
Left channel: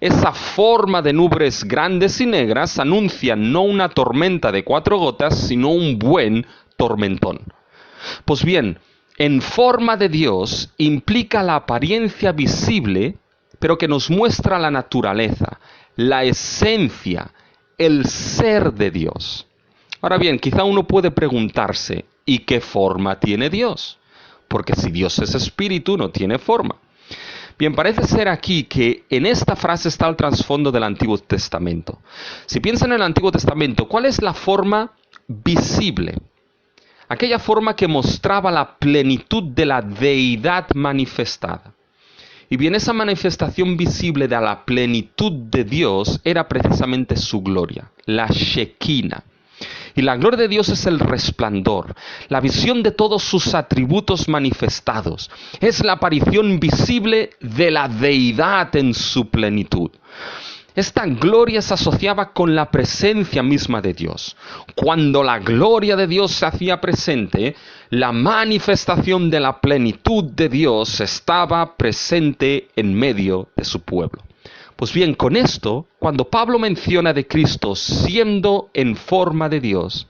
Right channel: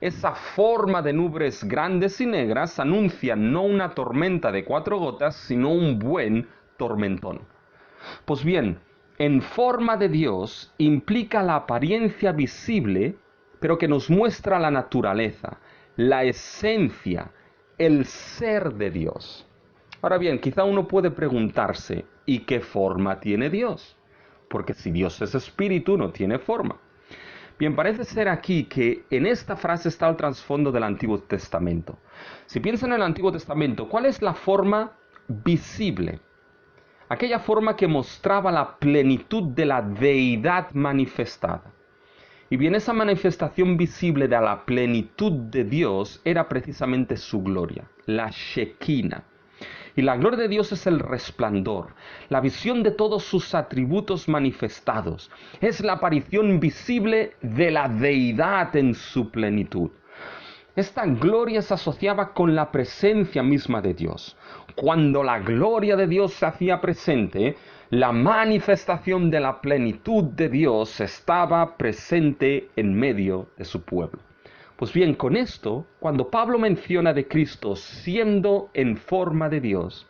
Esa forma de nubes grandes y negras anuncia no una tormenta de 4 gotas, sino un buen tormentón. Pues bien, en forma de Dios implica la apariencia visible, pero que nos muestra la naturaleza, la esencia, el ser de Dios. Ahora bien, quizá uno puede preguntarse, ¿y qué forma tiene Dios? Porque si Dios es espíritu, no tiene forma. Bien, parece ser aquí que en esta frase está el trasfondo del Antiguo Testamento. Si piensan en el Antiguo Testamento, ¿cuál es la forma visible? Aquella forma que mostraba la plenitud de la deidad manifestada. Y bien, esa manifestación visible de la plenitud de Dios era precisamente su gloria, la Shekinah. Y la gloria de Dios es el resplandor, la visión de todos sus atributos manifestados. Es la aparición visible de la deidad en su plenitud. Esta gloria se asociaba con la presencia misma de Dios. Cuando la gloria de Dios se hacía presente, la manifestación de la plenitud de Dios estaba presente en medio de su pueblo. Pues bien, con esto, cuando Pablo menciona de Cristo siendo en forma de Dios,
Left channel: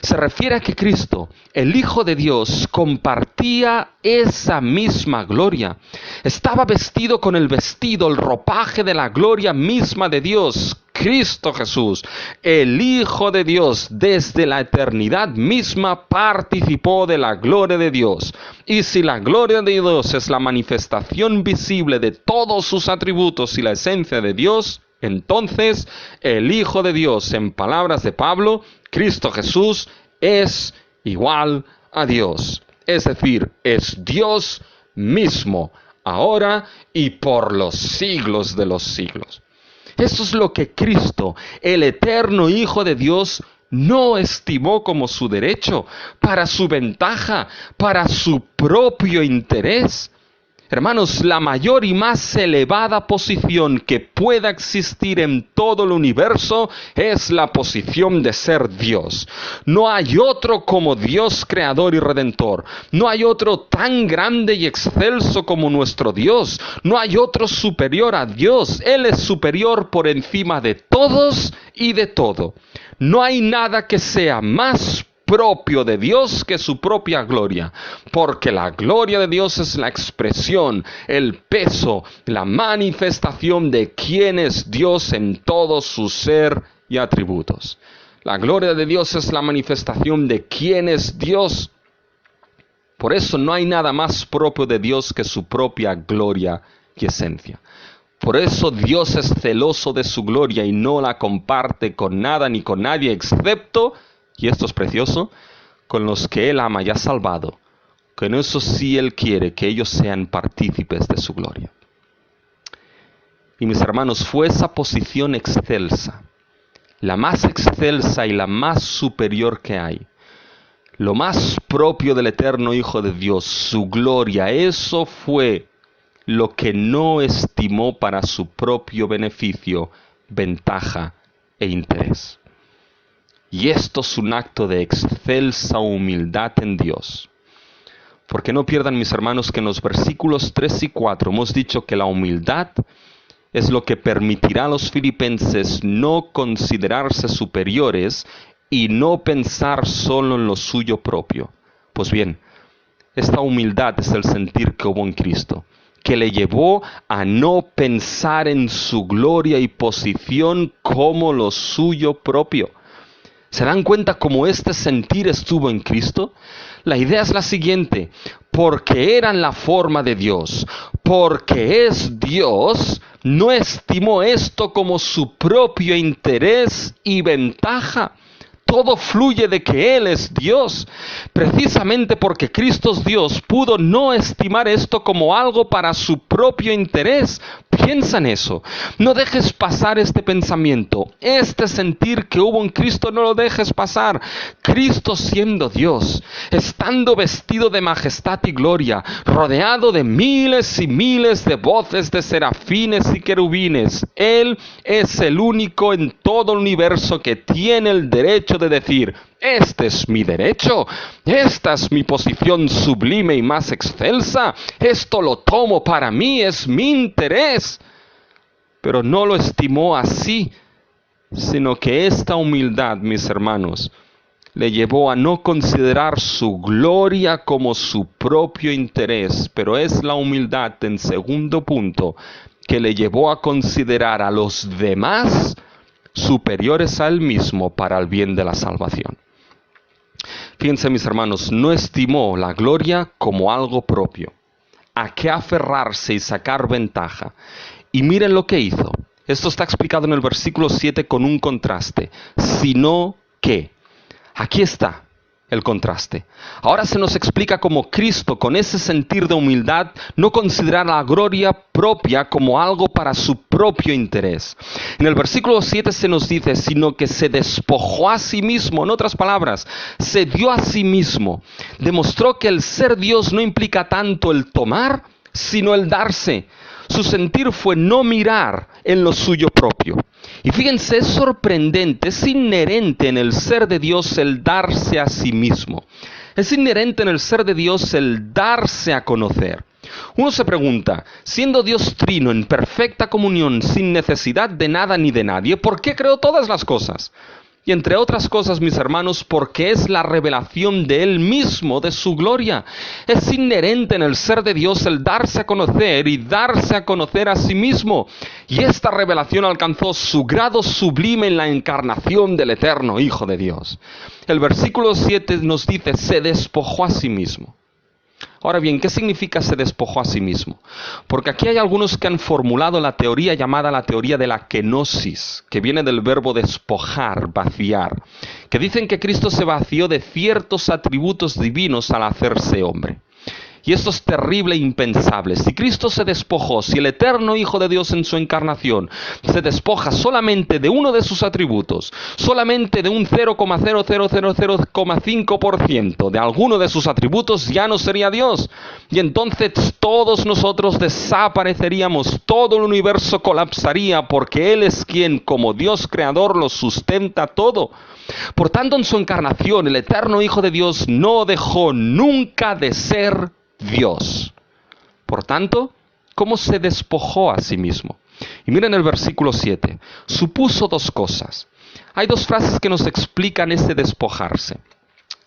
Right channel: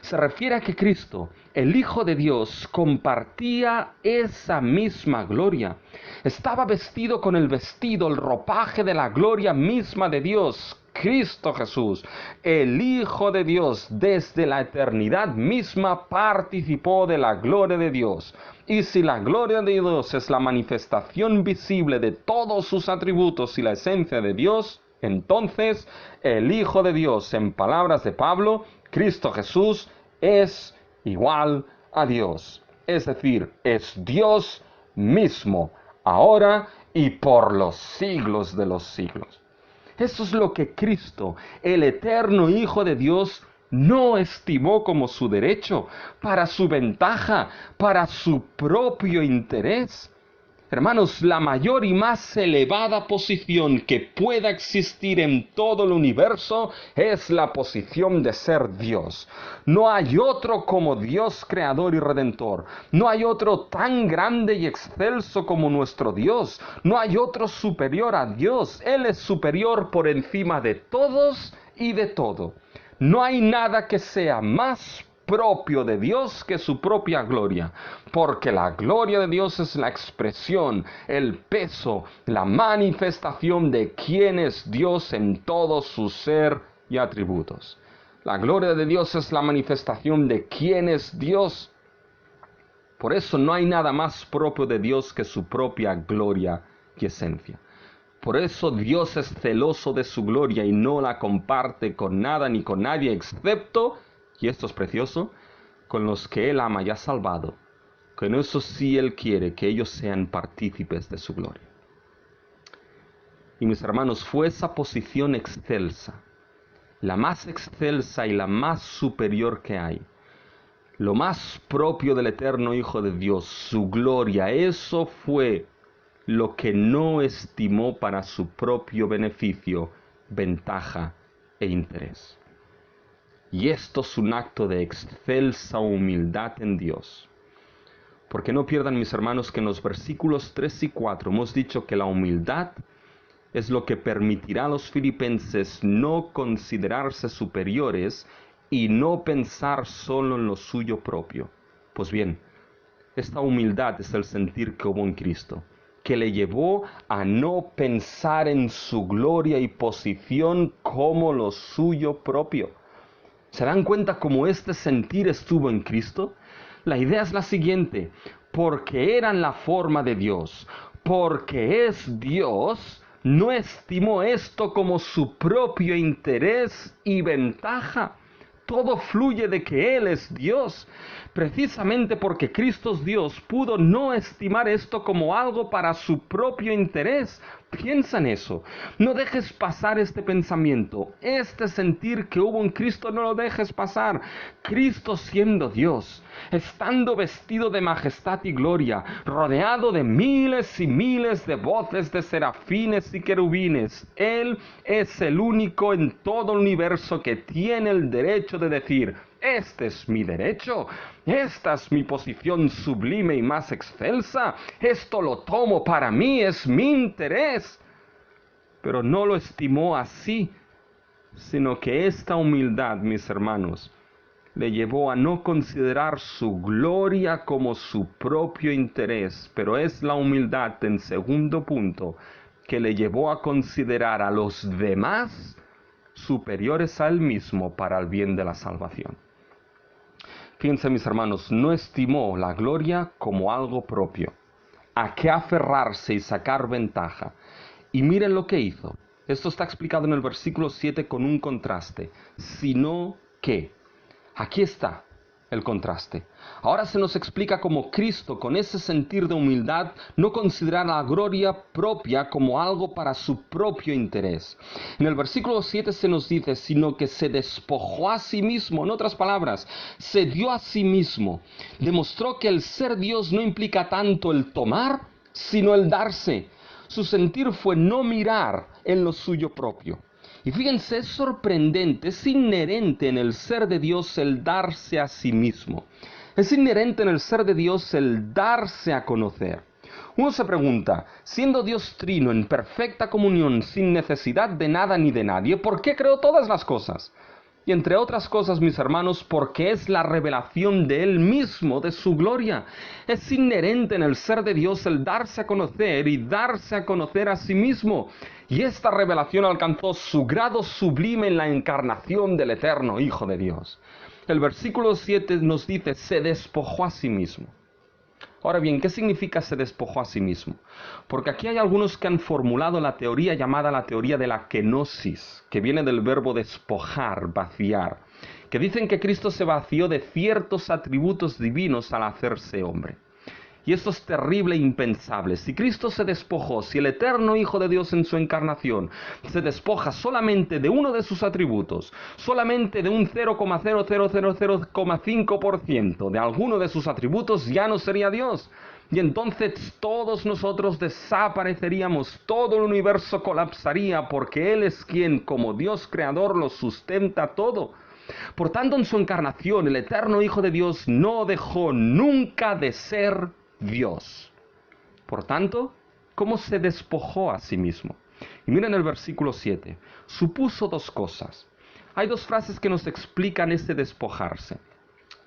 se refiere a que Cristo, el Hijo de Dios, compartía esa misma gloria. Estaba vestido con el vestido, el ropaje de la gloria misma de Dios. Cristo Jesús, el Hijo de Dios, desde la eternidad misma participó de la gloria de Dios. Y si la gloria de Dios es la manifestación visible de todos sus atributos y la esencia de Dios, entonces el Hijo de Dios, en palabras de Pablo, Cristo Jesús, es igual a Dios. Es decir, es Dios mismo, ahora y por los siglos de los siglos. Eso es lo que Cristo, el eterno Hijo de Dios, no estimó como su derecho, para su ventaja, para su propio interés. Hermanos, la mayor y más elevada posición que pueda existir en todo el universo es la posición de ser Dios. No hay otro como Dios creador y redentor. No hay otro tan grande y excelso como nuestro Dios. No hay otro superior a Dios. Él es superior por encima de todos y de todo. No hay nada que sea más propio de Dios que su propia gloria, porque la gloria de Dios es la expresión, el peso, la manifestación de quién es Dios en todo su ser y atributos. La gloria de Dios es la manifestación de quién es Dios. Por eso no hay nada más propio de Dios que su propia gloria y esencia. Por eso Dios es celoso de su gloria y no la comparte con nada ni con nadie, excepto, y esto es precioso, con los que Él ama y ha salvado. Con eso sí Él quiere que ellos sean partícipes de su gloria. Y mis hermanos, fue esa posición excelsa, la más excelsa y la más superior que hay. Lo más propio del eterno Hijo de Dios, su gloria, eso fue lo que no estimó para su propio beneficio, ventaja e interés. Y esto es un acto de excelsa humildad en Dios. Porque no pierdan, mis hermanos, que en los versículos 3 y 4 hemos dicho que la humildad es lo que permitirá a los filipenses no considerarse superiores y no pensar solo en lo suyo propio. Pues bien, esta humildad es el sentir que hubo en Cristo, que le llevó a no pensar en su gloria y posición como lo suyo propio. ¿Se dan cuenta cómo este sentir estuvo en Cristo? La idea es la siguiente: porque era en la forma de Dios, porque es Dios, no estimó esto como su propio interés y ventaja. Todo fluye de que Él es Dios. Precisamente porque Cristo es Dios, pudo no estimar esto como algo para su propio interés. Piensa en eso. No dejes pasar este pensamiento. Este sentir que hubo en Cristo no lo dejes pasar. Cristo siendo Dios, estando vestido de majestad y gloria, rodeado de miles y miles de voces de serafines y querubines, Él es el único en todo el universo que tiene el derecho de decir: este es mi derecho, esta es mi posición sublime y más excelsa, esto lo tomo para mí, es mi interés. Pero no lo estimó así, sino que esta humildad, mis hermanos, le llevó a no considerar su gloria como su propio interés, pero es la humildad, en segundo punto, que le llevó a considerar a los demás superiores a él mismo para el bien de la salvación. Fíjense, mis hermanos, no estimó la gloria como algo propio, a qué aferrarse y sacar ventaja. Y miren lo que hizo. Esto está explicado en el versículo 7 con un contraste. Sino que, aquí está el contraste. Ahora se nos explica cómo Cristo, con ese sentir de humildad, no considera la gloria propia como algo para su propio interés. En el versículo 7 se nos dice: sino que se despojó a sí mismo. En otras palabras, se dio a sí mismo. Demostró que el ser Dios no implica tanto el tomar, sino el darse. Su sentir fue no mirar en lo suyo propio. Y fíjense, es sorprendente, es inherente en el ser de Dios el darse a sí mismo. Es inherente en el ser de Dios el darse a conocer. Uno se pregunta, siendo Dios trino, en perfecta comunión, sin necesidad de nada ni de nadie, ¿por qué creó todas las cosas? Y entre otras cosas, mis hermanos, porque es la revelación de Él mismo, de su gloria. Es inherente en el ser de Dios el darse a conocer y darse a conocer a sí mismo. Y esta revelación alcanzó su grado sublime en la encarnación del eterno Hijo de Dios. El versículo 7 nos dice: se despojó a sí mismo. Ahora bien, ¿qué significa se despojó a sí mismo? Porque aquí hay algunos que han formulado la teoría llamada la teoría de la kenosis, que viene del verbo despojar, vaciar, que dicen que Cristo se vació de ciertos atributos divinos al hacerse hombre. Y esto es terrible e impensable. Si Cristo se despojó, si el eterno Hijo de Dios en su encarnación se despoja solamente de uno de sus atributos, solamente de un 0,0000,5% de alguno de sus atributos, ya no sería Dios. Y entonces todos nosotros desapareceríamos, todo el universo colapsaría, porque Él es quien, como Dios creador, lo sustenta todo. Por tanto, en su encarnación, el eterno Hijo de Dios no dejó nunca de ser Dios. Por tanto, ¿cómo se despojó a sí mismo? Y miren el versículo 7. Supuso dos cosas. Hay dos frases que nos explican ese despojarse.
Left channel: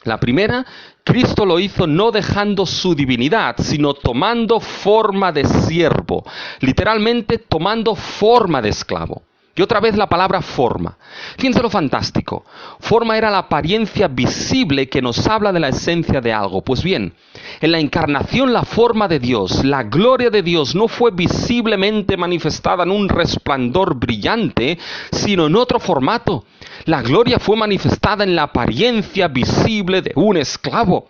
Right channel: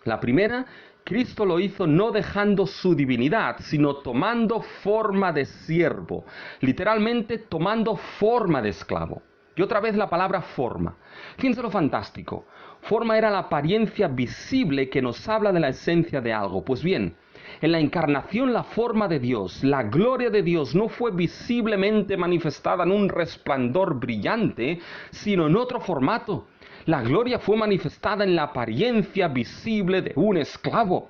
La primera, Cristo lo hizo no dejando su divinidad, sino tomando forma de siervo. Literalmente, tomando forma de esclavo. Y otra vez la palabra forma. Fíjense lo fantástico. Forma era la apariencia visible que nos habla de la esencia de algo. Pues bien, en la encarnación la forma de Dios, la gloria de Dios no fue visiblemente manifestada en un resplandor brillante, sino en otro formato. La gloria fue manifestada en la apariencia visible de un esclavo.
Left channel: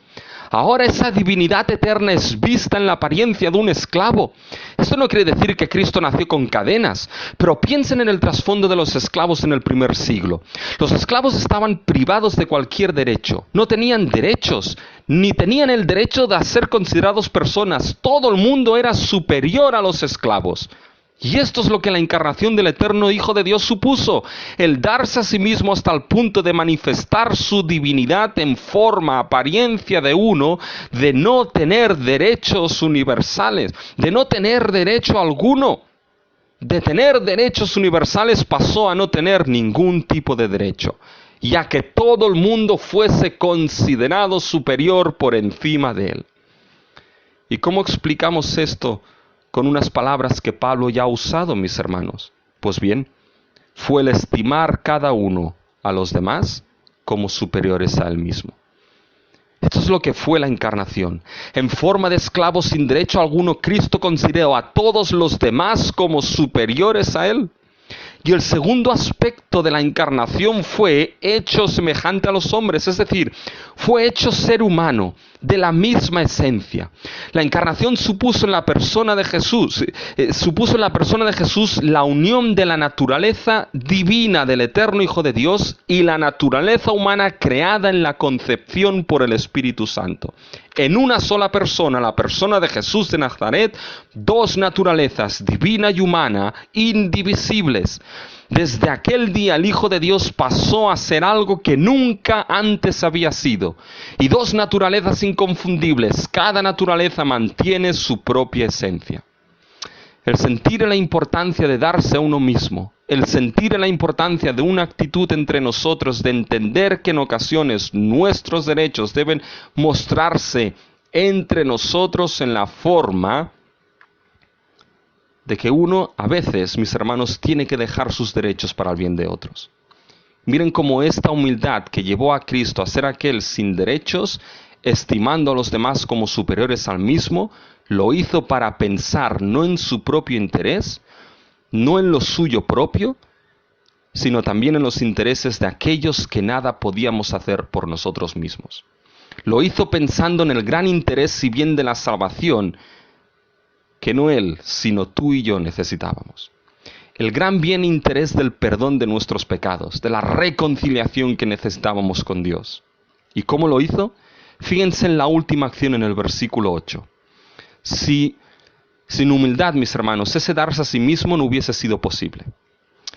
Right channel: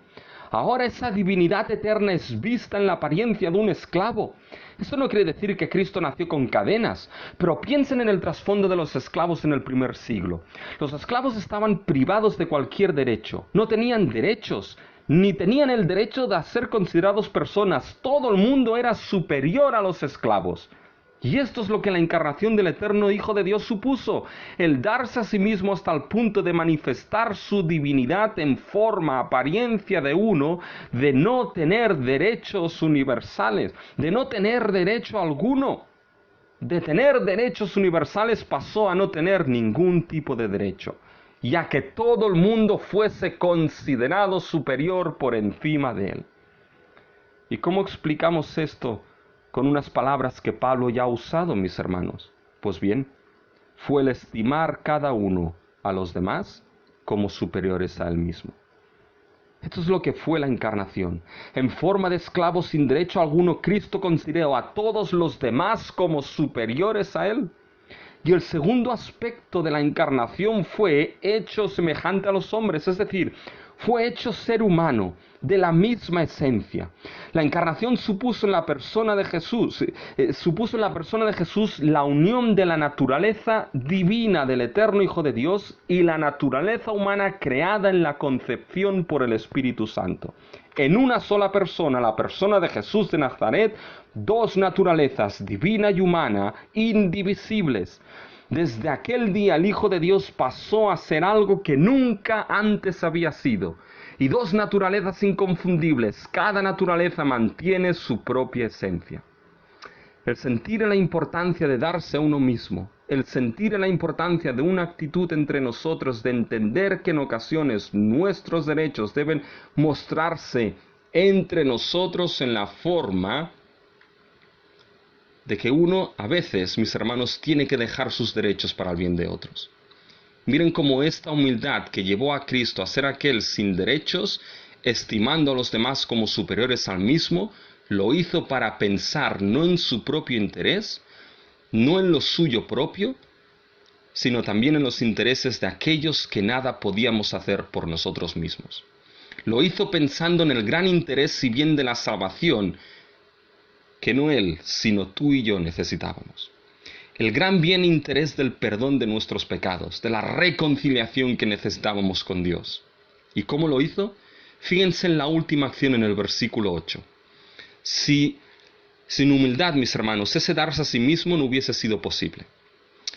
Ahora esa divinidad eterna es vista en la apariencia de un esclavo. Esto no quiere decir que Cristo nació con cadenas, pero piensen en el trasfondo de los esclavos en el primer siglo. Los esclavos estaban privados de cualquier derecho, no tenían derechos, ni tenían el derecho de ser considerados personas. Todo el mundo era superior a los esclavos. Y esto es lo que la encarnación del eterno Hijo de Dios supuso, el darse a sí mismo hasta el punto de manifestar su divinidad en forma, apariencia de uno, de no tener derechos universales, de no tener derecho alguno. De tener derechos universales pasó a no tener ningún tipo de derecho, ya que todo el mundo fuese considerado superior por encima de él. ¿Y cómo explicamos esto? Con unas palabras que Pablo ya ha usado, mis hermanos. Pues bien, fue el estimar cada uno a los demás como superiores a él mismo. Esto es lo que fue la encarnación. En forma de esclavo sin derecho alguno, Cristo consideró a todos los demás como superiores a él. Y el segundo aspecto de la encarnación fue hecho semejante a los hombres, es decir, fue hecho ser humano, de la misma esencia. La encarnación supuso en la persona de Jesús, la unión de la naturaleza divina del eterno Hijo de Dios y la naturaleza humana creada en la concepción por el Espíritu Santo. En una sola persona, la persona de Jesús de Nazaret, dos naturalezas, divina y humana, indivisibles. Desde aquel día el Hijo de Dios pasó a ser algo que nunca antes había sido. Y dos naturalezas inconfundibles, cada naturaleza mantiene su propia esencia. El sentir la importancia de darse a uno mismo, el sentir la importancia de una actitud entre nosotros, de entender que en ocasiones nuestros derechos deben mostrarse entre nosotros en la forma de que uno, a veces, mis hermanos, tiene que dejar sus derechos para el bien de otros. Miren cómo esta humildad que llevó a Cristo a ser aquel sin derechos, estimando a los demás como superiores al mismo, lo hizo para pensar no en su propio interés, no en lo suyo propio, sino también en los intereses de aquellos que nada podíamos hacer por nosotros mismos. Lo hizo pensando en el gran interés y bien de la salvación, que no él, sino tú y yo necesitábamos. El gran bien e interés del perdón de nuestros pecados, de la reconciliación que necesitábamos con Dios. ¿Y cómo lo hizo? Fíjense en la última acción en el versículo 8. Si sin humildad, mis hermanos, ese darse a sí mismo no hubiese sido posible.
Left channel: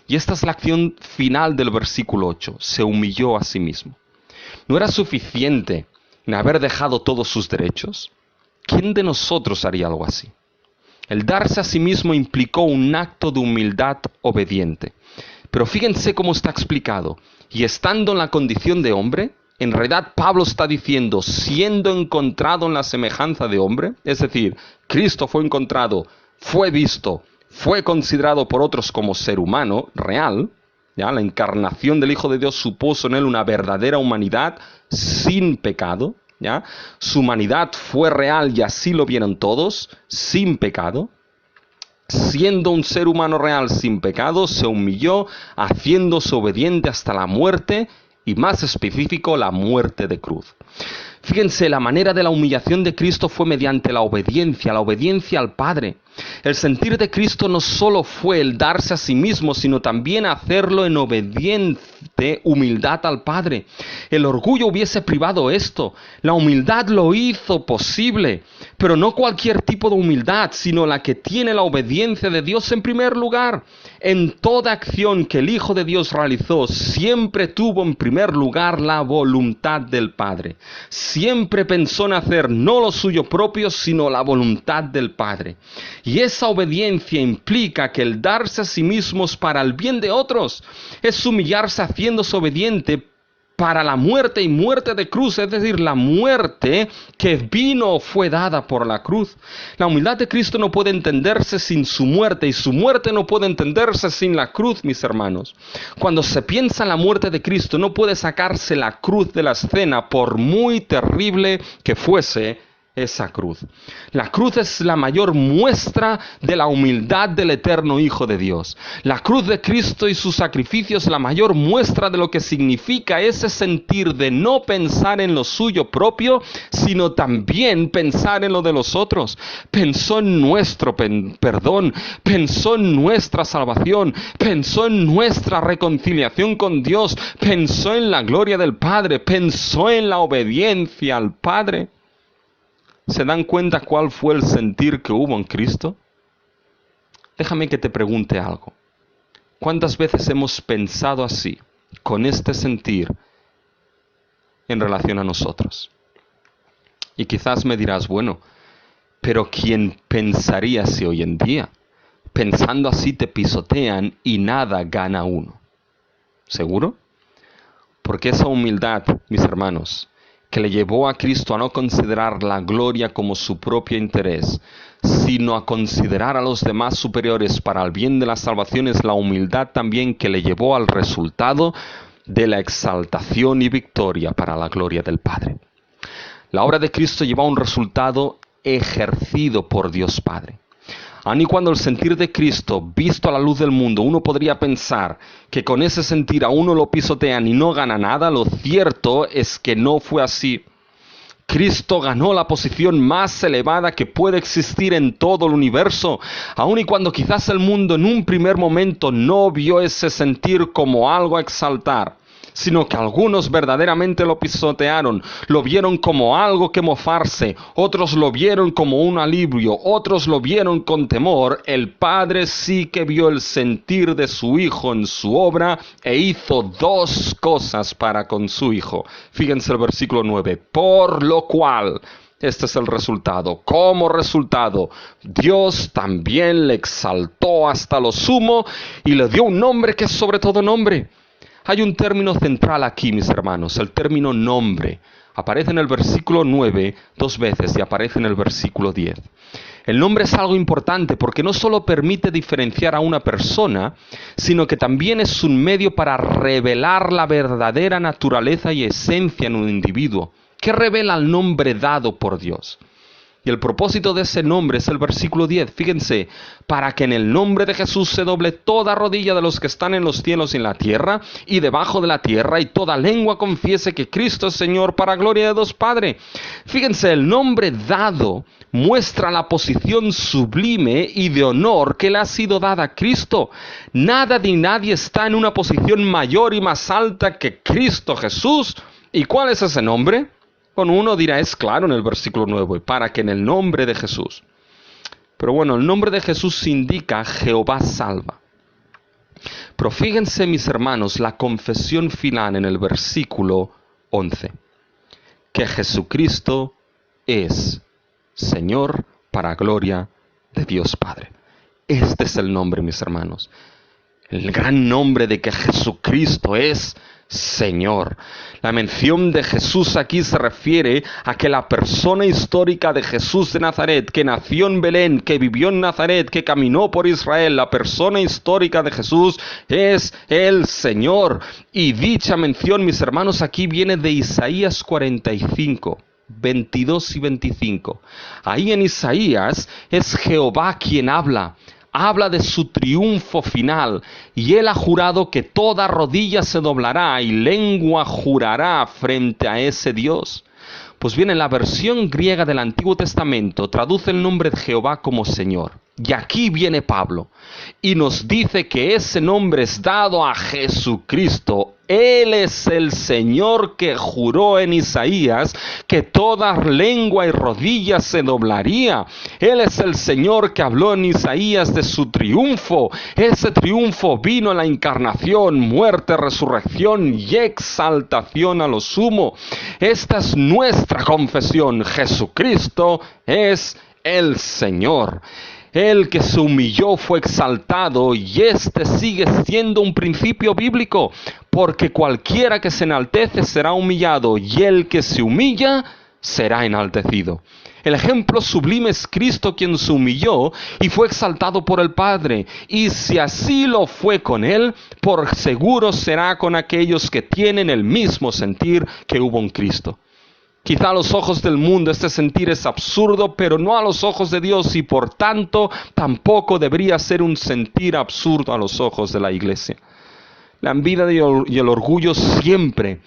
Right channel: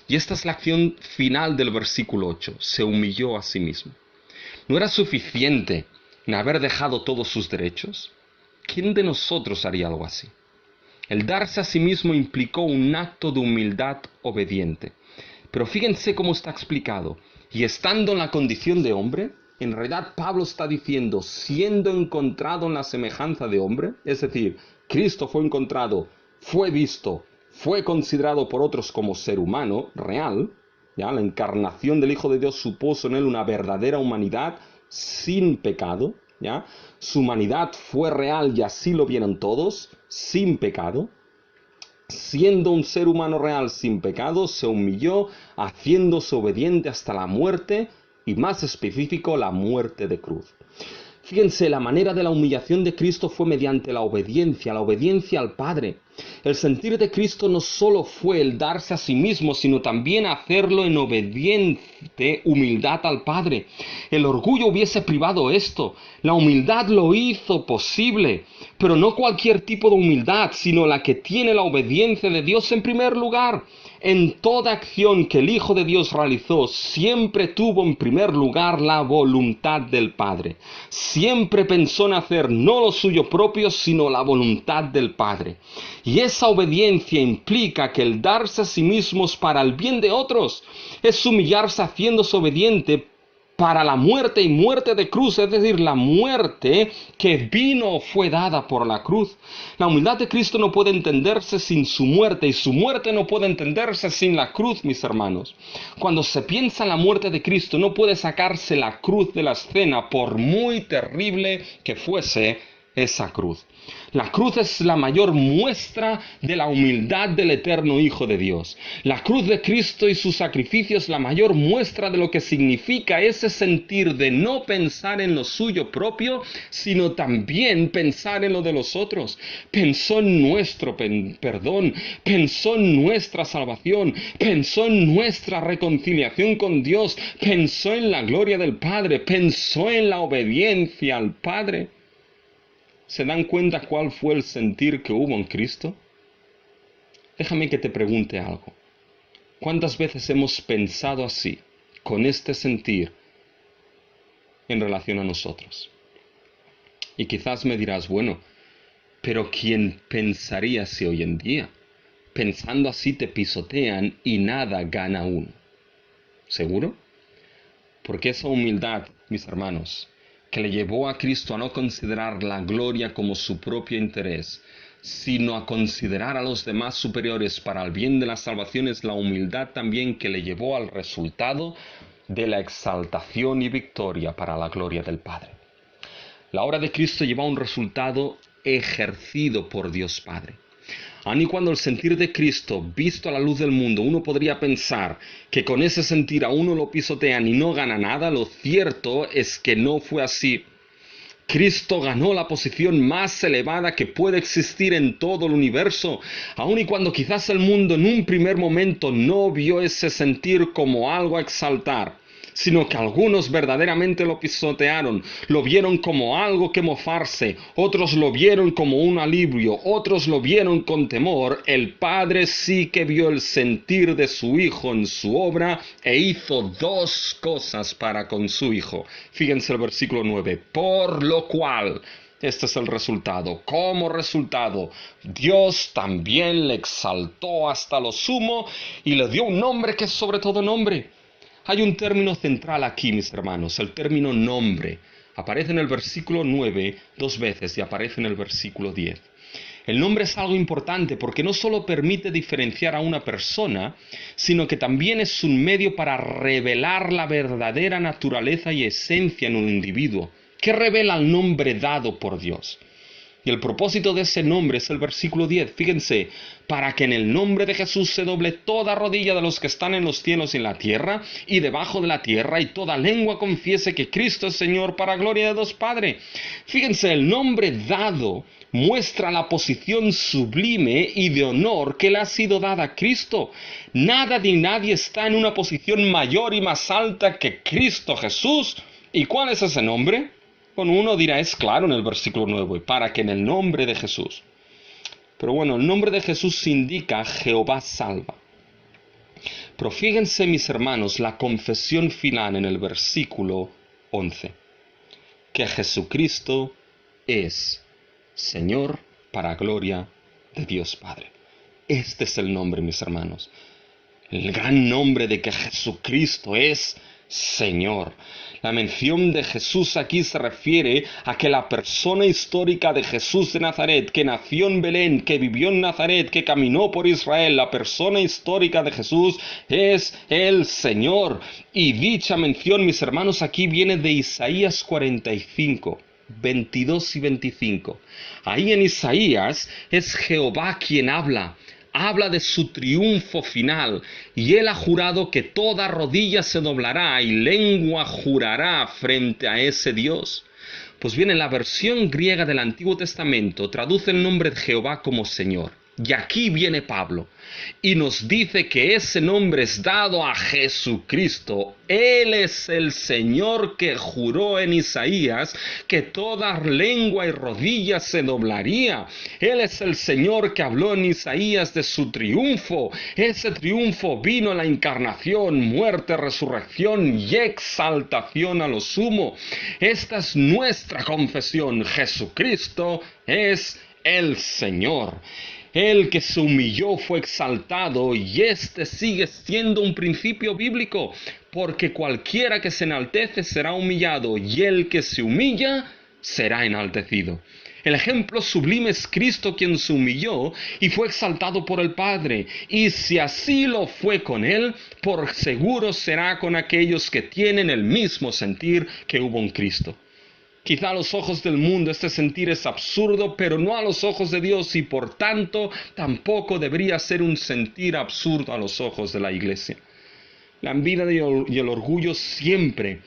Y esta es la acción final del versículo 8. Se humilló a sí mismo. ¿No era suficiente en haber dejado todos sus derechos? ¿Quién de nosotros haría algo así? El darse a sí mismo implicó un acto de humildad obediente. Pero fíjense cómo está explicado. Y estando en la condición de hombre, en realidad Pablo está diciendo, siendo encontrado en la semejanza de hombre, es decir, Cristo fue encontrado, fue visto, fue considerado por otros como ser humano real, ¿ya? La encarnación del Hijo de Dios supuso en él una verdadera humanidad sin pecado, ¿ya? Su humanidad fue real y así lo vieron todos, sin pecado. Siendo un ser humano real sin pecado, se humilló, haciéndose obediente hasta la muerte, y más específico, la muerte de cruz. Fíjense, la manera de la humillación de Cristo fue mediante la obediencia al Padre. El sentir de Cristo no solo fue el darse a sí mismo, sino también hacerlo en obediente humildad al Padre. El orgullo hubiese privado esto. La humildad lo hizo posible, pero no cualquier tipo de humildad, sino la que tiene la obediencia de Dios en primer lugar. En toda acción que el Hijo de Dios realizó, siempre tuvo en primer lugar la voluntad del Padre. Siempre pensó en hacer no lo suyo propio, sino la voluntad del Padre. Y esa obediencia implica que el darse a sí mismos para el bien de otros es humillarse haciéndose obediente para la muerte y muerte de cruz, es decir, la muerte que vino fue dada por la cruz. La humildad de Cristo no puede entenderse sin su muerte y su muerte no puede entenderse sin la cruz, mis hermanos. Cuando se piensa en la muerte de Cristo, no puede sacarse la cruz de la escena por muy terrible que fuese esa cruz. La cruz es la mayor muestra de la humildad del eterno Hijo de Dios. La cruz de Cristo y su sacrificio es la mayor muestra de lo que significa ese sentir de no pensar en lo suyo propio, sino también pensar en lo de los otros. Pensó en nuestro perdón, pensó en nuestra salvación, pensó en nuestra reconciliación con Dios, pensó en la gloria del Padre, pensó en la obediencia al Padre. ¿Se dan cuenta cuál fue el sentir que hubo en Cristo? Déjame que te pregunte algo. ¿Cuántas veces hemos pensado así, con este sentir, en relación a nosotros? Y quizás me dirás, bueno, pero ¿quién pensaría así hoy en día? Pensando así te pisotean y nada gana uno. ¿Seguro? Porque esa humildad, mis hermanos, que le llevó a Cristo a no considerar la gloria como su propio interés, sino a considerar a los demás superiores para el bien de la salvación, es la humildad también que le llevó al resultado de la exaltación y victoria para la gloria del Padre. La obra de Cristo lleva a un resultado ejercido por Dios Padre. Aun y cuando el sentir de Cristo, visto a la luz del mundo, uno podría pensar que con ese sentir a uno lo pisotean y no gana nada, lo cierto es que no fue así. Cristo ganó la posición más elevada que puede existir en todo el universo, aun y cuando quizás el mundo en un primer momento no vio ese sentir como algo a exaltar, sino que algunos verdaderamente lo pisotearon, lo vieron como algo que mofarse, otros lo vieron como un alivio, otros lo vieron con temor. El Padre sí que vio el sentir de su Hijo en su obra e hizo dos cosas para con su Hijo. Fíjense el versículo 9, por lo cual... Este es el resultado. Como resultado, Dios también le exaltó hasta lo sumo y le dio un nombre que es sobre todo nombre. Hay un término central aquí, mis hermanos, el término nombre. Aparece en el versículo 9 dos veces y aparece en el versículo 10. El nombre es algo importante porque no solo permite diferenciar a una persona, sino que también es un medio para revelar la verdadera naturaleza y esencia en un individuo. ¿Qué revela el nombre dado por Dios? Y el propósito de ese nombre es el versículo 10. Fíjense, para que en el nombre de Jesús se doble toda rodilla de los que están en los cielos y en la tierra y debajo de la tierra, y toda lengua confiese que Cristo es Señor, para gloria de Dios Padre. Fíjense, el nombre dado muestra la posición sublime y de honor que le ha sido dada a Cristo. Nada ni nadie está en una posición mayor y más alta que Cristo Jesús. ¿Y cuál es ese nombre? Bueno, uno dirá, es claro en el versículo 9, para que en el nombre de Jesús. Pero bueno, el nombre de Jesús indica Jehová salva. Pero fíjense, mis hermanos, la confesión final en el versículo 11. Que Jesucristo es Señor para gloria de Dios Padre. Este es el nombre, mis hermanos. El gran nombre de que Jesucristo es Señor. La mención de Jesús aquí se refiere a que la persona histórica de Jesús de Nazaret, que nació en Belén, que vivió en Nazaret, que caminó por Israel, la persona histórica de Jesús es el Señor. Y dicha mención, mis hermanos, aquí viene de Isaías 45. 22 y 25. Ahí en Isaías es Jehová quien habla de su triunfo final, y él ha jurado que toda rodilla se doblará y lengua jurará frente a ese Dios. Pues bien, en la versión griega del Antiguo Testamento traduce el nombre de Jehová como Señor. Y aquí viene Pablo y nos dice que ese nombre es dado a Jesucristo. Él es el Señor que juró en Isaías que toda lengua y rodilla se doblaría. Él es el Señor que habló en Isaías de su triunfo. Ese triunfo vino en la encarnación, muerte, resurrección y exaltación a lo sumo. Esta es nuestra confesión. Jesucristo es el Señor. El que se humilló fue exaltado, y este sigue siendo un principio bíblico. porque cualquiera que se enaltece será humillado, y el que se humilla será enaltecido. El ejemplo sublime es Cristo, quien se humilló y fue exaltado por el Padre. Y si así lo fue con Él, por seguro será con aquellos que tienen el mismo sentir que hubo en Cristo. Quizá a los ojos del mundo este sentir es absurdo, pero no a los ojos de Dios, y por tanto tampoco debería ser un sentir absurdo a los ojos de la Iglesia. La envidia y el orgullo siempre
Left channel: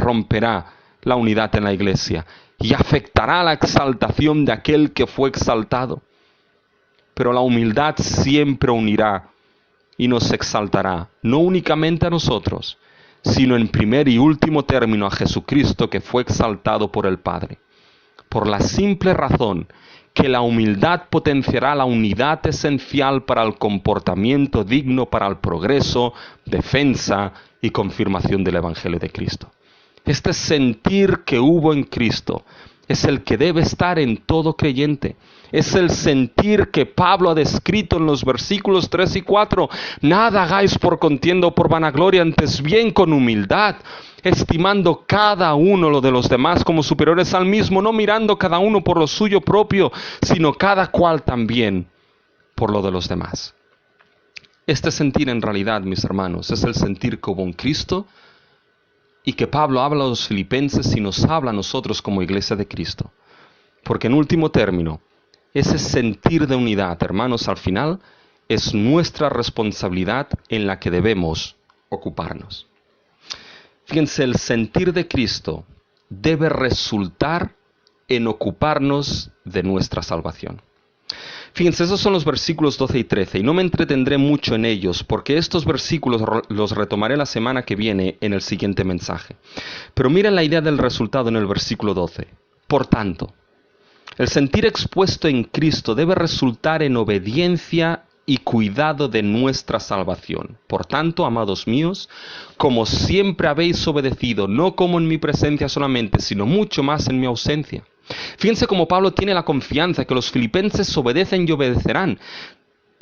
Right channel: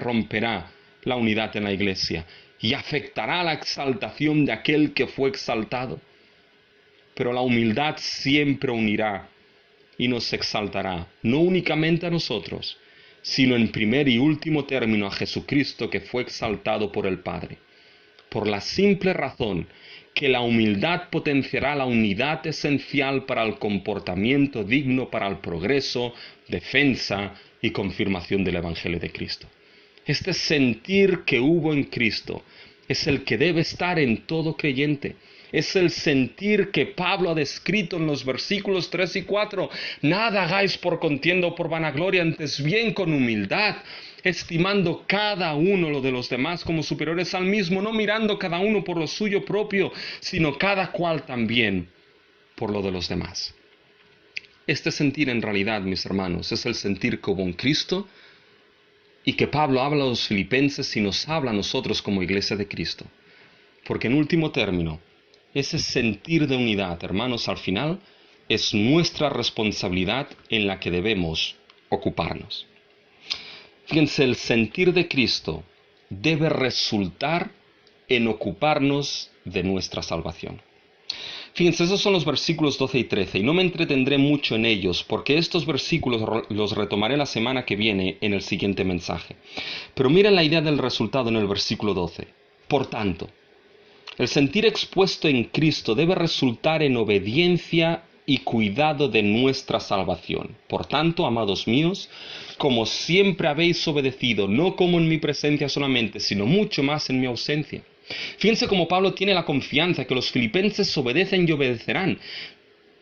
romperá la unidad en la Iglesia y afectará la exaltación de aquel que fue exaltado. Pero la humildad siempre unirá y nos exaltará, no únicamente a nosotros, sino en primer y último término a Jesucristo, que fue exaltado por el Padre. Por la simple razón que la humildad potenciará la unidad esencial para el comportamiento digno para el progreso, defensa y confirmación del Evangelio de Cristo. Este sentir que hubo en Cristo es el que debe estar en todo creyente. Es el sentir que Pablo ha descrito en los versículos 3 y 4. Nada hagáis por contienda o por vanagloria, antes bien con humildad, estimando cada uno lo de los demás como superiores al mismo, no mirando cada uno por lo suyo propio, sino cada cual también por lo de los demás. Este sentir, en realidad, mis hermanos, es el sentir que hubo en Cristo, y que Pablo habla a los filipenses y nos habla a nosotros como iglesia de Cristo. Porque en último término, ese sentir de unidad, hermanos, al final, es nuestra responsabilidad en la que debemos ocuparnos. Fíjense, el sentir de Cristo debe resultar en ocuparnos de nuestra salvación. Fíjense, esos son los versículos 12 y 13, y no me entretendré mucho en ellos, porque estos versículos los retomaré la semana que viene en el siguiente mensaje. Pero miren la idea del resultado en el versículo 12. Por tanto, el sentir expuesto en Cristo debe resultar en obediencia y cuidado de nuestra salvación. Por tanto, amados míos, como siempre habéis obedecido, no como en mi presencia solamente, sino mucho más en mi ausencia. Fíjense cómo Pablo tiene la confianza que los filipenses obedecen y obedecerán.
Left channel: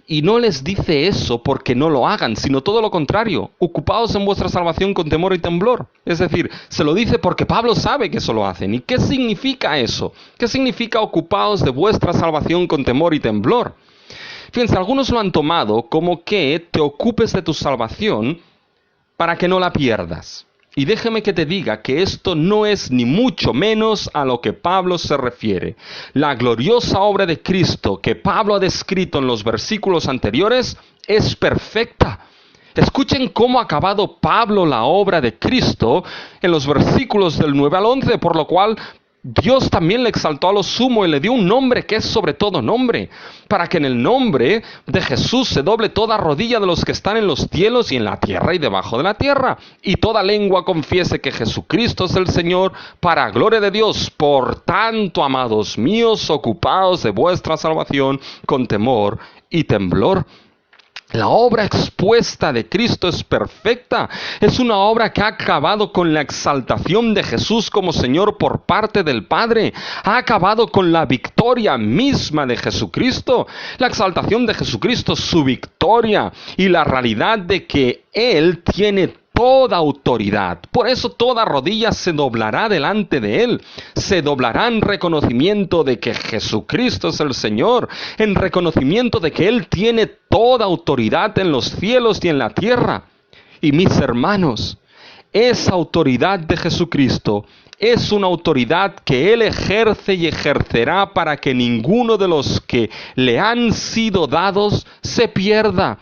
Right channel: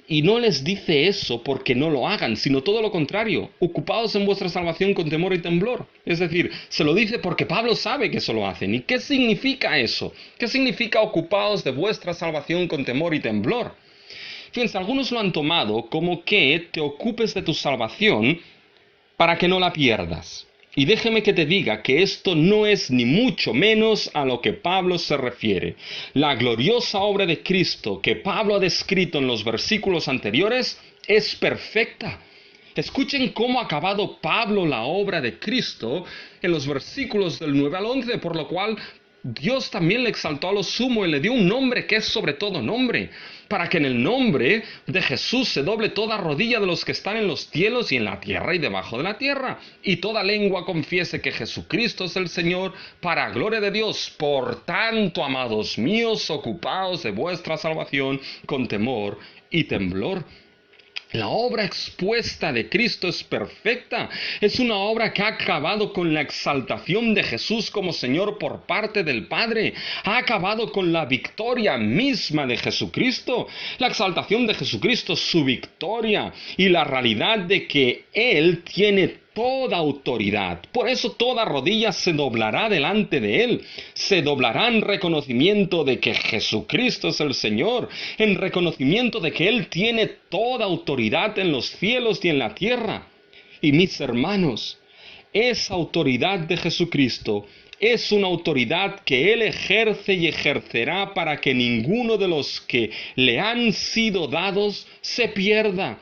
Y no les dice eso porque no lo hagan, sino todo lo contrario. Ocupaos en vuestra salvación con temor y temblor. Es decir, se lo dice porque Pablo sabe que eso lo hacen. ¿Y qué significa eso? ¿Qué significa ocupaos de vuestra salvación con temor y temblor? Fíjense, algunos lo han tomado como que te ocupes de tu salvación para que no la pierdas. Y déjeme que te diga que esto no es ni mucho menos a lo que Pablo se refiere. La gloriosa obra de Cristo que Pablo ha descrito en los versículos anteriores es perfecta. Escuchen cómo ha acabado Pablo la obra de Cristo en los versículos del 9 al 11, por lo cual Dios también le exaltó a lo sumo y le dio un nombre que es sobre todo nombre, para que en el nombre de Jesús se doble toda rodilla de los que están en los cielos y en la tierra y debajo de la tierra, y toda lengua confiese que Jesucristo es el Señor, para gloria de Dios. Por tanto, amados míos, ocupaos de vuestra salvación con temor y temblor. La obra expuesta de Cristo es perfecta. Es una obra que ha acabado con la exaltación de Jesús como Señor por parte del Padre. Ha acabado con la victoria misma de Jesucristo. La exaltación de Jesucristo, su victoria y la realidad de que Él tiene toda autoridad. Por eso toda rodilla se doblará delante de Él. Se doblará en reconocimiento de que Jesucristo es el Señor, en reconocimiento de que Él tiene toda autoridad en los cielos y en la tierra. Y mis hermanos, esa autoridad de Jesucristo es una autoridad que Él ejerce y ejercerá para que ninguno de los que le han sido dados se pierda.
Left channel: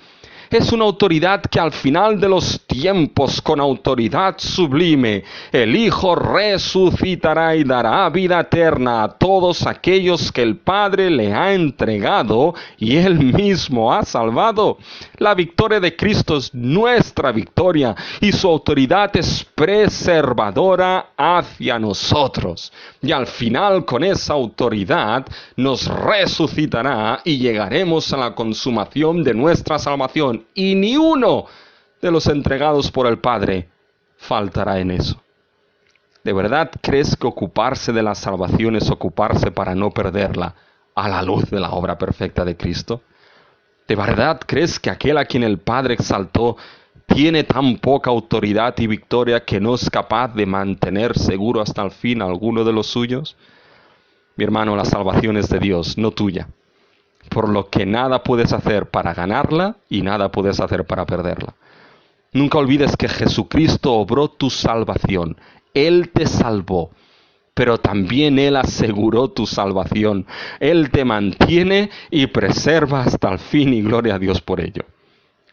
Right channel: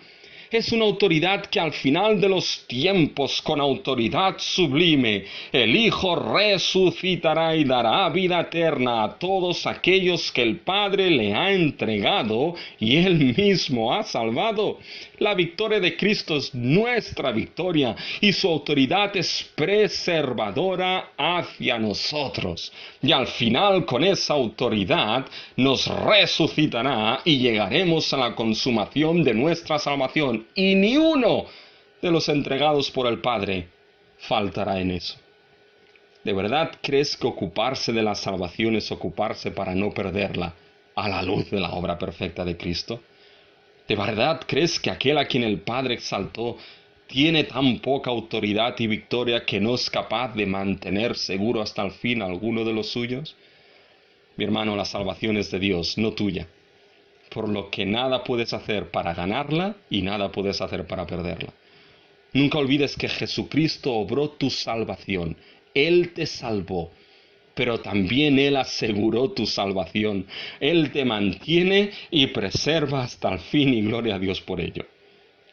Es una autoridad que al final de los tiempos, con autoridad sublime, el Hijo resucitará y dará vida eterna a todos aquellos que el Padre le ha entregado y Él mismo ha salvado. La victoria de Cristo es nuestra victoria y su autoridad es preservadora hacia nosotros. Y al final, con esa autoridad, nos resucitará y llegaremos a la consumación de nuestra salvación. Y ni uno de los entregados por el Padre faltará en eso. ¿De verdad crees que ocuparse de la salvación es ocuparse para no perderla a la luz de la obra perfecta de Cristo? ¿De verdad crees que aquel a quien el Padre exaltó tiene tan poca autoridad y victoria que no es capaz de mantener seguro hasta el fin a alguno de los suyos? Mi hermano, la salvación es de Dios, no tuya. Por lo que nada puedes hacer para ganarla y nada puedes hacer para perderla. Nunca olvides que Jesucristo obró tu salvación. Él te salvó, pero también Él aseguró tu salvación. Él te mantiene y preserva hasta el fin, y gloria a Dios por ello.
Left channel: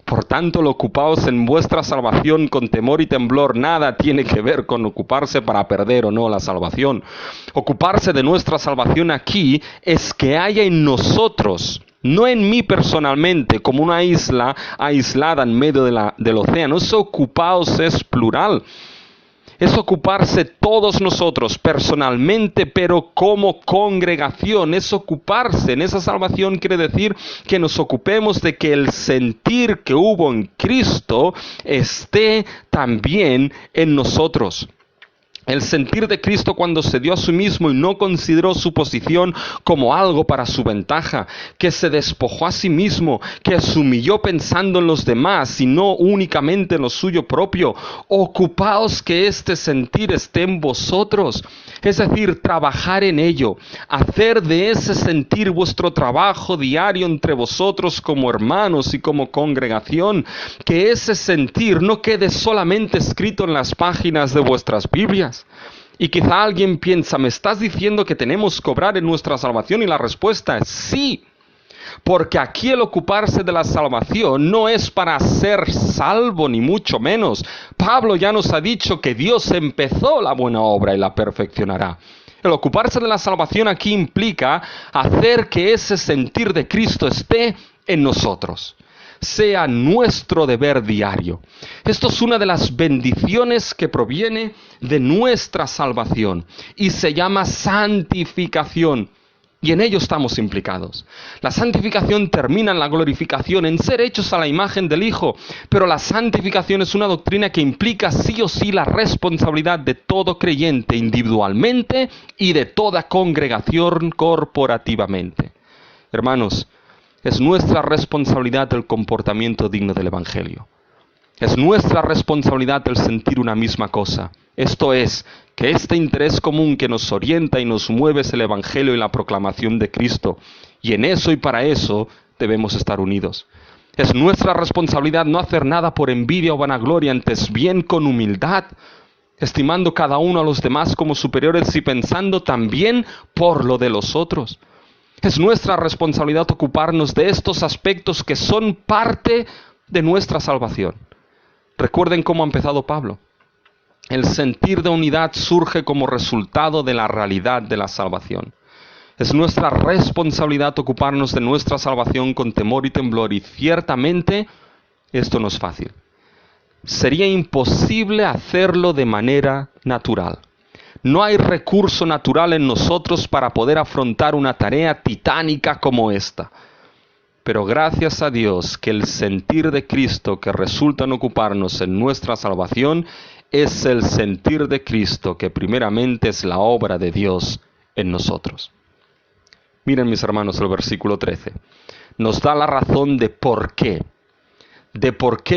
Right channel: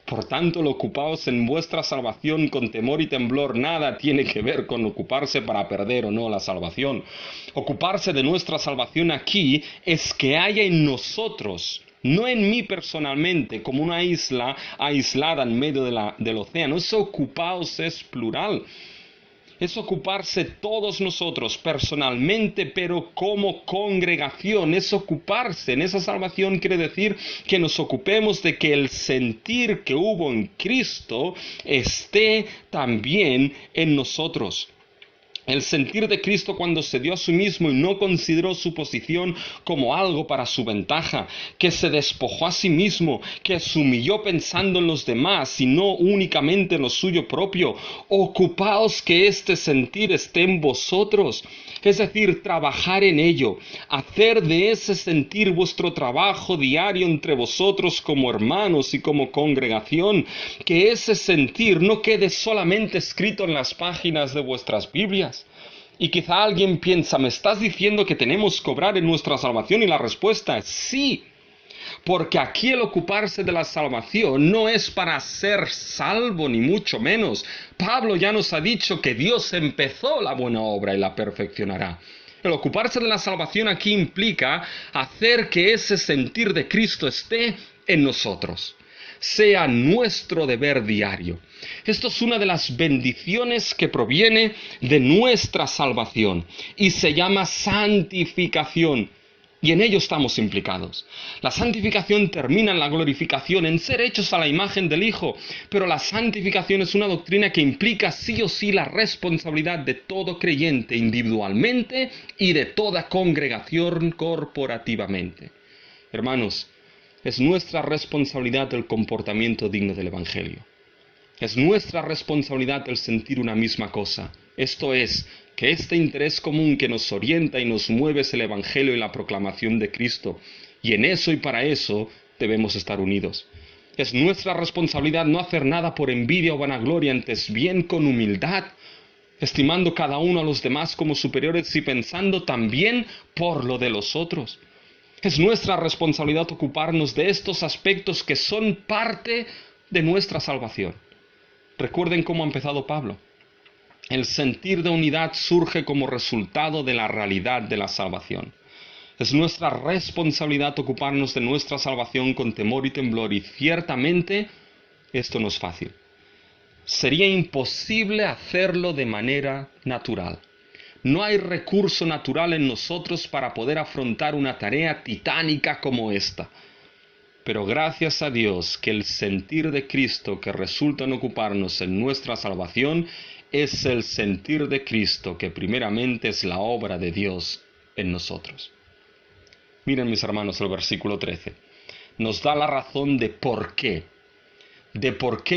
Por tanto, el ocupaos en vuestra salvación con temor y temblor nada tiene que ver con ocuparse para perder o no la salvación. Ocuparse de nuestra salvación aquí es que haya en nosotros, no en mí personalmente, como una isla aislada en medio del océano. Eso ocupaos es plural. Es ocuparse todos nosotros personalmente, pero como congregación. Es ocuparse en esa salvación, quiere decir que nos ocupemos de que el sentir que hubo en Cristo esté también en nosotros. El sentir de Cristo cuando se dio a sí mismo y no consideró su posición como algo para su ventaja, que se despojó a sí mismo, que se humilló pensando en los demás y no únicamente en lo suyo propio. Ocupaos que este sentir esté en vosotros, es decir, trabajar en ello, hacer de ese sentir vuestro trabajo diario entre vosotros como hermanos y como congregación, que ese sentir no quede solamente escrito en las páginas de vuestras Biblias. Y quizá alguien piensa, ¿me estás diciendo que tenemos que obrar en nuestra salvación? Y la respuesta es sí. Porque aquí el ocuparse de la salvación no es para ser salvo, ni mucho menos. Pablo ya nos ha dicho que Dios empezó la buena obra y la perfeccionará. El ocuparse de la salvación aquí implica hacer que ese sentir de Cristo esté en nosotros, sea nuestro deber diario. Esto es una de las bendiciones que proviene de nuestra salvación y se llama santificación. Y en ello estamos implicados. La santificación termina en la glorificación, en ser hechos a la imagen del Hijo. Pero la santificación es una doctrina que implica sí o sí la responsabilidad de todo creyente individualmente y de toda congregación corporativamente. Hermanos, es nuestra responsabilidad el comportamiento digno del Evangelio. Es nuestra responsabilidad el sentir una misma cosa. Esto es, que este interés común que nos orienta y nos mueve es el Evangelio y la proclamación de Cristo. Y en eso y para eso debemos estar unidos. Es nuestra responsabilidad no hacer nada por envidia o vanagloria, antes bien con humildad, estimando cada uno a los demás como superiores y pensando también por lo de los otros. Es nuestra responsabilidad ocuparnos de estos aspectos que son parte de nuestra salvación. Recuerden cómo ha empezado Pablo. El sentir de unidad surge como resultado de la realidad de la salvación. Es nuestra responsabilidad ocuparnos de nuestra salvación con temor y temblor, y ciertamente esto no es fácil. Sería imposible hacerlo de manera natural. No hay recurso natural en nosotros para poder afrontar una tarea titánica como esta. Pero gracias a Dios que el sentir de Cristo que resulta en ocuparnos en nuestra salvación es el sentir de Cristo que primeramente es la obra de Dios en nosotros. Miren, mis hermanos, el versículo 13. Nos da la razón de por qué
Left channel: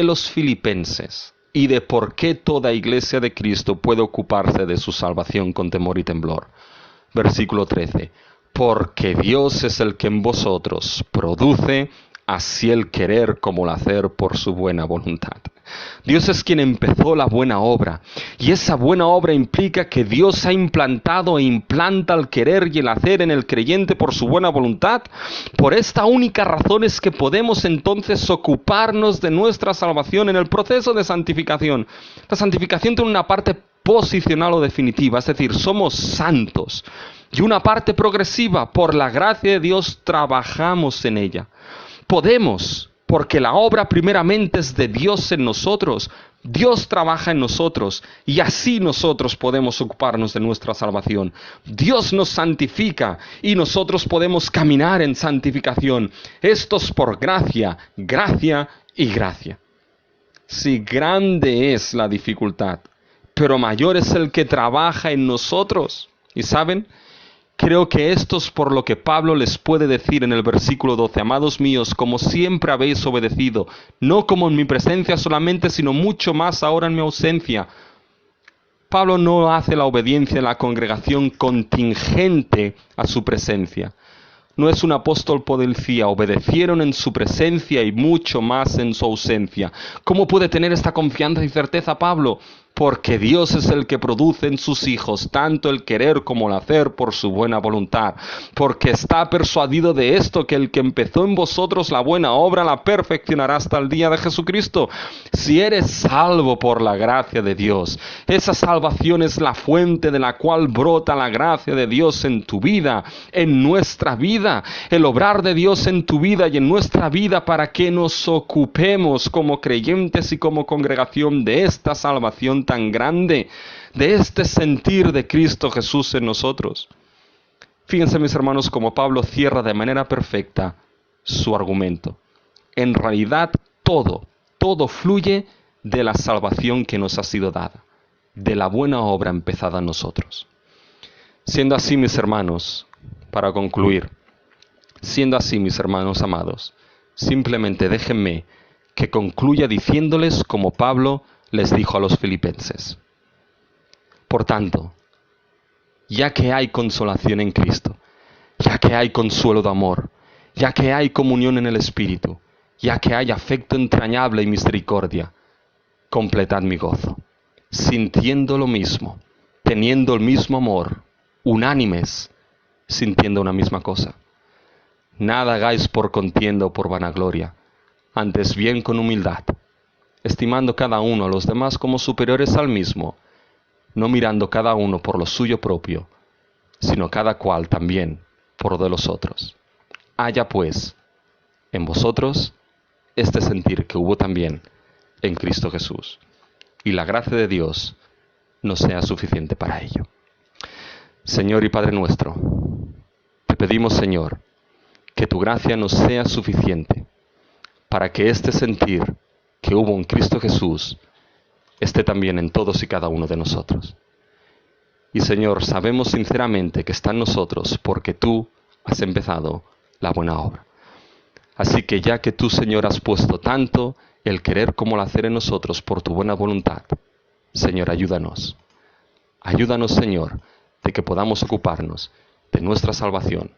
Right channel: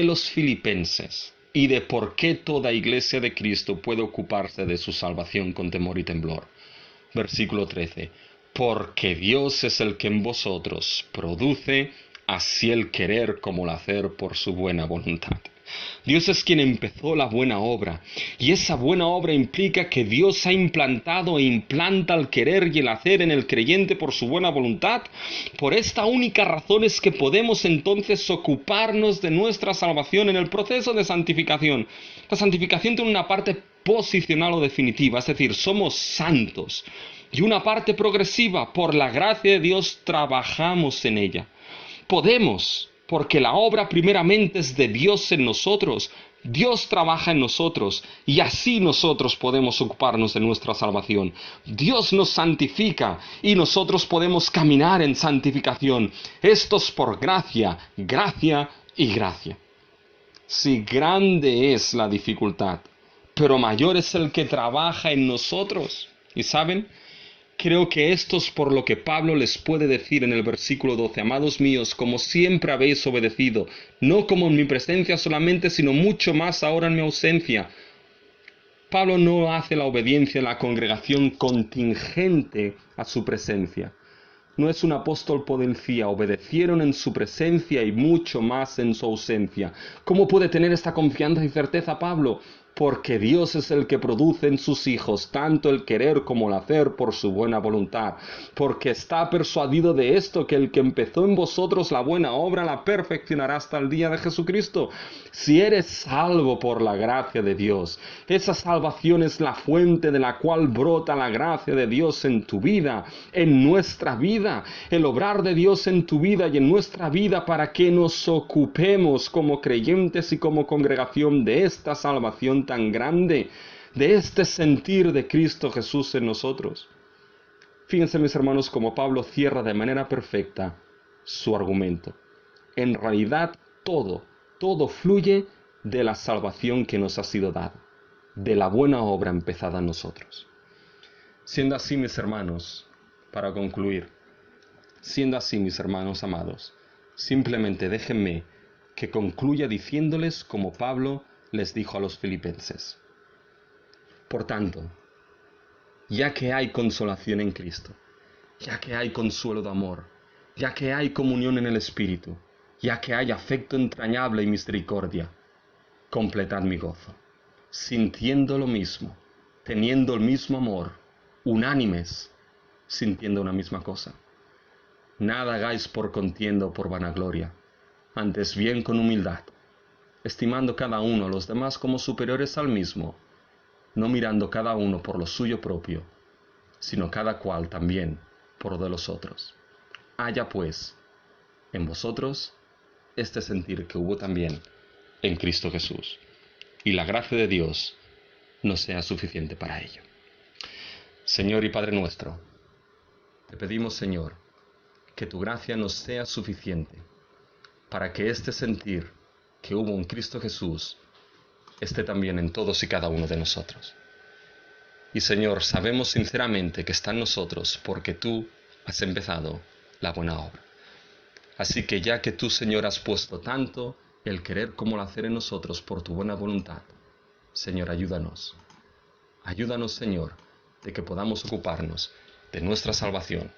los filipenses y de por qué toda iglesia de Cristo puede ocuparse de su salvación con temor y temblor. Versículo 13. Porque Dios es el que en vosotros produce así el querer como el hacer por su buena voluntad. Dios es quien empezó la buena obra, y esa buena obra implica que Dios ha implantado e implanta el querer y el hacer en el creyente por su buena voluntad. Por esta única razón es que podemos entonces ocuparnos de nuestra salvación en el proceso de santificación. La santificación tiene una parte posicional o definitiva, es decir, somos santos, y una parte progresiva. Por la gracia de Dios trabajamos en ella. Podemos, porque la obra primeramente es de Dios en nosotros. Dios trabaja en nosotros y así nosotros podemos ocuparnos de nuestra salvación. Dios nos santifica y nosotros podemos caminar en santificación. Esto es por gracia, gracia y gracia. Sí, grande es la dificultad, pero mayor es el que trabaja en nosotros. ¿Y saben? Creo que esto es por lo que Pablo les puede decir en el versículo 12, amados míos, como siempre habéis obedecido, no como en mi presencia solamente, sino mucho más ahora en mi ausencia. Pablo no hace la obediencia en la congregación contingente a su presencia. No es un apóstol policía, obedecieron en su presencia y mucho más en su ausencia. ¿Cómo puede tener esta confianza y certeza Pablo? Porque Dios es el que produce en sus hijos tanto el querer como el hacer por su buena voluntad. Porque está persuadido de esto, que el que empezó en vosotros la buena obra la perfeccionará hasta el día de Jesucristo. Si eres salvo por la gracia de Dios, esa salvación es la fuente de la cual brota la gracia de Dios en tu vida, en nuestra vida, el obrar de Dios en tu vida y en nuestra vida para que nos ocupemos como creyentes y como congregación de esta salvación tan grande, de este sentir de Cristo Jesús en nosotros. Fíjense, mis hermanos, como Pablo cierra de manera perfecta su argumento. En realidad todo fluye de la salvación que nos ha sido dada, de la buena obra empezada en nosotros. Siendo así, mis hermanos, para concluir, siendo así, mis hermanos amados, simplemente déjenme que concluya diciéndoles como Pablo les dijo a los filipenses. Por tanto, ya que hay consolación en Cristo, ya que hay consuelo de amor, ya que hay comunión en el Espíritu, ya que hay afecto entrañable y misericordia, completad mi gozo, sintiendo lo mismo, teniendo el mismo amor, unánimes, sintiendo una misma cosa. Nada hagáis por contienda o por vanagloria, antes bien con humildad, estimando cada uno a los demás como superiores al mismo, no mirando cada uno por lo suyo propio, sino cada cual también por lo de los otros. Haya pues en vosotros este sentir que hubo también en Cristo Jesús, y la gracia de Dios nos sea suficiente para ello. Señor y Padre nuestro, te pedimos, Señor, que tu gracia nos sea suficiente para que este sentir que hubo en Cristo Jesús esté también en todos y cada uno de nosotros. Y Señor, sabemos sinceramente que está en nosotros porque tú has empezado la buena obra. Así que ya que tú, Señor, has puesto tanto el querer como el hacer en nosotros por tu buena voluntad, Señor, ayúdanos. Ayúdanos, Señor, de que podamos ocuparnos de nuestra salvación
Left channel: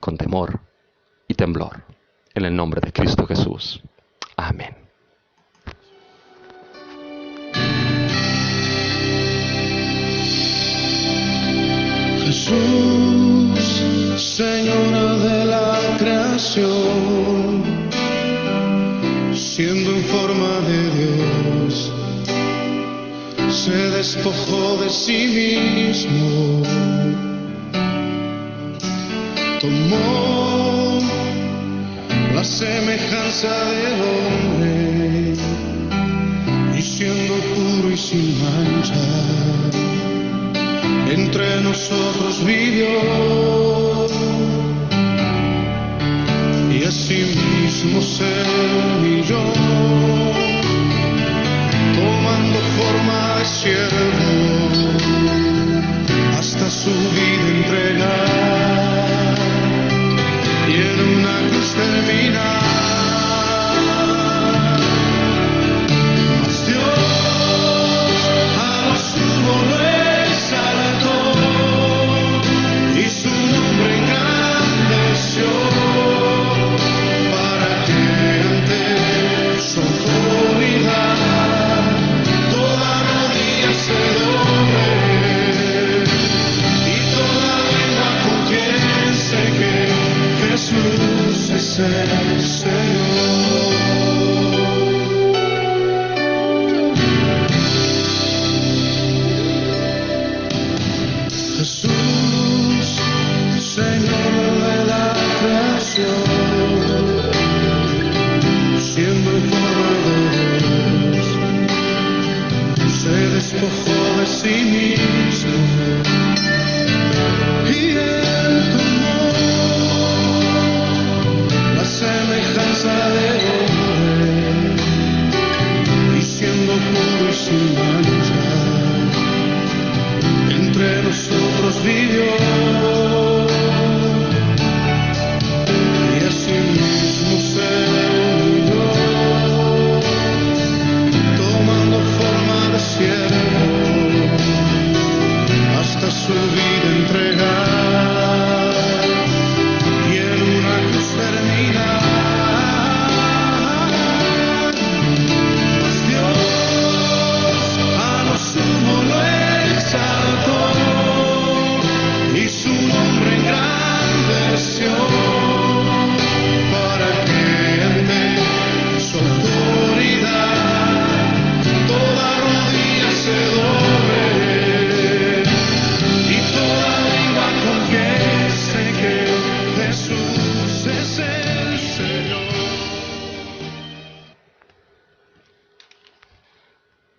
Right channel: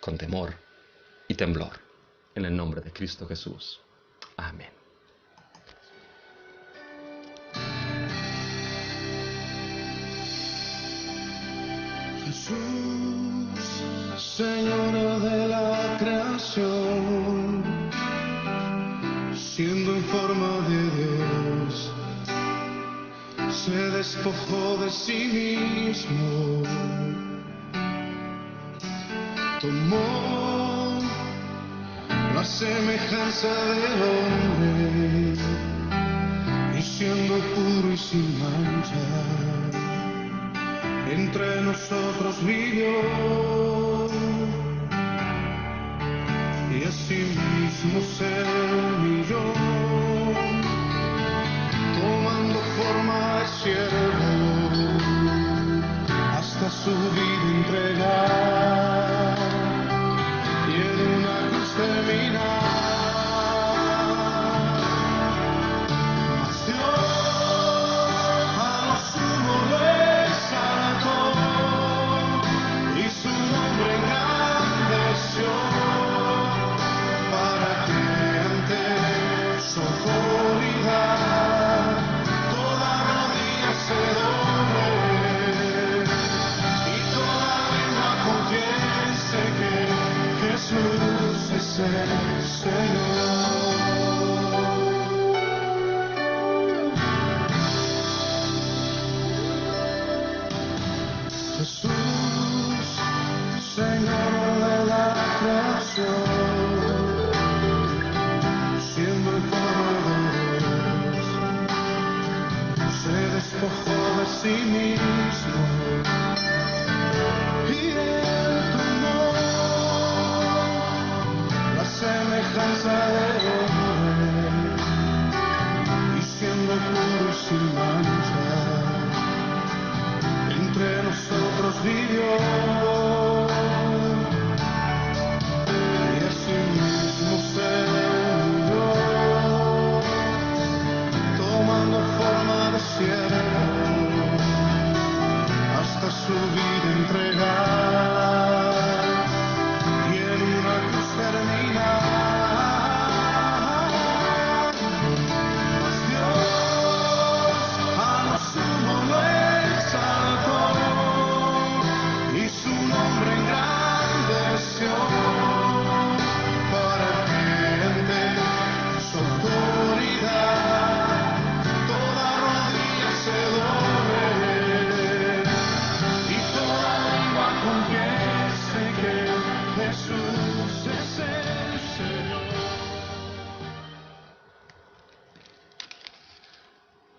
con temor y temblor. En el nombre de Cristo Jesús. Amén. Jesús, Señor de la creación, siendo en forma de Dios, se despojó de sí mismo, tomó la semejanza del hombre y siendo puro y sin mancha, entre nosotros vivió, y asimismo se humilló, tomando forma de siervo, hasta su vida entregar, y en una cruz terminar. Mas Dios a lo sumo lo exaltó, y su nombre engrandeció, para que ante su autoridad toda rodilla se doble, y toda lengua confiese que Jesús es el Señor. Jesús, Señor de la creación, siendo en forma de Dios, se despojó de sí mismo, y él tomó la semejanza del hombre, y siendo puro y sin mancha, entre nosotros vivió.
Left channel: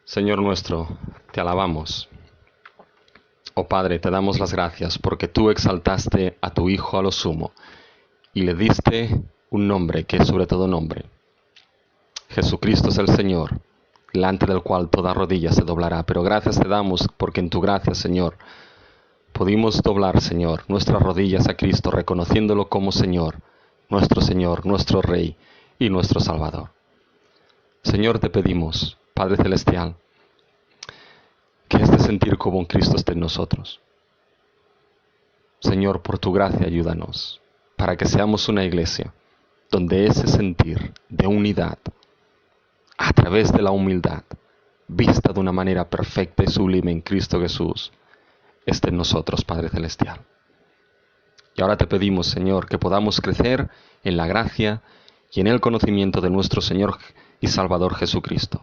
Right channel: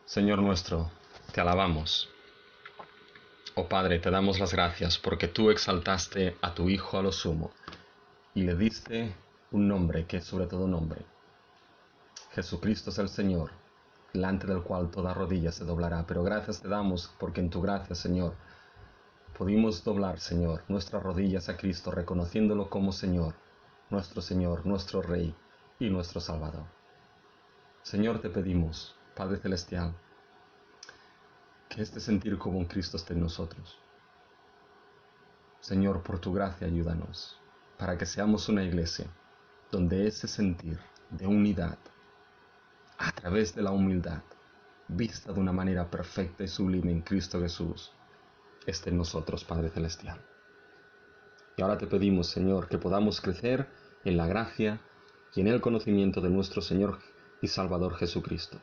Señor nuestro, te alabamos. Oh Padre, te damos las gracias porque tú exaltaste a tu Hijo a lo sumo y le diste un nombre que es sobre todo nombre. Jesucristo es el Señor, delante del cual toda rodilla se doblará. Pero gracias te damos porque en tu gracia, Señor, pudimos doblar, Señor, nuestras rodillas a Cristo, reconociéndolo como Señor, nuestro Rey y nuestro Salvador. Señor, te pedimos, Padre Celestial, que este sentir como en Cristo esté en nosotros. Señor, por tu gracia ayúdanos, para que seamos una iglesia donde ese sentir de unidad, a través de la humildad, vista de una manera perfecta y sublime en Cristo Jesús, esté en nosotros, Padre Celestial. Y ahora te pedimos, Señor, que podamos crecer en la gracia y en el conocimiento de nuestro Señor y Salvador Jesucristo,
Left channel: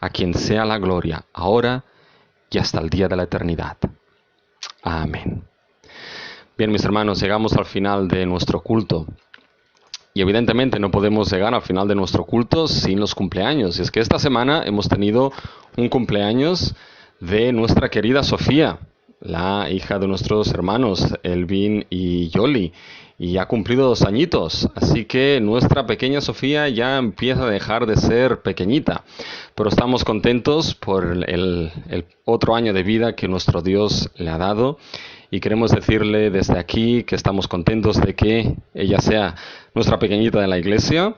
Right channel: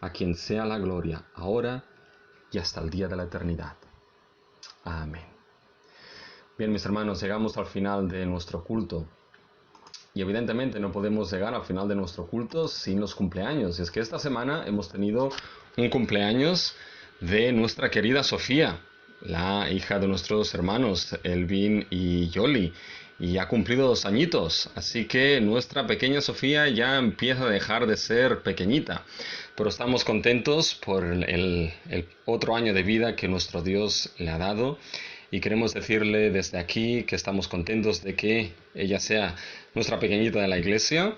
a quien sea la gloria ahora y hasta el día de la eternidad. Amén. Bien, mis hermanos, llegamos al final de nuestro culto. Y evidentemente no podemos llegar al final de nuestro culto sin los cumpleaños. Y es que esta semana hemos tenido un cumpleaños de nuestra querida Sofía, la hija de nuestros hermanos Elvin y Yoli, y ha cumplido 2 añitos, así que nuestra pequeña Sofía ya empieza a dejar de ser pequeñita, pero estamos contentos por el otro año de vida que nuestro Dios le ha dado, y queremos decirle desde aquí que estamos contentos de que ella sea nuestra pequeñita de la iglesia,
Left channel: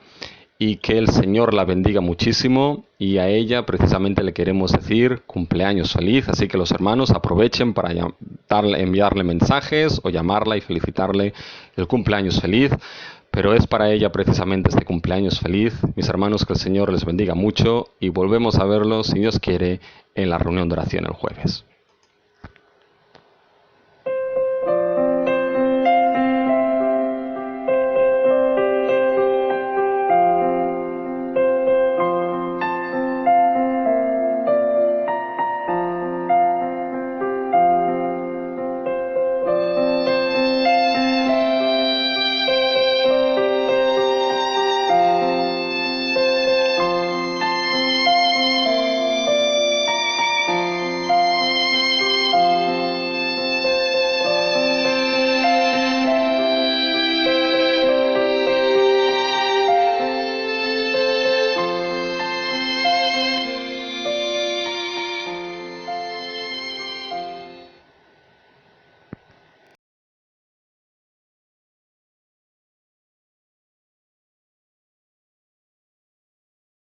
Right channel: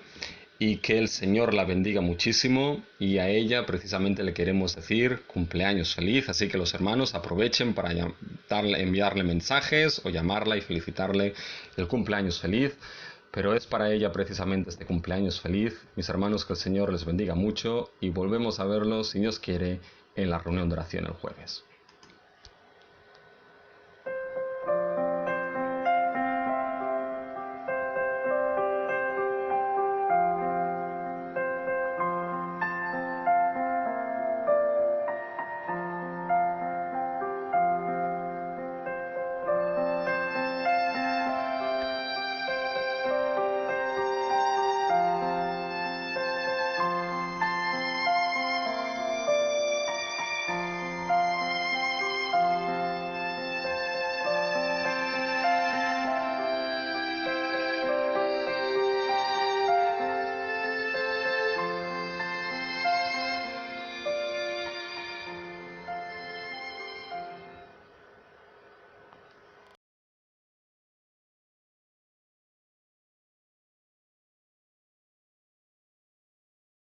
y que el Señor la bendiga muchísimo, y a ella precisamente le queremos decir cumpleaños feliz, así que los hermanos aprovechen para enviarle mensajes o llamarla y felicitarle el cumpleaños feliz, pero es para ella precisamente este cumpleaños feliz. Mis hermanos, que el Señor les bendiga mucho y volvemos a verlos, si Dios quiere, en la reunión de oración el jueves.